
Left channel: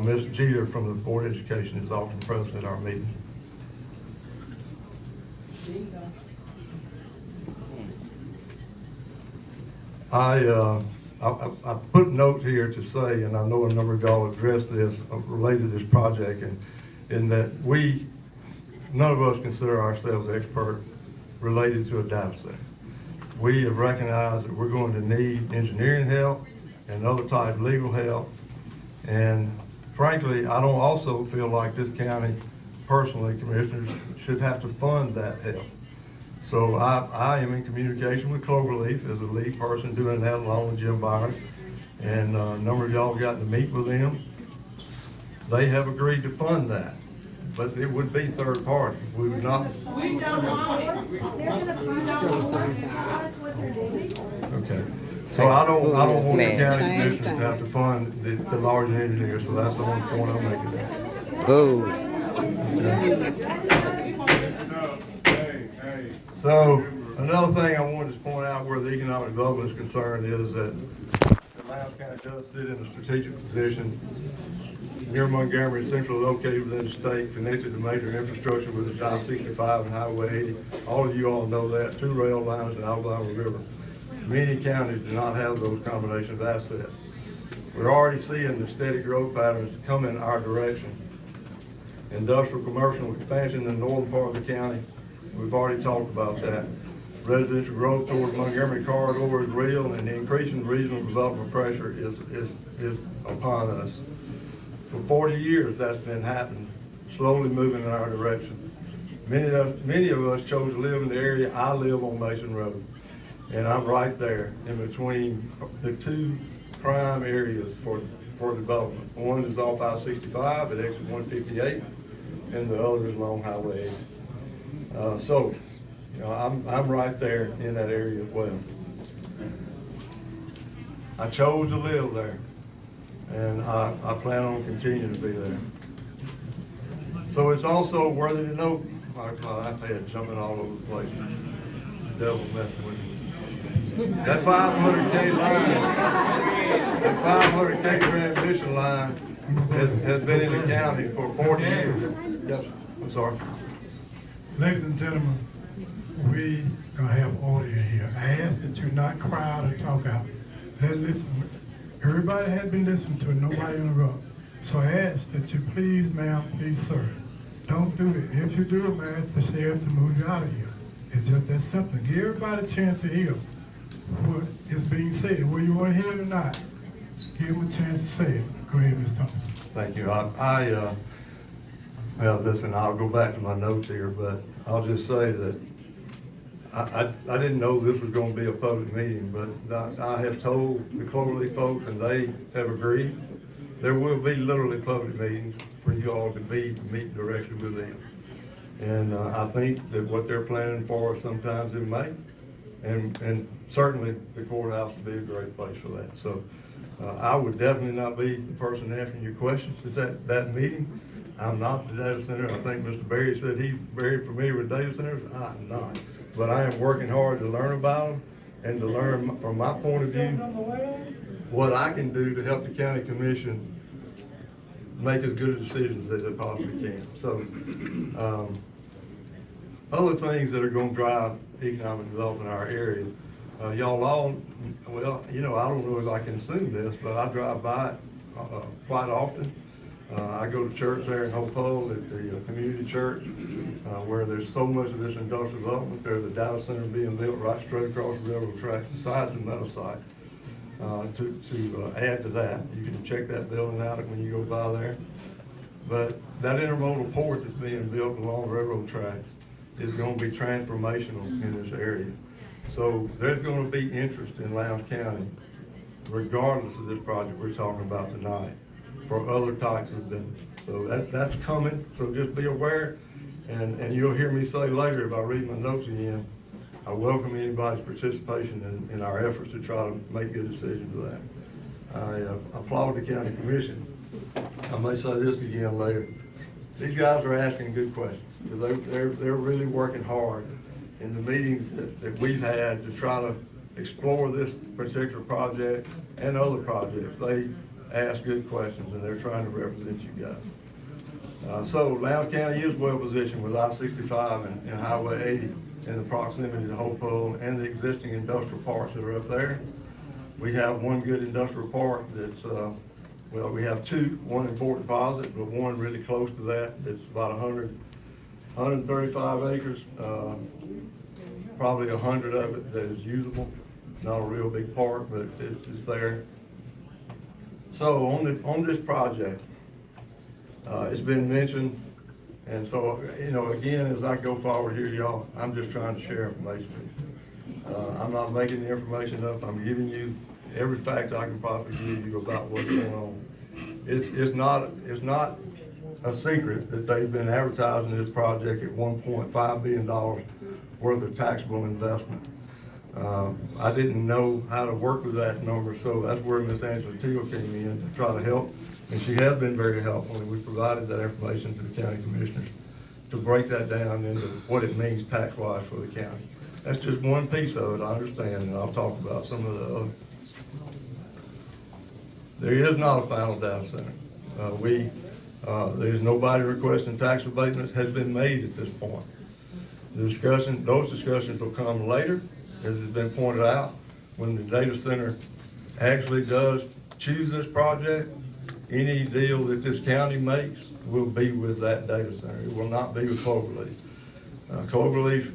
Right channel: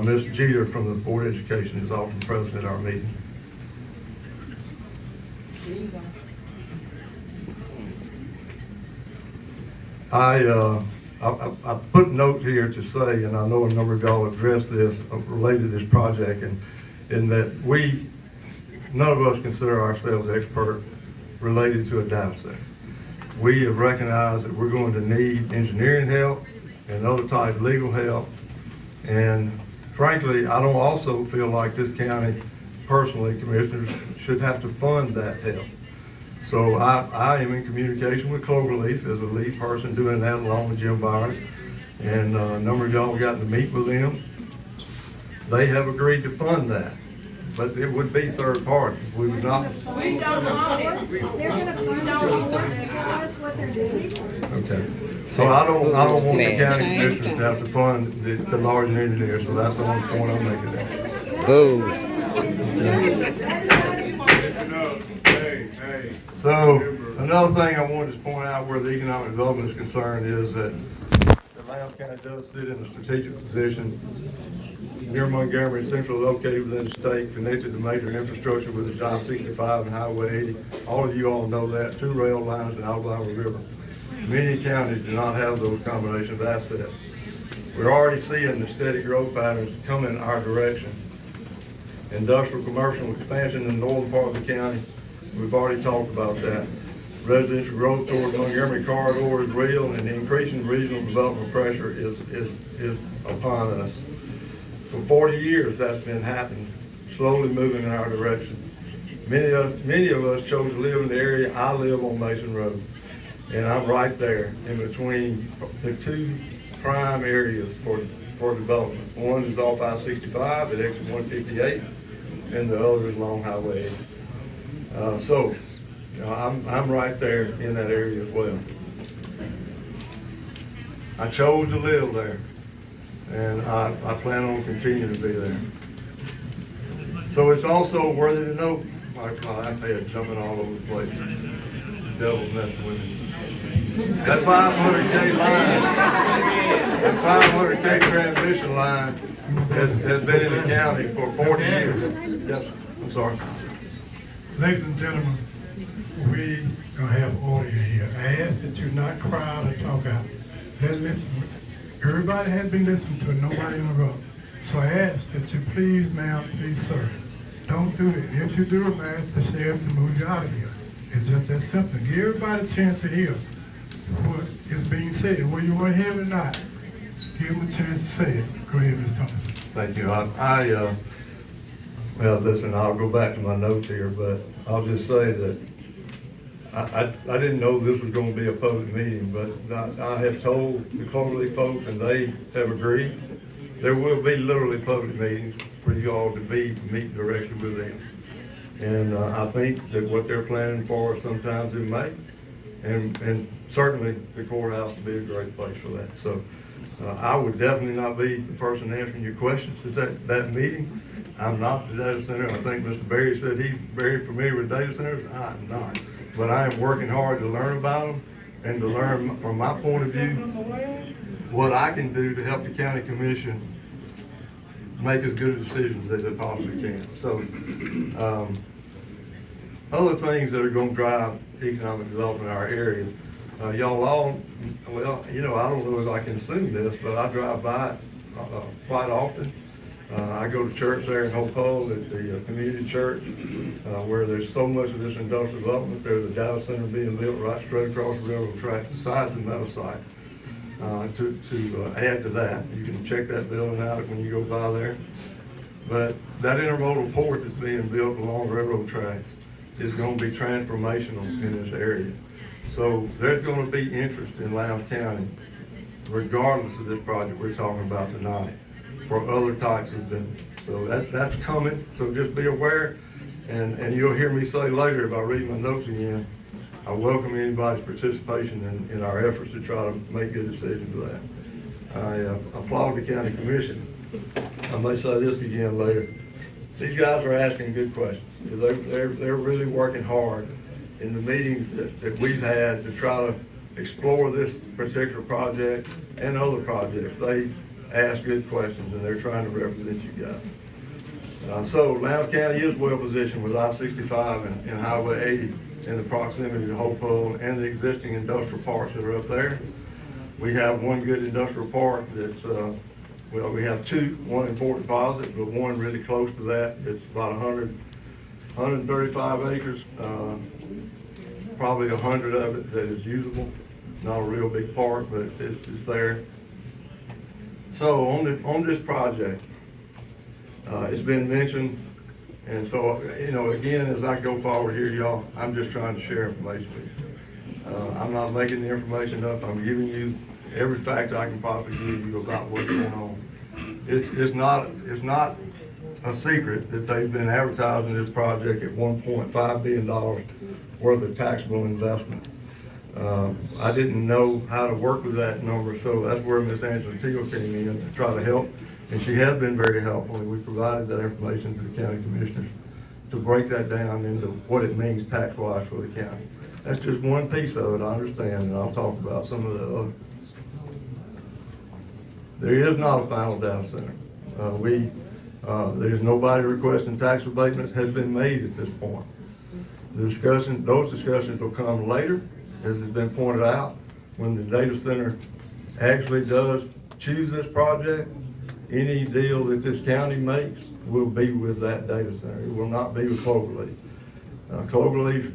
Ms. Jeter from the Board of Education is often present at our meeting. I put notes here to say, and I know a number of y'all addressed this related to this project, and in that none of us consider ourselves expert related to a data center. We have recognized that we're going to need engineering help and other type of legal help. And frankly, I don't also feel like this county, personally, commissioners, should have to fund that help. So I am in communication with Cloverleaf as a lead person doing that, along with Jim Byron. And a number of y'all got to meet with them. They have agreed to fund that, but it would be third party. We would not. We don't want it. They're gonna fund it. Tell us what they're doing. Okay. So I don't want the county commissioners to have to fund the lawyers and engineers, so that's the only point I'm making there. Boo. So another thing I wanted to point out where the economic development is concerned is that the Lowndes County does sit in a strategic position near Montgomery, centrally located within the state, connected to major infrastructure with the I-65 and Highway 80. All of you all know that, 2 rail lines and Alabama River. Many counties do not have those combination of assets. We're already seeing the steady growth patterns come in our direction. Industrial commercial expansion in the northern part of the county, we've already talked about that. Residential growth towards Montgomery corridor is real, and the increasing regional development pressure is upon us. For 40 years that's been happening, slowly moving in our direction. Many of us chose to live in the area. I live on Mason Road, and I'm right there in between the 2 prime areas for development. One is off I-65 at exit 158, and the other is along Highway 80. So, you know, I'm right there in that area as well. I chose to live there, and I plan on continuing to be there. So it's also worthy to note, my head jumping all over the place. The devil's messing with me. That 500K line, that 500K transition line has been in the county for 40 years. Yes, I'm sorry. Ladies and gentlemen, we don't have order here. I ask that you not crowd or talk out. Let's listen. Everybody has been listening to it, nobody interrupt. So I ask that you please, ma'am, please, sir, don't do it. If you do it, man, ask the sheriff to move you out of here. It's just that simple. Give everybody a chance to hear what is being said. Whether you want to hear it or not, give them a chance to say it. Go ahead, Ms. Thompson. Thank you. Well, listen, I'll go back to my notes here, but I'll just say that I didn't know this was going to be a public meeting, but I have told the Cloverleaf folks, and they have agreed, there will be literally public meetings for you all to meet directly with them. And I think that what they're planning for sometime in May, and certainly the courthouse will be a great place for that. So I would definitely not be the person answering your questions at that meeting. I'm not the data center. I think Mr. Berry said he's very familiar with data centers. I'm not. But I am working hard to learn about them and to learn from my point of view what I can do to help the county commission make as good a decisions as they possibly can. So, other things that are gonna drive economic development in our area, y'all all, well, you know, I don't know if I can assume this, but I drive by it quite often. I go to church there in Hopewell at the community church, where there's so much of this industrial development. There's a data center being built right straight across the railroad track beside the metal site. To add to that, you can check that building out when you go by there. But that intermodal port that's being built along railroad tracks is going to be transformational in this area. So there's going to be interest in Lowndes County, regardless of this project we're talking about tonight, for other types of business. So that's coming, so just be aware, and you'll hear me say later, if I read my notes again, I welcome anybody's participation in our efforts to try to make good decisions with that. I applaud the county commission. I may say this again later. These guys are asking good questions. They're really working hard in the meetings that we've had to try to explore this particular project and other projects. They ask good questions and they're trying to represent you guys. So Lowndes County is well positioned with I-65 and Highway 80 in the proximity to Hopewell and the existing industrial parks that are up there. We have one good industrial park that's, well, we have two, one in Fort Deposit, but one really close to that. It's about 135 acres, probably 100 of it that is usable. Not a real big park, but it's there. So on this project, it's been mentioned, and so, you know, again, as I go forward here, y'all, I'm just trying to share information with you. I'm not making the information up. I'm giving you every fact I can possibly give you about what's going on. It's not a secret that they've been advertising this project at $1.5 billion worth of taxable investment. I didn't know how to work with that number, so that's where Ms. Angela Teal came in to try to help. And she has been very helpful, and we provided that information to the county commissioners to break that down into what it means tax-wise for the county. That's just one piece of it, I understand, and I'll talk about some of the other. There is not a final data center. There's nobody requesting tax abatements has been made at this point. Those discussions will come later, as has been pointed out, when the data center actually does choose this project. Any deal that this county makes will be with that data center. It will not be with Cloverleaf. Cloverleaf,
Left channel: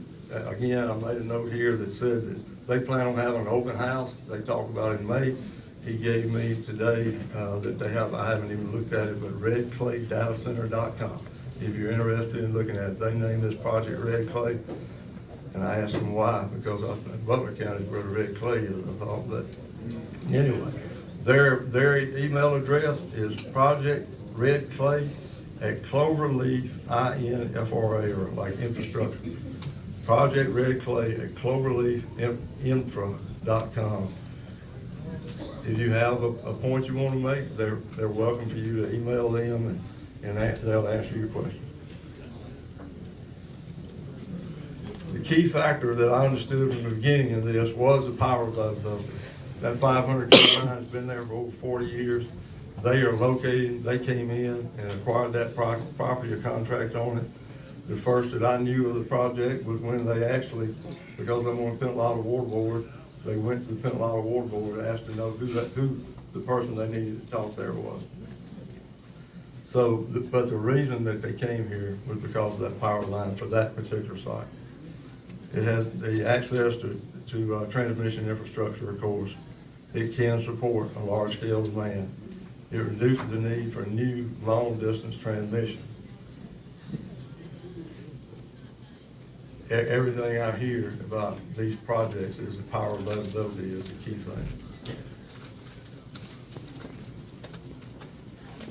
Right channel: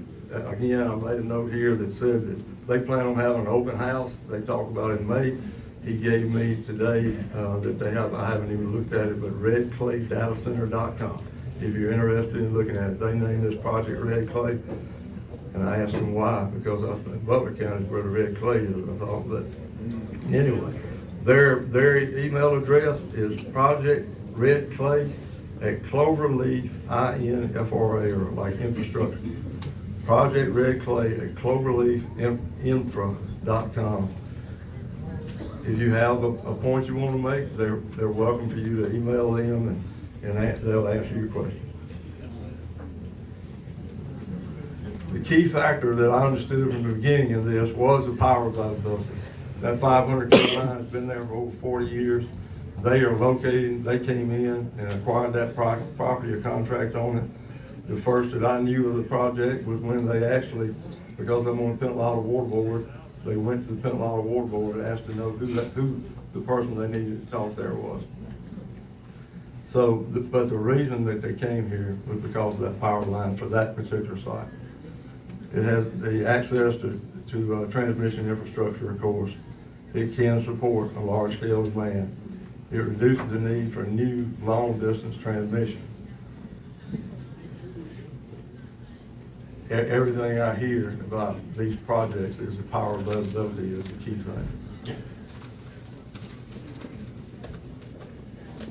again, I made a note here that said that they plan on having an open house. They talked about it in May. He gave me today that they have, I haven't even looked at it, but redclaydatacenter.com. If you're interested in looking at it, they named this project Red Clay. And I asked them why, because I think Butler County is where the red clay is, I thought, but anyway. Their email address is projectredclay@cloverleaf, INFRA, or like infrastructure. Project Red Clay at cloverleafinfra.com. If you have a point you want to make, they're welcome for you to email them and they'll answer your question. The key factor that I understood from the beginning of this was the power availability. That 500 kV line has been there for over 40 years. They are located, they came in and acquired that property, a contract on it. The first that I knew of the project was when they actually, because I'm on the Pentalata Water Board, they went to the Pentalata Water Board and asked to know who the person they needed to talk there was. So, but the reason that they came here was because of that power line for that particular site. It has the access to transmission infrastructure, of course. It can support a large-scale demand. It reduces the need for new long-distance transmission. Everything I hear about these projects is the power availability is the key thing.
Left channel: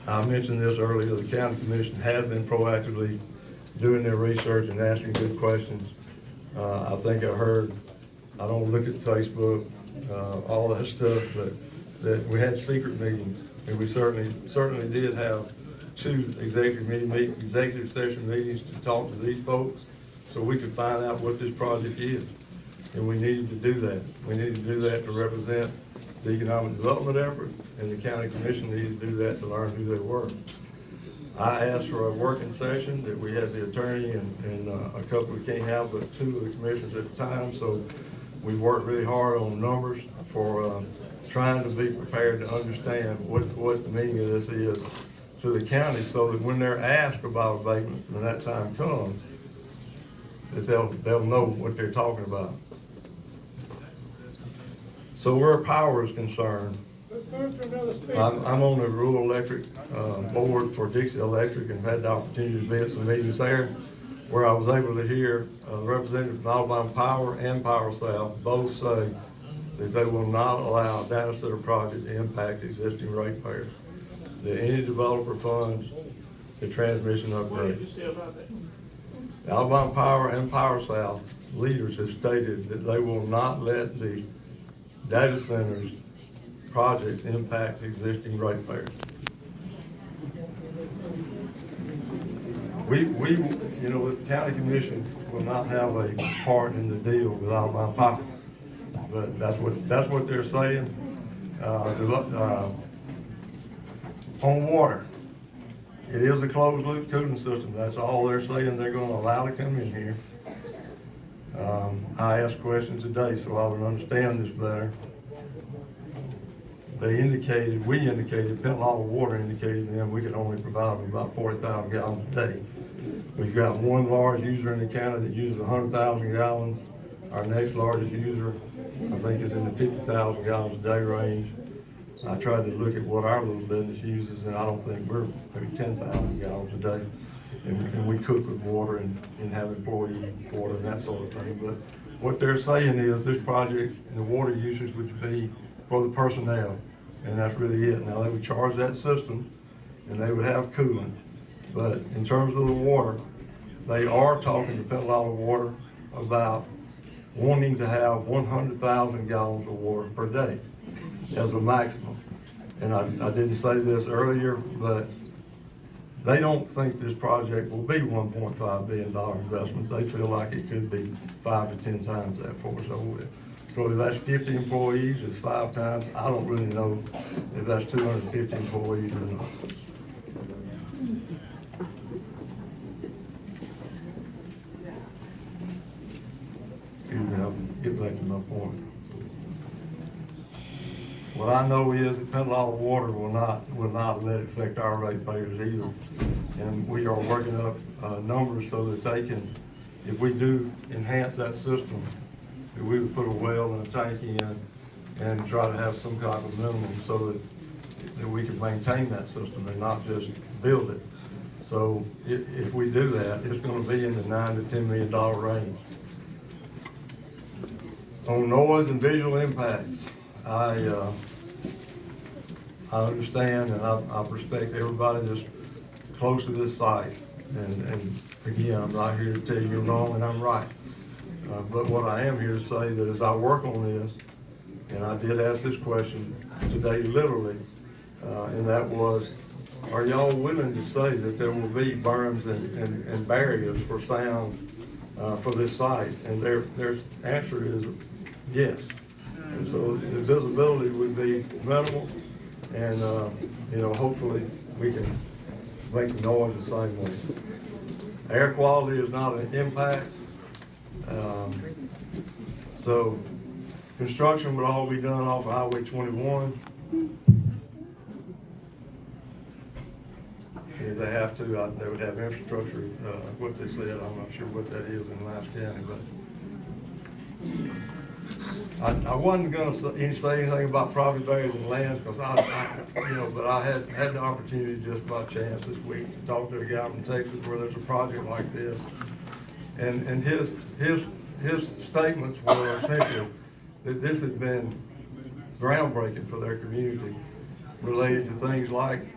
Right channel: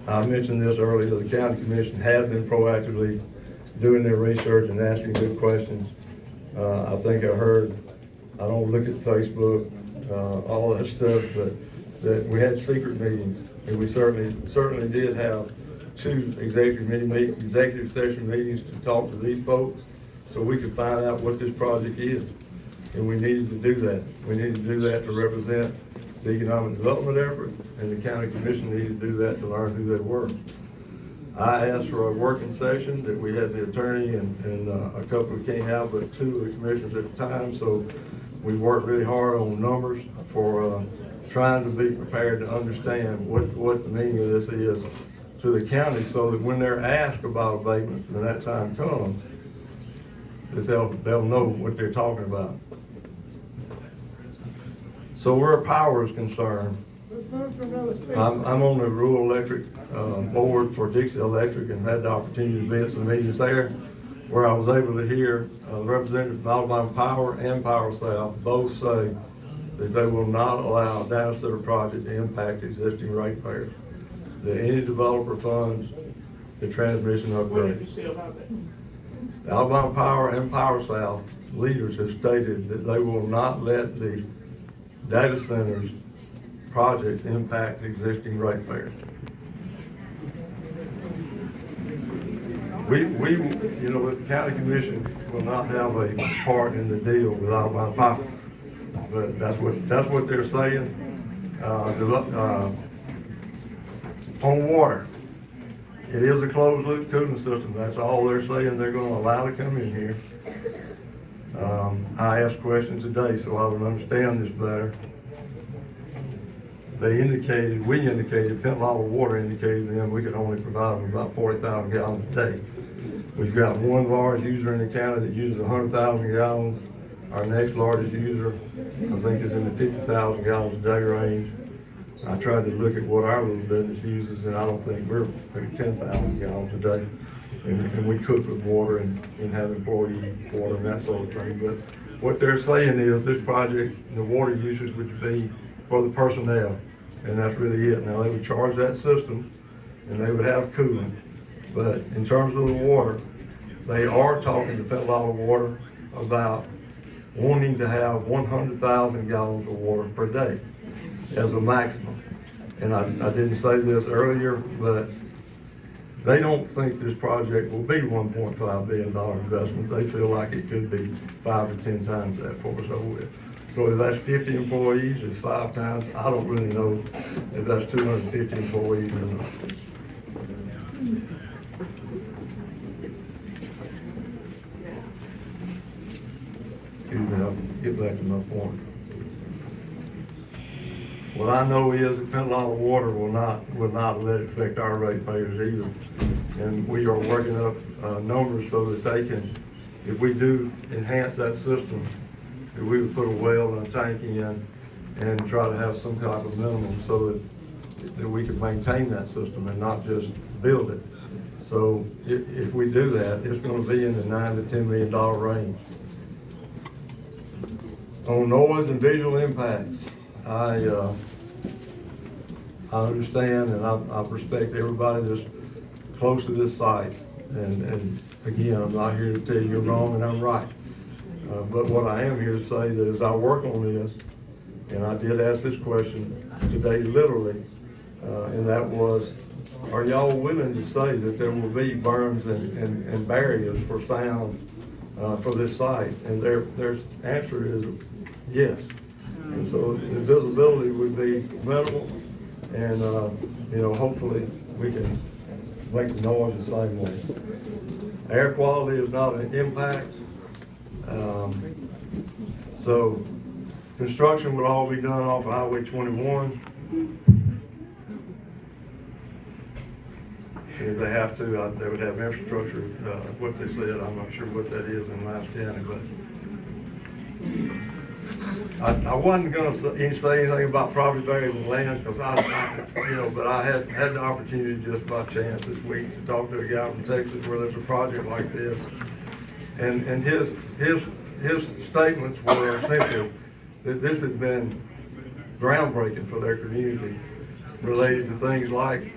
I mentioned this earlier, the county commission has been proactively doing their research and asking good questions. I think I heard, I don't look at Facebook, all that stuff, but that we had secret meetings, and we certainly did have two executive session meetings to talk to these folks, so we could find out what this project is. and we needed to do that. We needed to do that to represent the economic development effort, and the county commission needed to do that to learn who they were. I asked for a working session that we had the attorney and a couple we can't have, but two of the commissioners at the time, so we worked really hard on numbers for trying to be prepared to understand what the meaning of this is to the county, so that when they're asked about abatements, when that time comes, that they'll know what they're talking about. So where power is concerned, I'm on the rural electric board for Dixie Electric, and had the opportunity to be at some meetings there where I was able to hear representatives from Alabama Power and Power South both say that they will not allow a data center project to impact existing ratepayers. That any developer funds the transmission What did upgrade. you say about that? Alabama Power and Power South leaders have stated that they will not let the data centers projects impact existing ratepayers. We, you know, the county commission will not have a part in the deal with Alabama Power, but that's what they're saying. On water, it is a closed loop cooling system. That's all they're saying they're going to allow to come in here. I asked questions today so I would understand this better. We indicated, Pensacola Water indicated to them we could only provide them about 40,000 gallons a day. We've got one large user in the county that uses 100,000 gallons. Our next largest user, I think, is in the 50,000 gallons a day range. I tried to look at what our little business uses, and I don't think we're maybe 10,000 gallons a day. And we cook with water and have employee water and that sort of thing. But what they're saying is this project, the water usage would be for the personnel, and that's really it. Now, they would charge that system, and they would have cooling. But in terms of the water, they are talking to Pensacola Water about wanting to have 100,000 gallons of water per day as a maximum. And I didn't say this earlier, but they don't think this project will be $1.5 billion investment. They feel like it could be 5 to 10 times that for us over it. So if that's 50 employees, it's 5 times. I don't really know if that's 250 employees or not. Excuse me, I'll get back to my point. What I know is that Pensacola Water will not let it affect our ratepayers either. And we are working up numbers so that they can, if we do enhance that system, if we would put a well and a tank in and try to have some kind of minimum so that we can maintain that system and not just build it. So if we do that, it's going to be in the $9 to $10 million range. On noise and visual impacts, I understand and I respect everybody that's close to this site. And again, I'm not here to tell you you're wrong and I'm right. But what I am here to say that as I work on this, and I did ask this question today literally, and that was, are y'all willing to say that there will be berms and barriers for sound for this site? And their answer is yes. And so the visibility would be minimal, and you know, hopefully we can make the noise the same way. Air quality is not an impact. So construction would all be done off of Highway 21. If they have to, they would have infrastructure, what they said, I'm not sure what that is in Lowndes County, but I wasn't gonna say anything about property values and land, because but I had the opportunity just by chance this week to talk to a guy from Texas where there's a project like this. And his statements were simply that this had been groundbreaking for their community, related to things like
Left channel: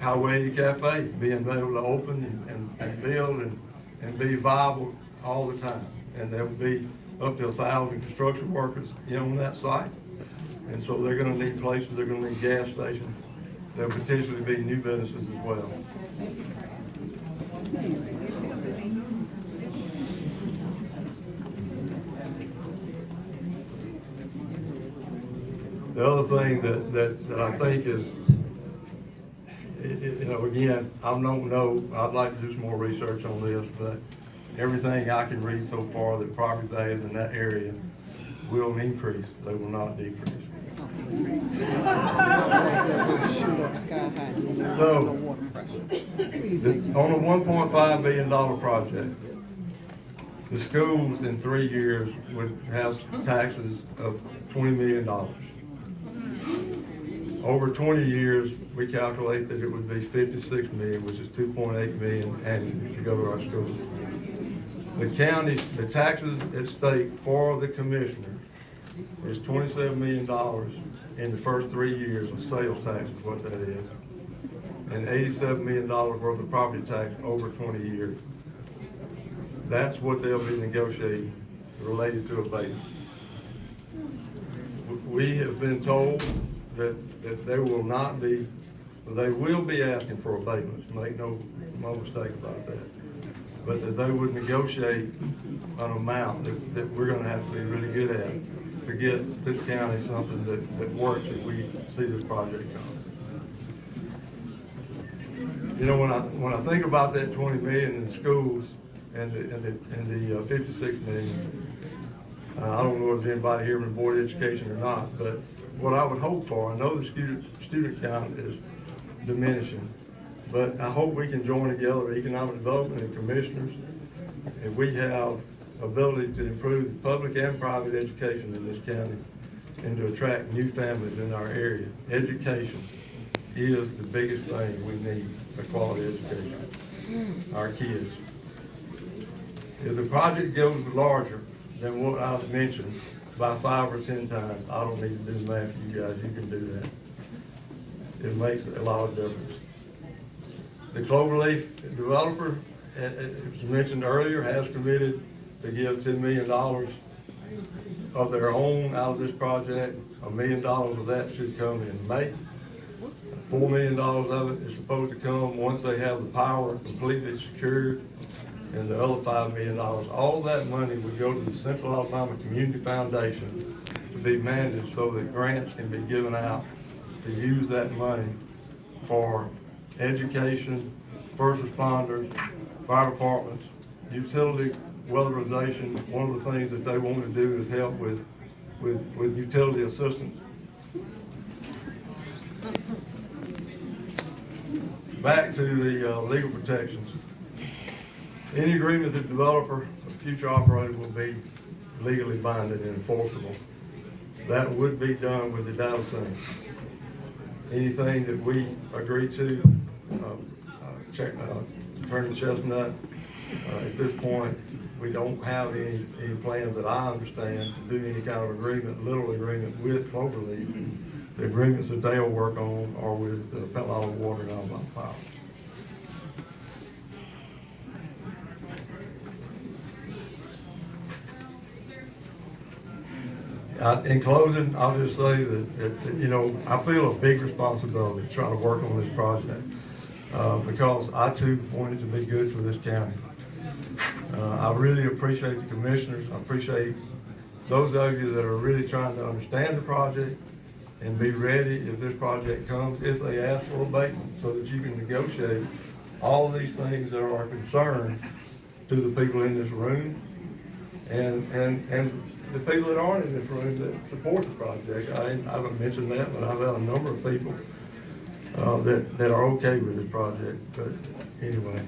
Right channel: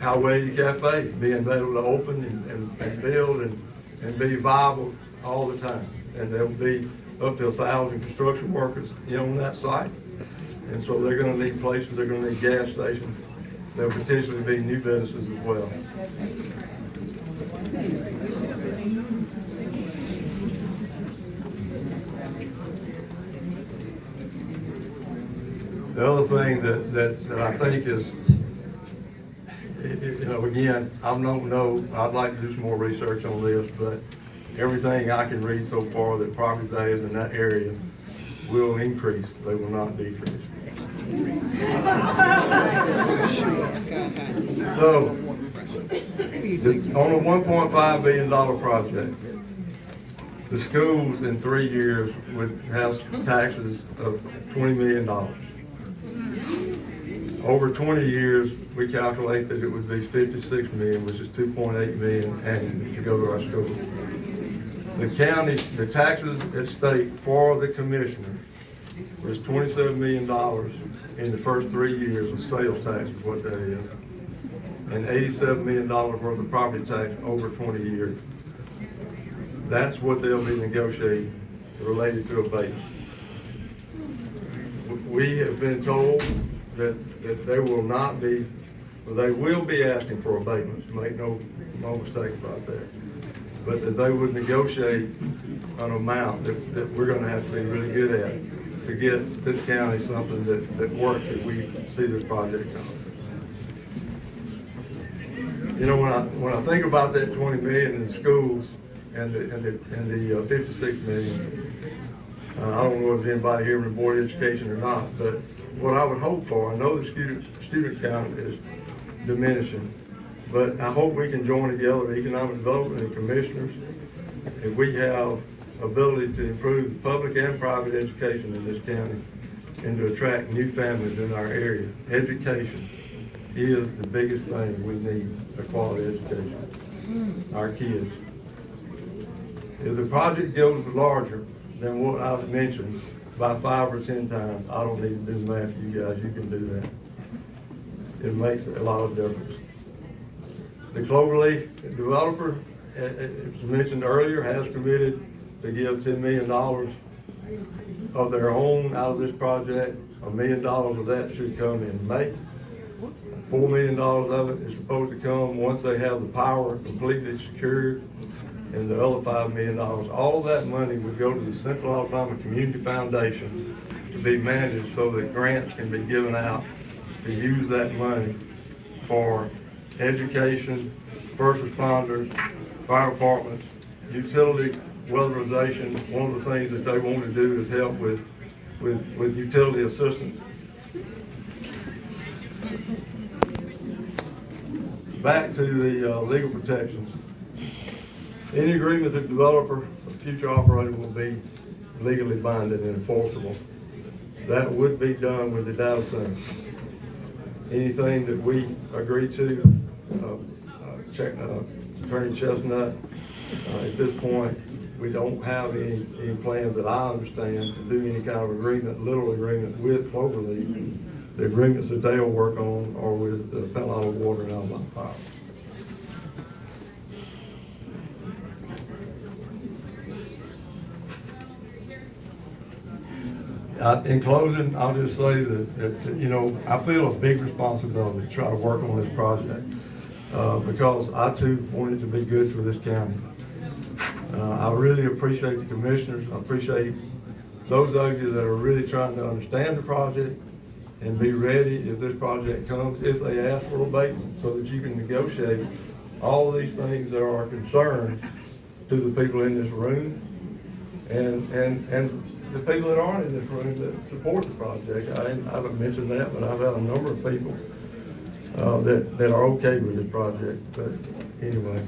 Highway Cafe being able to open and build and be viable all the time. And there will be up to 1,000 construction workers on that site. And so they're going to need places, they're going to need gas stations. There'll potentially be new businesses as well. The other thing that I think is, you know, again, I don't know, I'd like to do some more research on this, but everything I can read so far, that property values in that area will increase, they will not decrease. So, on a $1.5 billion project, the schools in 3 years would have taxes of $20 million. Over 20 years, we calculate that it would be $56 million, which is $2.8 million annually to go to our schools. The county, the taxes at stake for the commissioner is $27 million in the first 3 years of sales tax is what that is. And $87 million worth of property tax over 20 years. That's what they'll be negotiating related to abatement. We have been told that they will not be, they will be asking for abatements, make no mistake about that. But that they would negotiate an amount that we're gonna have to be really good at to get this county something that works if we see this project on. You know, when I think about that 20 million in schools and the 56 million, I don't know if there's anybody here from the Board of Education or not, but what I would hope for, I know the student count is diminishing, but I hope we can join together, economic development and commissioners, and we have ability to improve the public and private education in this county and to attract new families in our area. Education is the biggest thing we need, a quality education, our kids. If the project goes larger than what I've mentioned by 5 or 10 times, I don't need to do the math for you guys, you can do that. It makes a lot of difference. The Cloverleaf developer, as mentioned earlier, has committed to give $10 million of their own out of this project. $1 million of that should come in May. $4 million of it is supposed to come once they have the power completely secured, and the other $5 million. All that money would go to the Central Alabama Community Foundation to be managed so that grants can be given out to use that money for education, first responders, fire departments, utility weatherization. One of the things that they want to do is help with utility assistance. Back to the legal protections. Any agreement that the developer or future operator will be legally binding and enforceable. That would be done with the data center. Anything that we agree to, Attorney Chestnut, at this point, we don't have any plans that I understand to do any kind of agreement, literal agreement with Cloverleaf. The agreements that they'll work on are with the Palo Water and Alabama Power. In closing, I'll just say that, you know, I feel a big responsibility to try to work on this project because I too want it to be good for this county. I really appreciate the commissioners. I appreciate those of you that are really trying to understand the project and be ready if this project comes, if they ask for abatement, so that you can negotiate all of these things that are a concern to the people in this room and the people that aren't in this room that support the project. I haven't mentioned that, but I've had a number of people that are okay with this project. But anyway,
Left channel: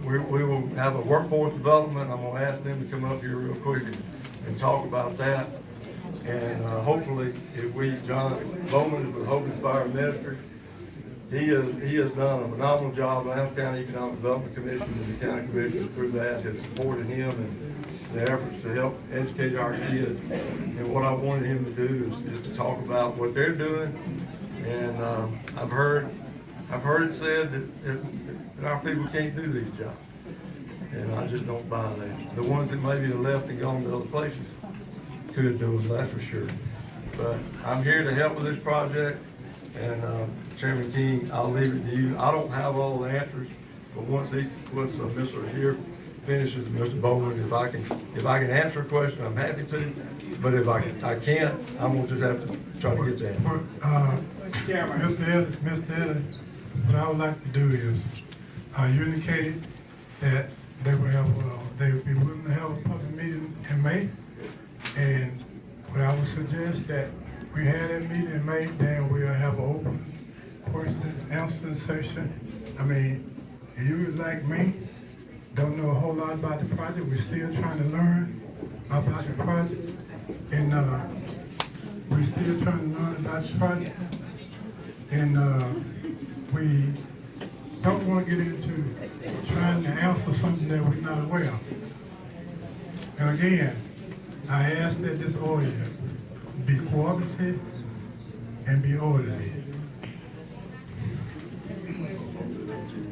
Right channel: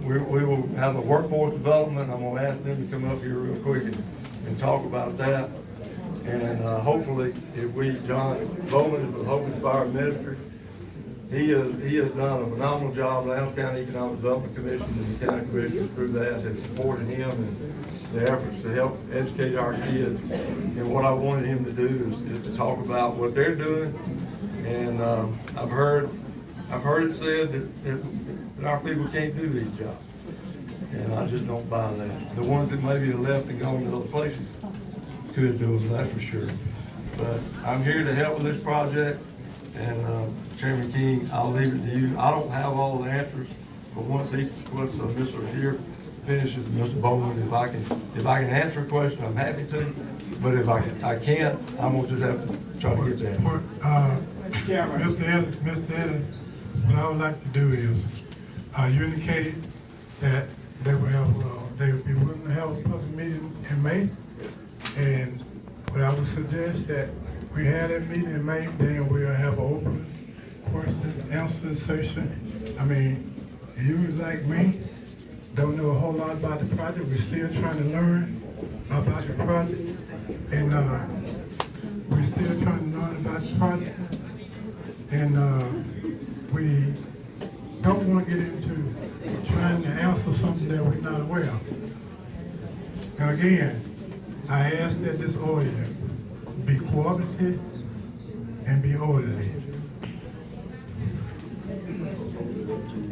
we will have a workforce development. I'm going to ask them to come up here real quick and talk about that. And hopefully, if John Bowman is the Hogan's Fire Minister, he has done a phenomenal job. Lowndes County Economic Development Commission and the county commission through that has supported him and the efforts to help educate our kids. And what I wanted him to do is to talk about what they're doing. And I've heard it said that our people can't do these jobs, and I just don't buy that. The ones that maybe have left and gone to other places could do them, that's for sure. But I'm here to help with this project, and Chairman King, I'll leave it to you. I don't have all the answers, but once Mr. here finishes, Mr. Bowman. If I can answer a question, I'm happy to. But if I can't, I'm gonna just have to try to get that. Mr. Ellis, what I would like to do is, you indicated that they would be willing to have a public meeting in May. And what I would suggest that we have that meeting in May, then we'll have an open question answer session. I mean, you like me, don't know a whole lot about the project. We're still trying to learn about the project. And we're still trying to learn about the project. And we don't want to get into trying to answer something that we're not aware of. And again, I ask that this Ozier be cooperative and be orderly.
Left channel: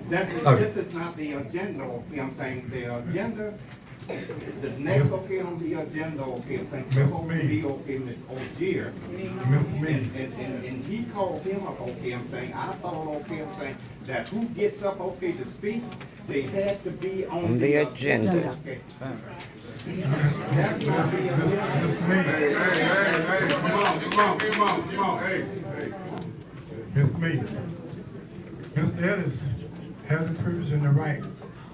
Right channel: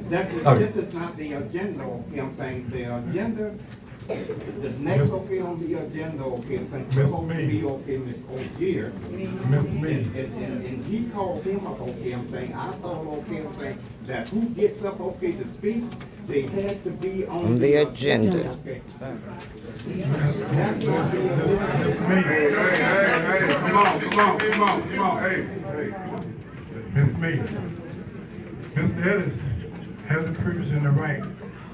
This is not the agenda, okay, I'm saying the agenda, the next okay on the agenda, okay, I'm saying supposed to be okay, Ms. Ozier. And he called him up, okay, I'm saying, I thought, okay, I'm saying, that who gets up, okay, to speak, they had to be on the agenda. Okay. That's not the agenda. Hey, come on, hey. Ms. May, Mr. Ellis has the privilege and the right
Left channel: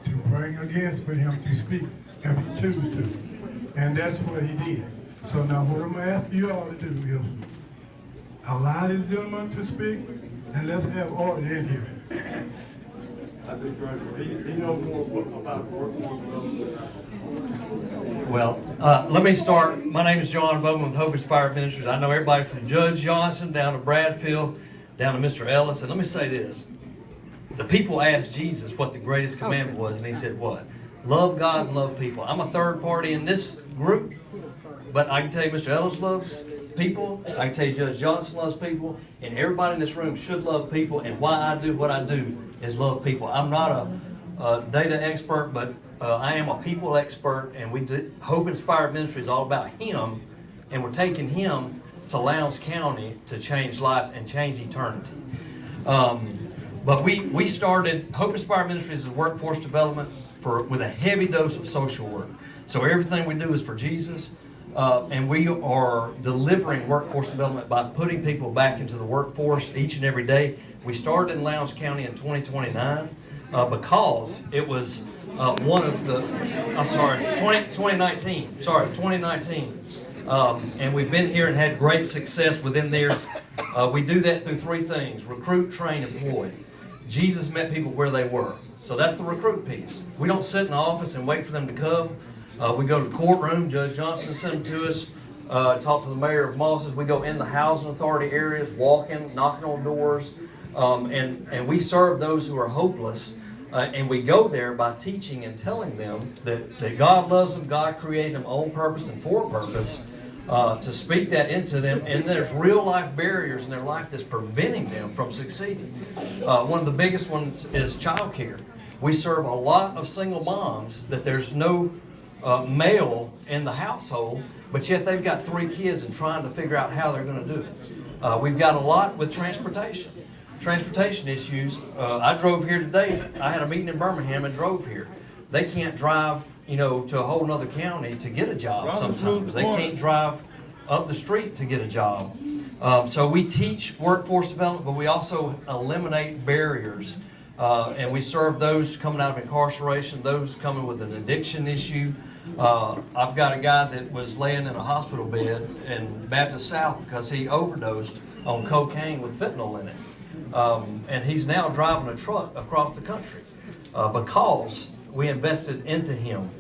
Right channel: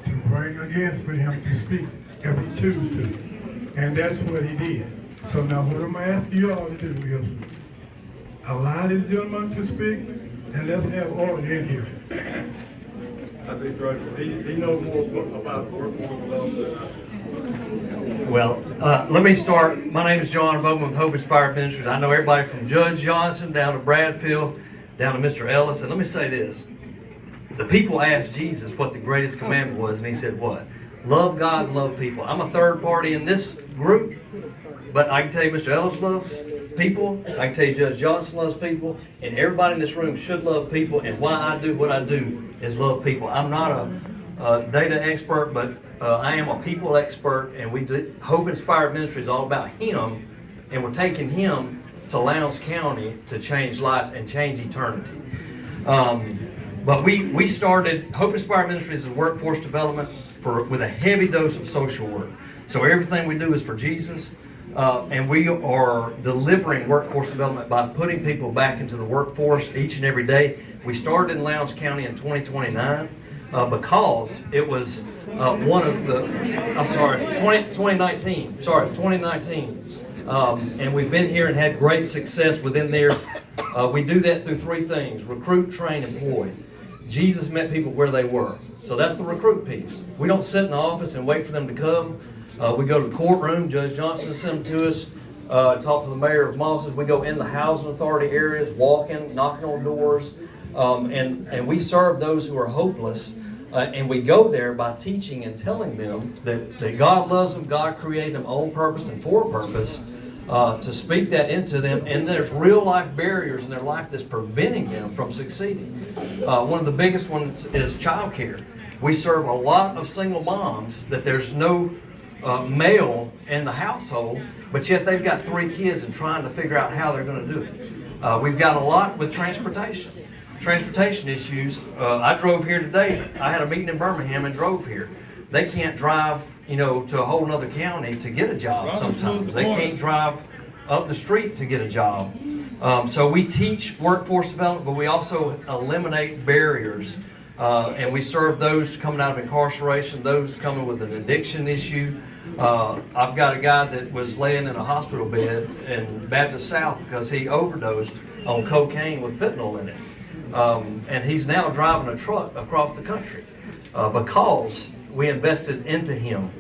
to bring against for him to speak if he chooses to. And that's what he did. So now what I'm gonna ask you all to do is allow this gentleman to speak and let's have order in here. I think, Director, he knows more about workforce development. Well, let me start. My name is John Bowman with Hope Inspired Ministries. I know everybody from Judge Johnson down to Bradfield, down to Mr. Ellis. And let me say this. The people asked Jesus what the greatest commandment was, and he said what? Love God and love people. I'm a third party in this group, but I can tell you Mr. Ellis loves people. I can tell you Judge Johnson loves people, and everybody in this room should love people, and why I do what I do is love people. I'm not a data expert, but I am a people expert, and Hope Inspired Ministry is all about Him, and we're taking Him to Lowndes County to change lives and change eternity. But we started, Hope Inspired Ministries is workforce development with a heavy dose of social work. So everything we do is for Jesus, and we are delivering workforce development by putting people back into the workforce each and every day. We started in Lowndes County in 2029 because it was one of the, 2019, and we've been here and had great success within there. We do that through three things: recruit, train, employ. Jesus met people where they were. So that's the recruit piece. We don't sit in the office and wait for them to come. We go to the courtroom. Judge Johnson sent them to us. Talk to the mayor of Mosses. We go in the housing authority areas, walking, knocking on doors, and we serve those who are hopeless. And we go there by teaching and telling them that God loves them, God created them on purpose and for a purpose, to speak that into them. And there's real life barriers in their life that's preventing them from succeeding. One of the biggest ones is childcare. We serve a lot of single moms that there's no male in the household, but yet they've got 3 kids and trying to figure out how they're going to do it. We've got a lot with transportation issues. I drove here today. I had a meeting in Birmingham and drove here. They can't drive, to a whole other county to get a job sometimes. They can't drive up the street to get a job. So we teach workforce development, but we also eliminate barriers. And we serve those coming out of incarceration, those coming with an addiction issue. I've got a guy that was laying in a hospital bed in Baptist South because he overdosed on cocaine with fentanyl in it. And he's now driving a truck across the country because we invested into him.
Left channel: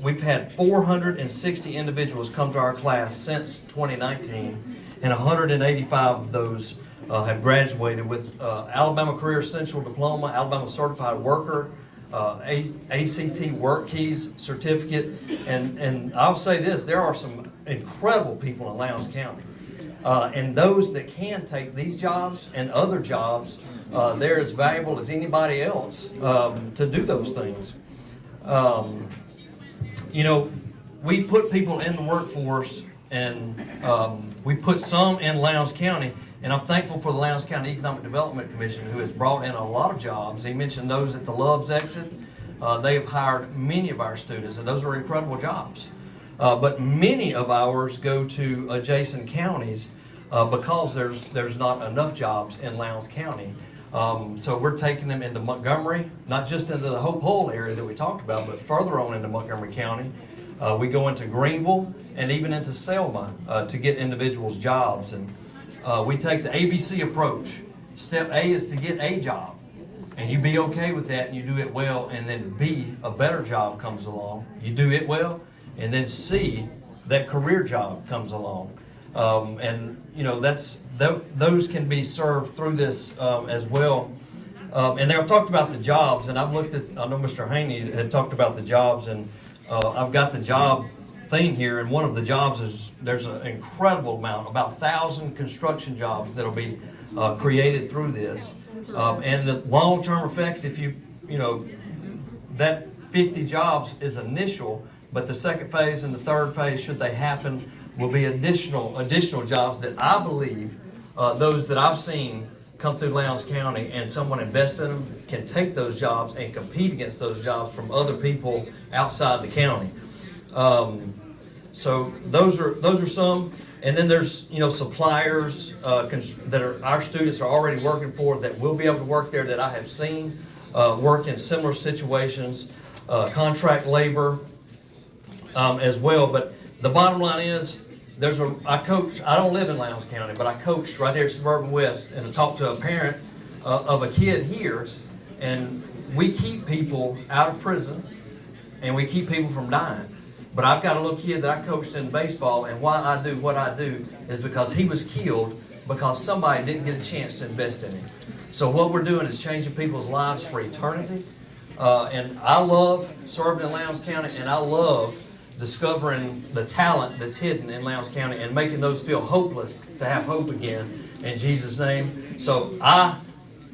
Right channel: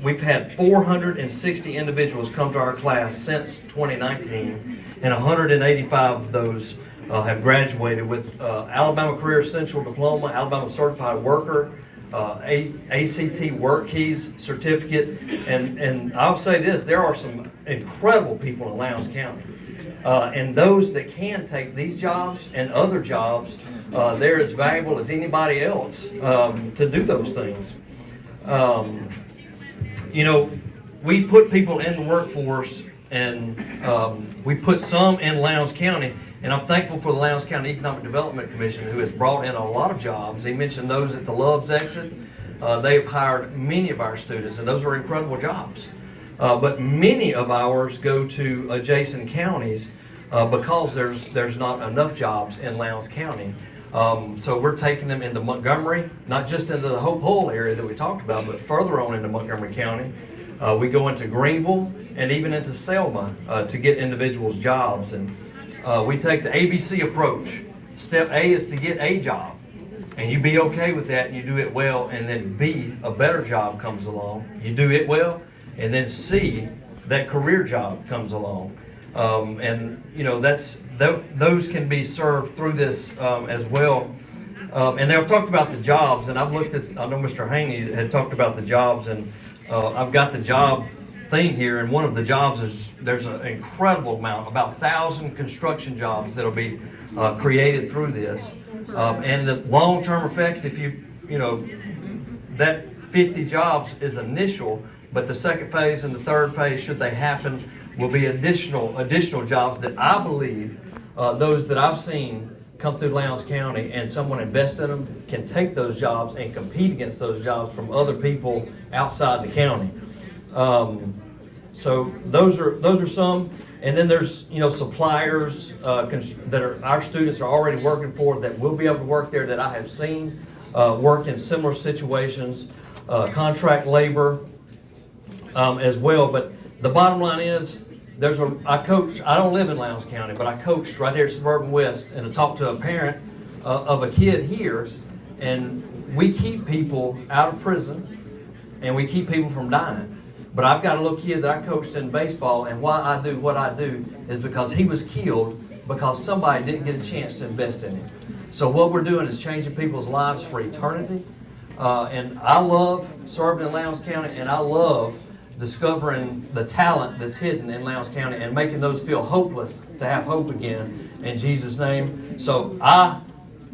We've had 460 individuals come to our class since 2019, and 185 of those have graduated with Alabama Career Essential Diploma, Alabama Certified Worker, ACT Work Keys Certificate, and I'll say this, there are some incredible people in Lowndes County. And those that can take these jobs and other jobs, they're as valuable as anybody else to do those things. We put people in the workforce, and we put some in Lowndes County, and I'm thankful for the Lowndes County Economic Development Commission, who has brought in a lot of jobs. He mentioned those at the Love's exit. They've hired many of our students, and those are incredible jobs. But many of ours go to adjacent counties because there's not enough jobs in Lowndes County. So we're taking them into Montgomery, not just into the Hope Hull area that we talked about, but further on into Montgomery County. We go into Greenville and even into Selma to get individuals jobs. And we take the ABC approach. Step A is to get a job. And you be okay with that and you do it well, and then B, a better job comes along. You do it well, and then C, that career job comes along. And you know, those can be served through this as well. And they've talked about the jobs, and I've looked at, I know Mr. Haney had talked about the jobs, and I've got the job thing here, and one of the jobs is, there's an incredible amount, about 1,000 construction jobs that'll be created through this. And the long-term effect, if you know, that 50 jobs is initial, but the second phase and the third phase, should they happen, will be additional jobs that I believe those that I've seen come through Lowndes County and someone invest in them can take those jobs and compete against those jobs from other people outside the county. So those are some, and then there's, you know, suppliers that are our students are already working for that will be able to work there that I have seen work in similar situations, contract labor as well. But the bottom line is, I coach, I don't live in Lowndes County, but I coached right here at Suburban West, and I talked to a parent of a kid here, and we keep people out of prison, and we keep people from dying. But I've got a little kid that I coached in baseball, and why I do what I do is because he was killed because somebody didn't get a chance to invest in him. So what we're doing is changing people's lives for eternity. And I love serving in Lowndes County, and I love discovering the talent that's hidden in Lowndes County and making those feel hopeless to have hope again in Jesus' name. So I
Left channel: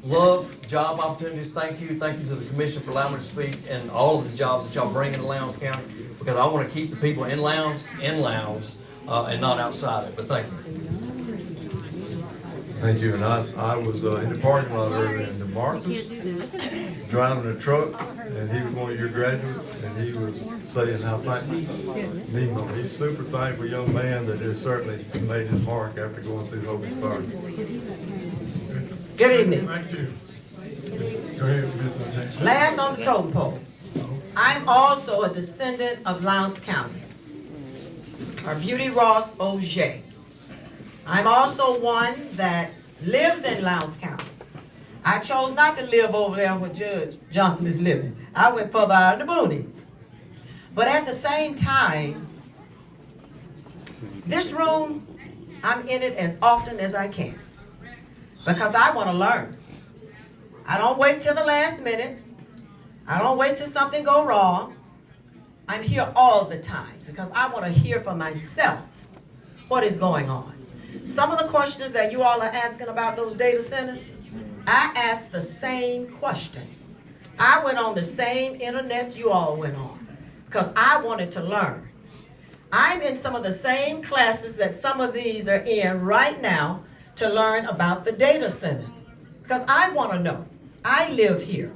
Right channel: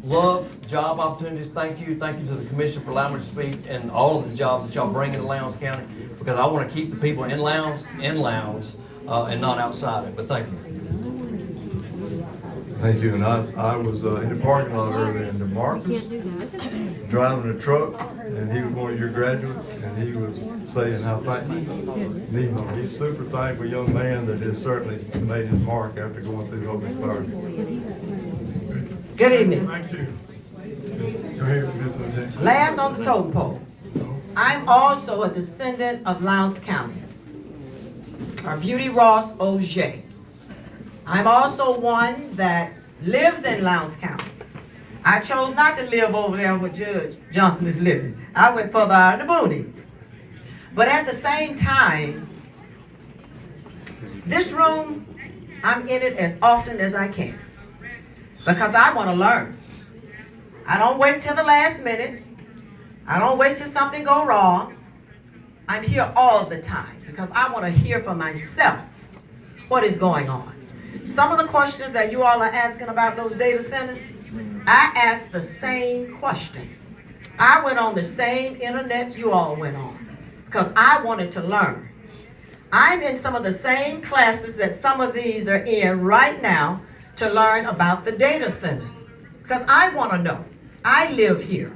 love job opportunities. Thank you. Thank you to the commission for allowing me to speak, and all of the jobs that y'all bring into Lowndes County, because I want to keep the people in Lowndes and not outside it. But thank you. Thank you. And I was in the parking lot earlier in the Marcus, driving a truck, and he was one of your graduates, and he was saying how thankful he's super thankful young man that has certainly made his mark after going through Hope and Fire. Good evening. Thank you. Go ahead, Ms. Lieutenant. Last on the totem pole. I'm also a descendant of Lowndes County, Orbuty Ross Ozier. I'm also one that lives in Lowndes County. I chose not to live over there where Judge Johnson is living. I went further out in the boonies. But at the same time, this room, I'm in it as often as I can because I want to learn. I don't wait till the last minute. I don't wait till something go wrong. I'm here all the time because I want to hear for myself what is going on. Some of the questions that you all are asking about those data centers, I asked the same question. I went on the same internets you all went on because I wanted to learn. I'm in some of the same classes that some of these are in right now to learn about the data centers because I want to know. I live here.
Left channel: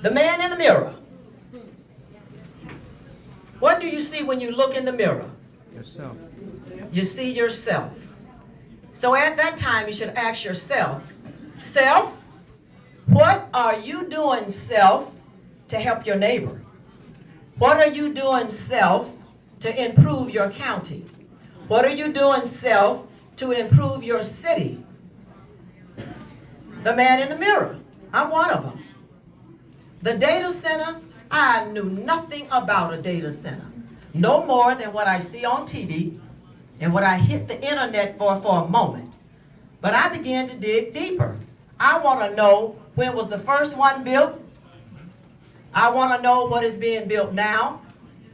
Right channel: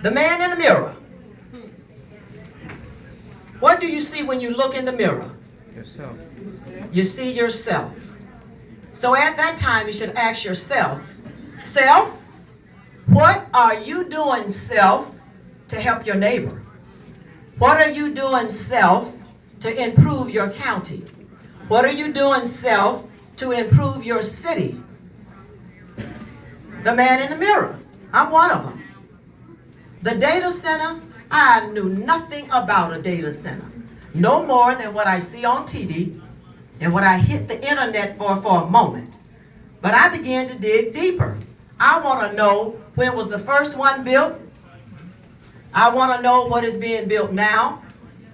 The man in the mirror. What do you see when you look in the mirror? Yourself. You see yourself. So at that time, you should ask yourself, self, what are you doing, self, to help your neighbor? What are you doing, self, to improve your county? What are you doing, self, to improve your city? The man in the mirror. I'm one of them. The data center, I knew nothing about a data center. No more than what I see on TV and what I hit the internet for a moment. But I began to dig deeper. I want to know when was the first one built. I want to know what is being built now.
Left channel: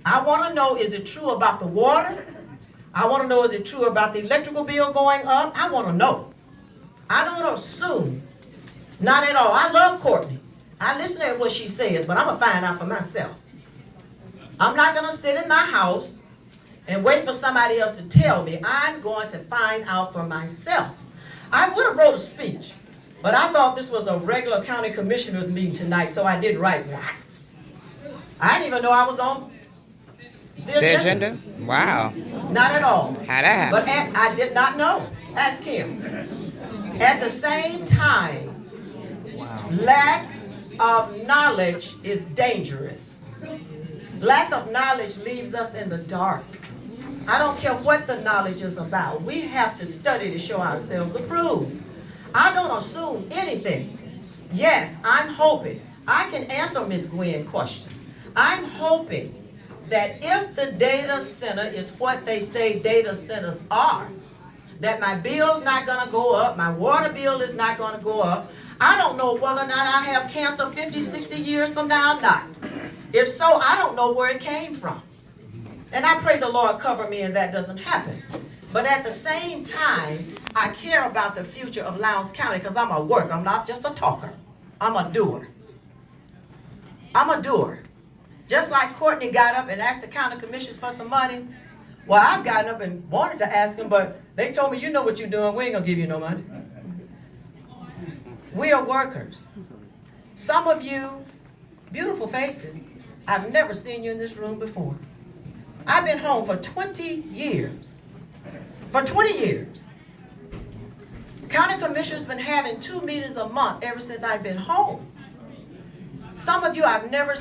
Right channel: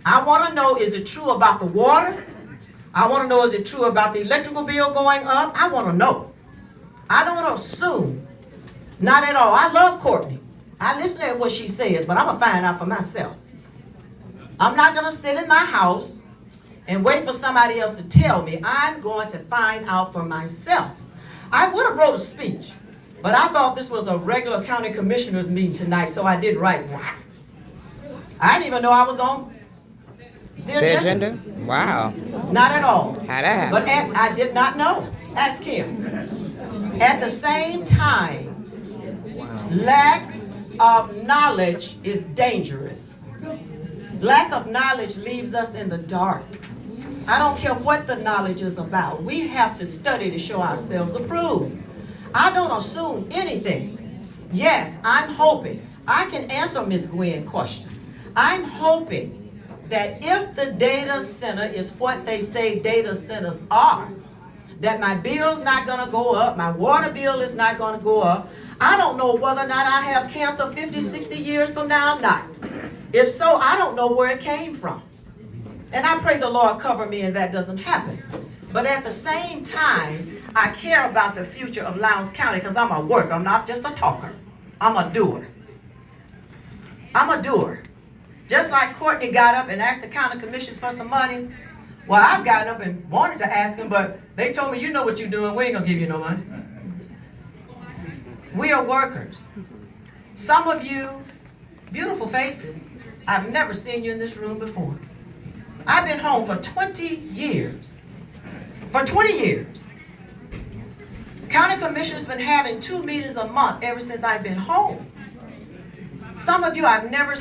I want to know, is it true about the water? I want to know, is it true about the electrical bill going up? I want to know. I don't want to assume. Not at all. I love Courtney. I listen to what she says, but I'm going to find out for myself. I'm not going to sit in my house and wait for somebody else to tell me. I'm going to find out for myself. I would have wrote a speech, But I thought this was a regular county commissioners meeting tonight, so I didn't write what. I didn't even know I was on The agenda? Wow. Not at all. How'd that happen? But I did not know. Ask him. At the same time, lack of knowledge is dangerous. Lack of knowledge leaves us in the dark. I don't care what the knowledge is about. We have to study to show ourselves approved. I don't assume anything. Yes, I'm hoping. I can answer Ms. Gwen's question. I'm hoping that if the data center is what they say data centers are, that my bill's not gonna go up, my water bill is not gonna go up. I don't know whether or not I have cancer 50, 60 years from now or not. If so, I don't know where it came from. And I pray the Lord cover me and that doesn't happen. But at the same time, I care about the future of Lowndes County because I'm a worker. I'm not just a talker. I'm a doer. I'm a doer. Just like Courtney got up and asked the county commissioners for some money, well, I've gotten up and wanted to ask them, but they told me, you know what you're doing, we ain't gonna give you no money. We are workers. Some of you, beautiful faces, I've never seen you in this room before. I've been home for 20 years. For 20 years. County commissioners been having 2 meetings a month ever since I've been home. Some of you I've never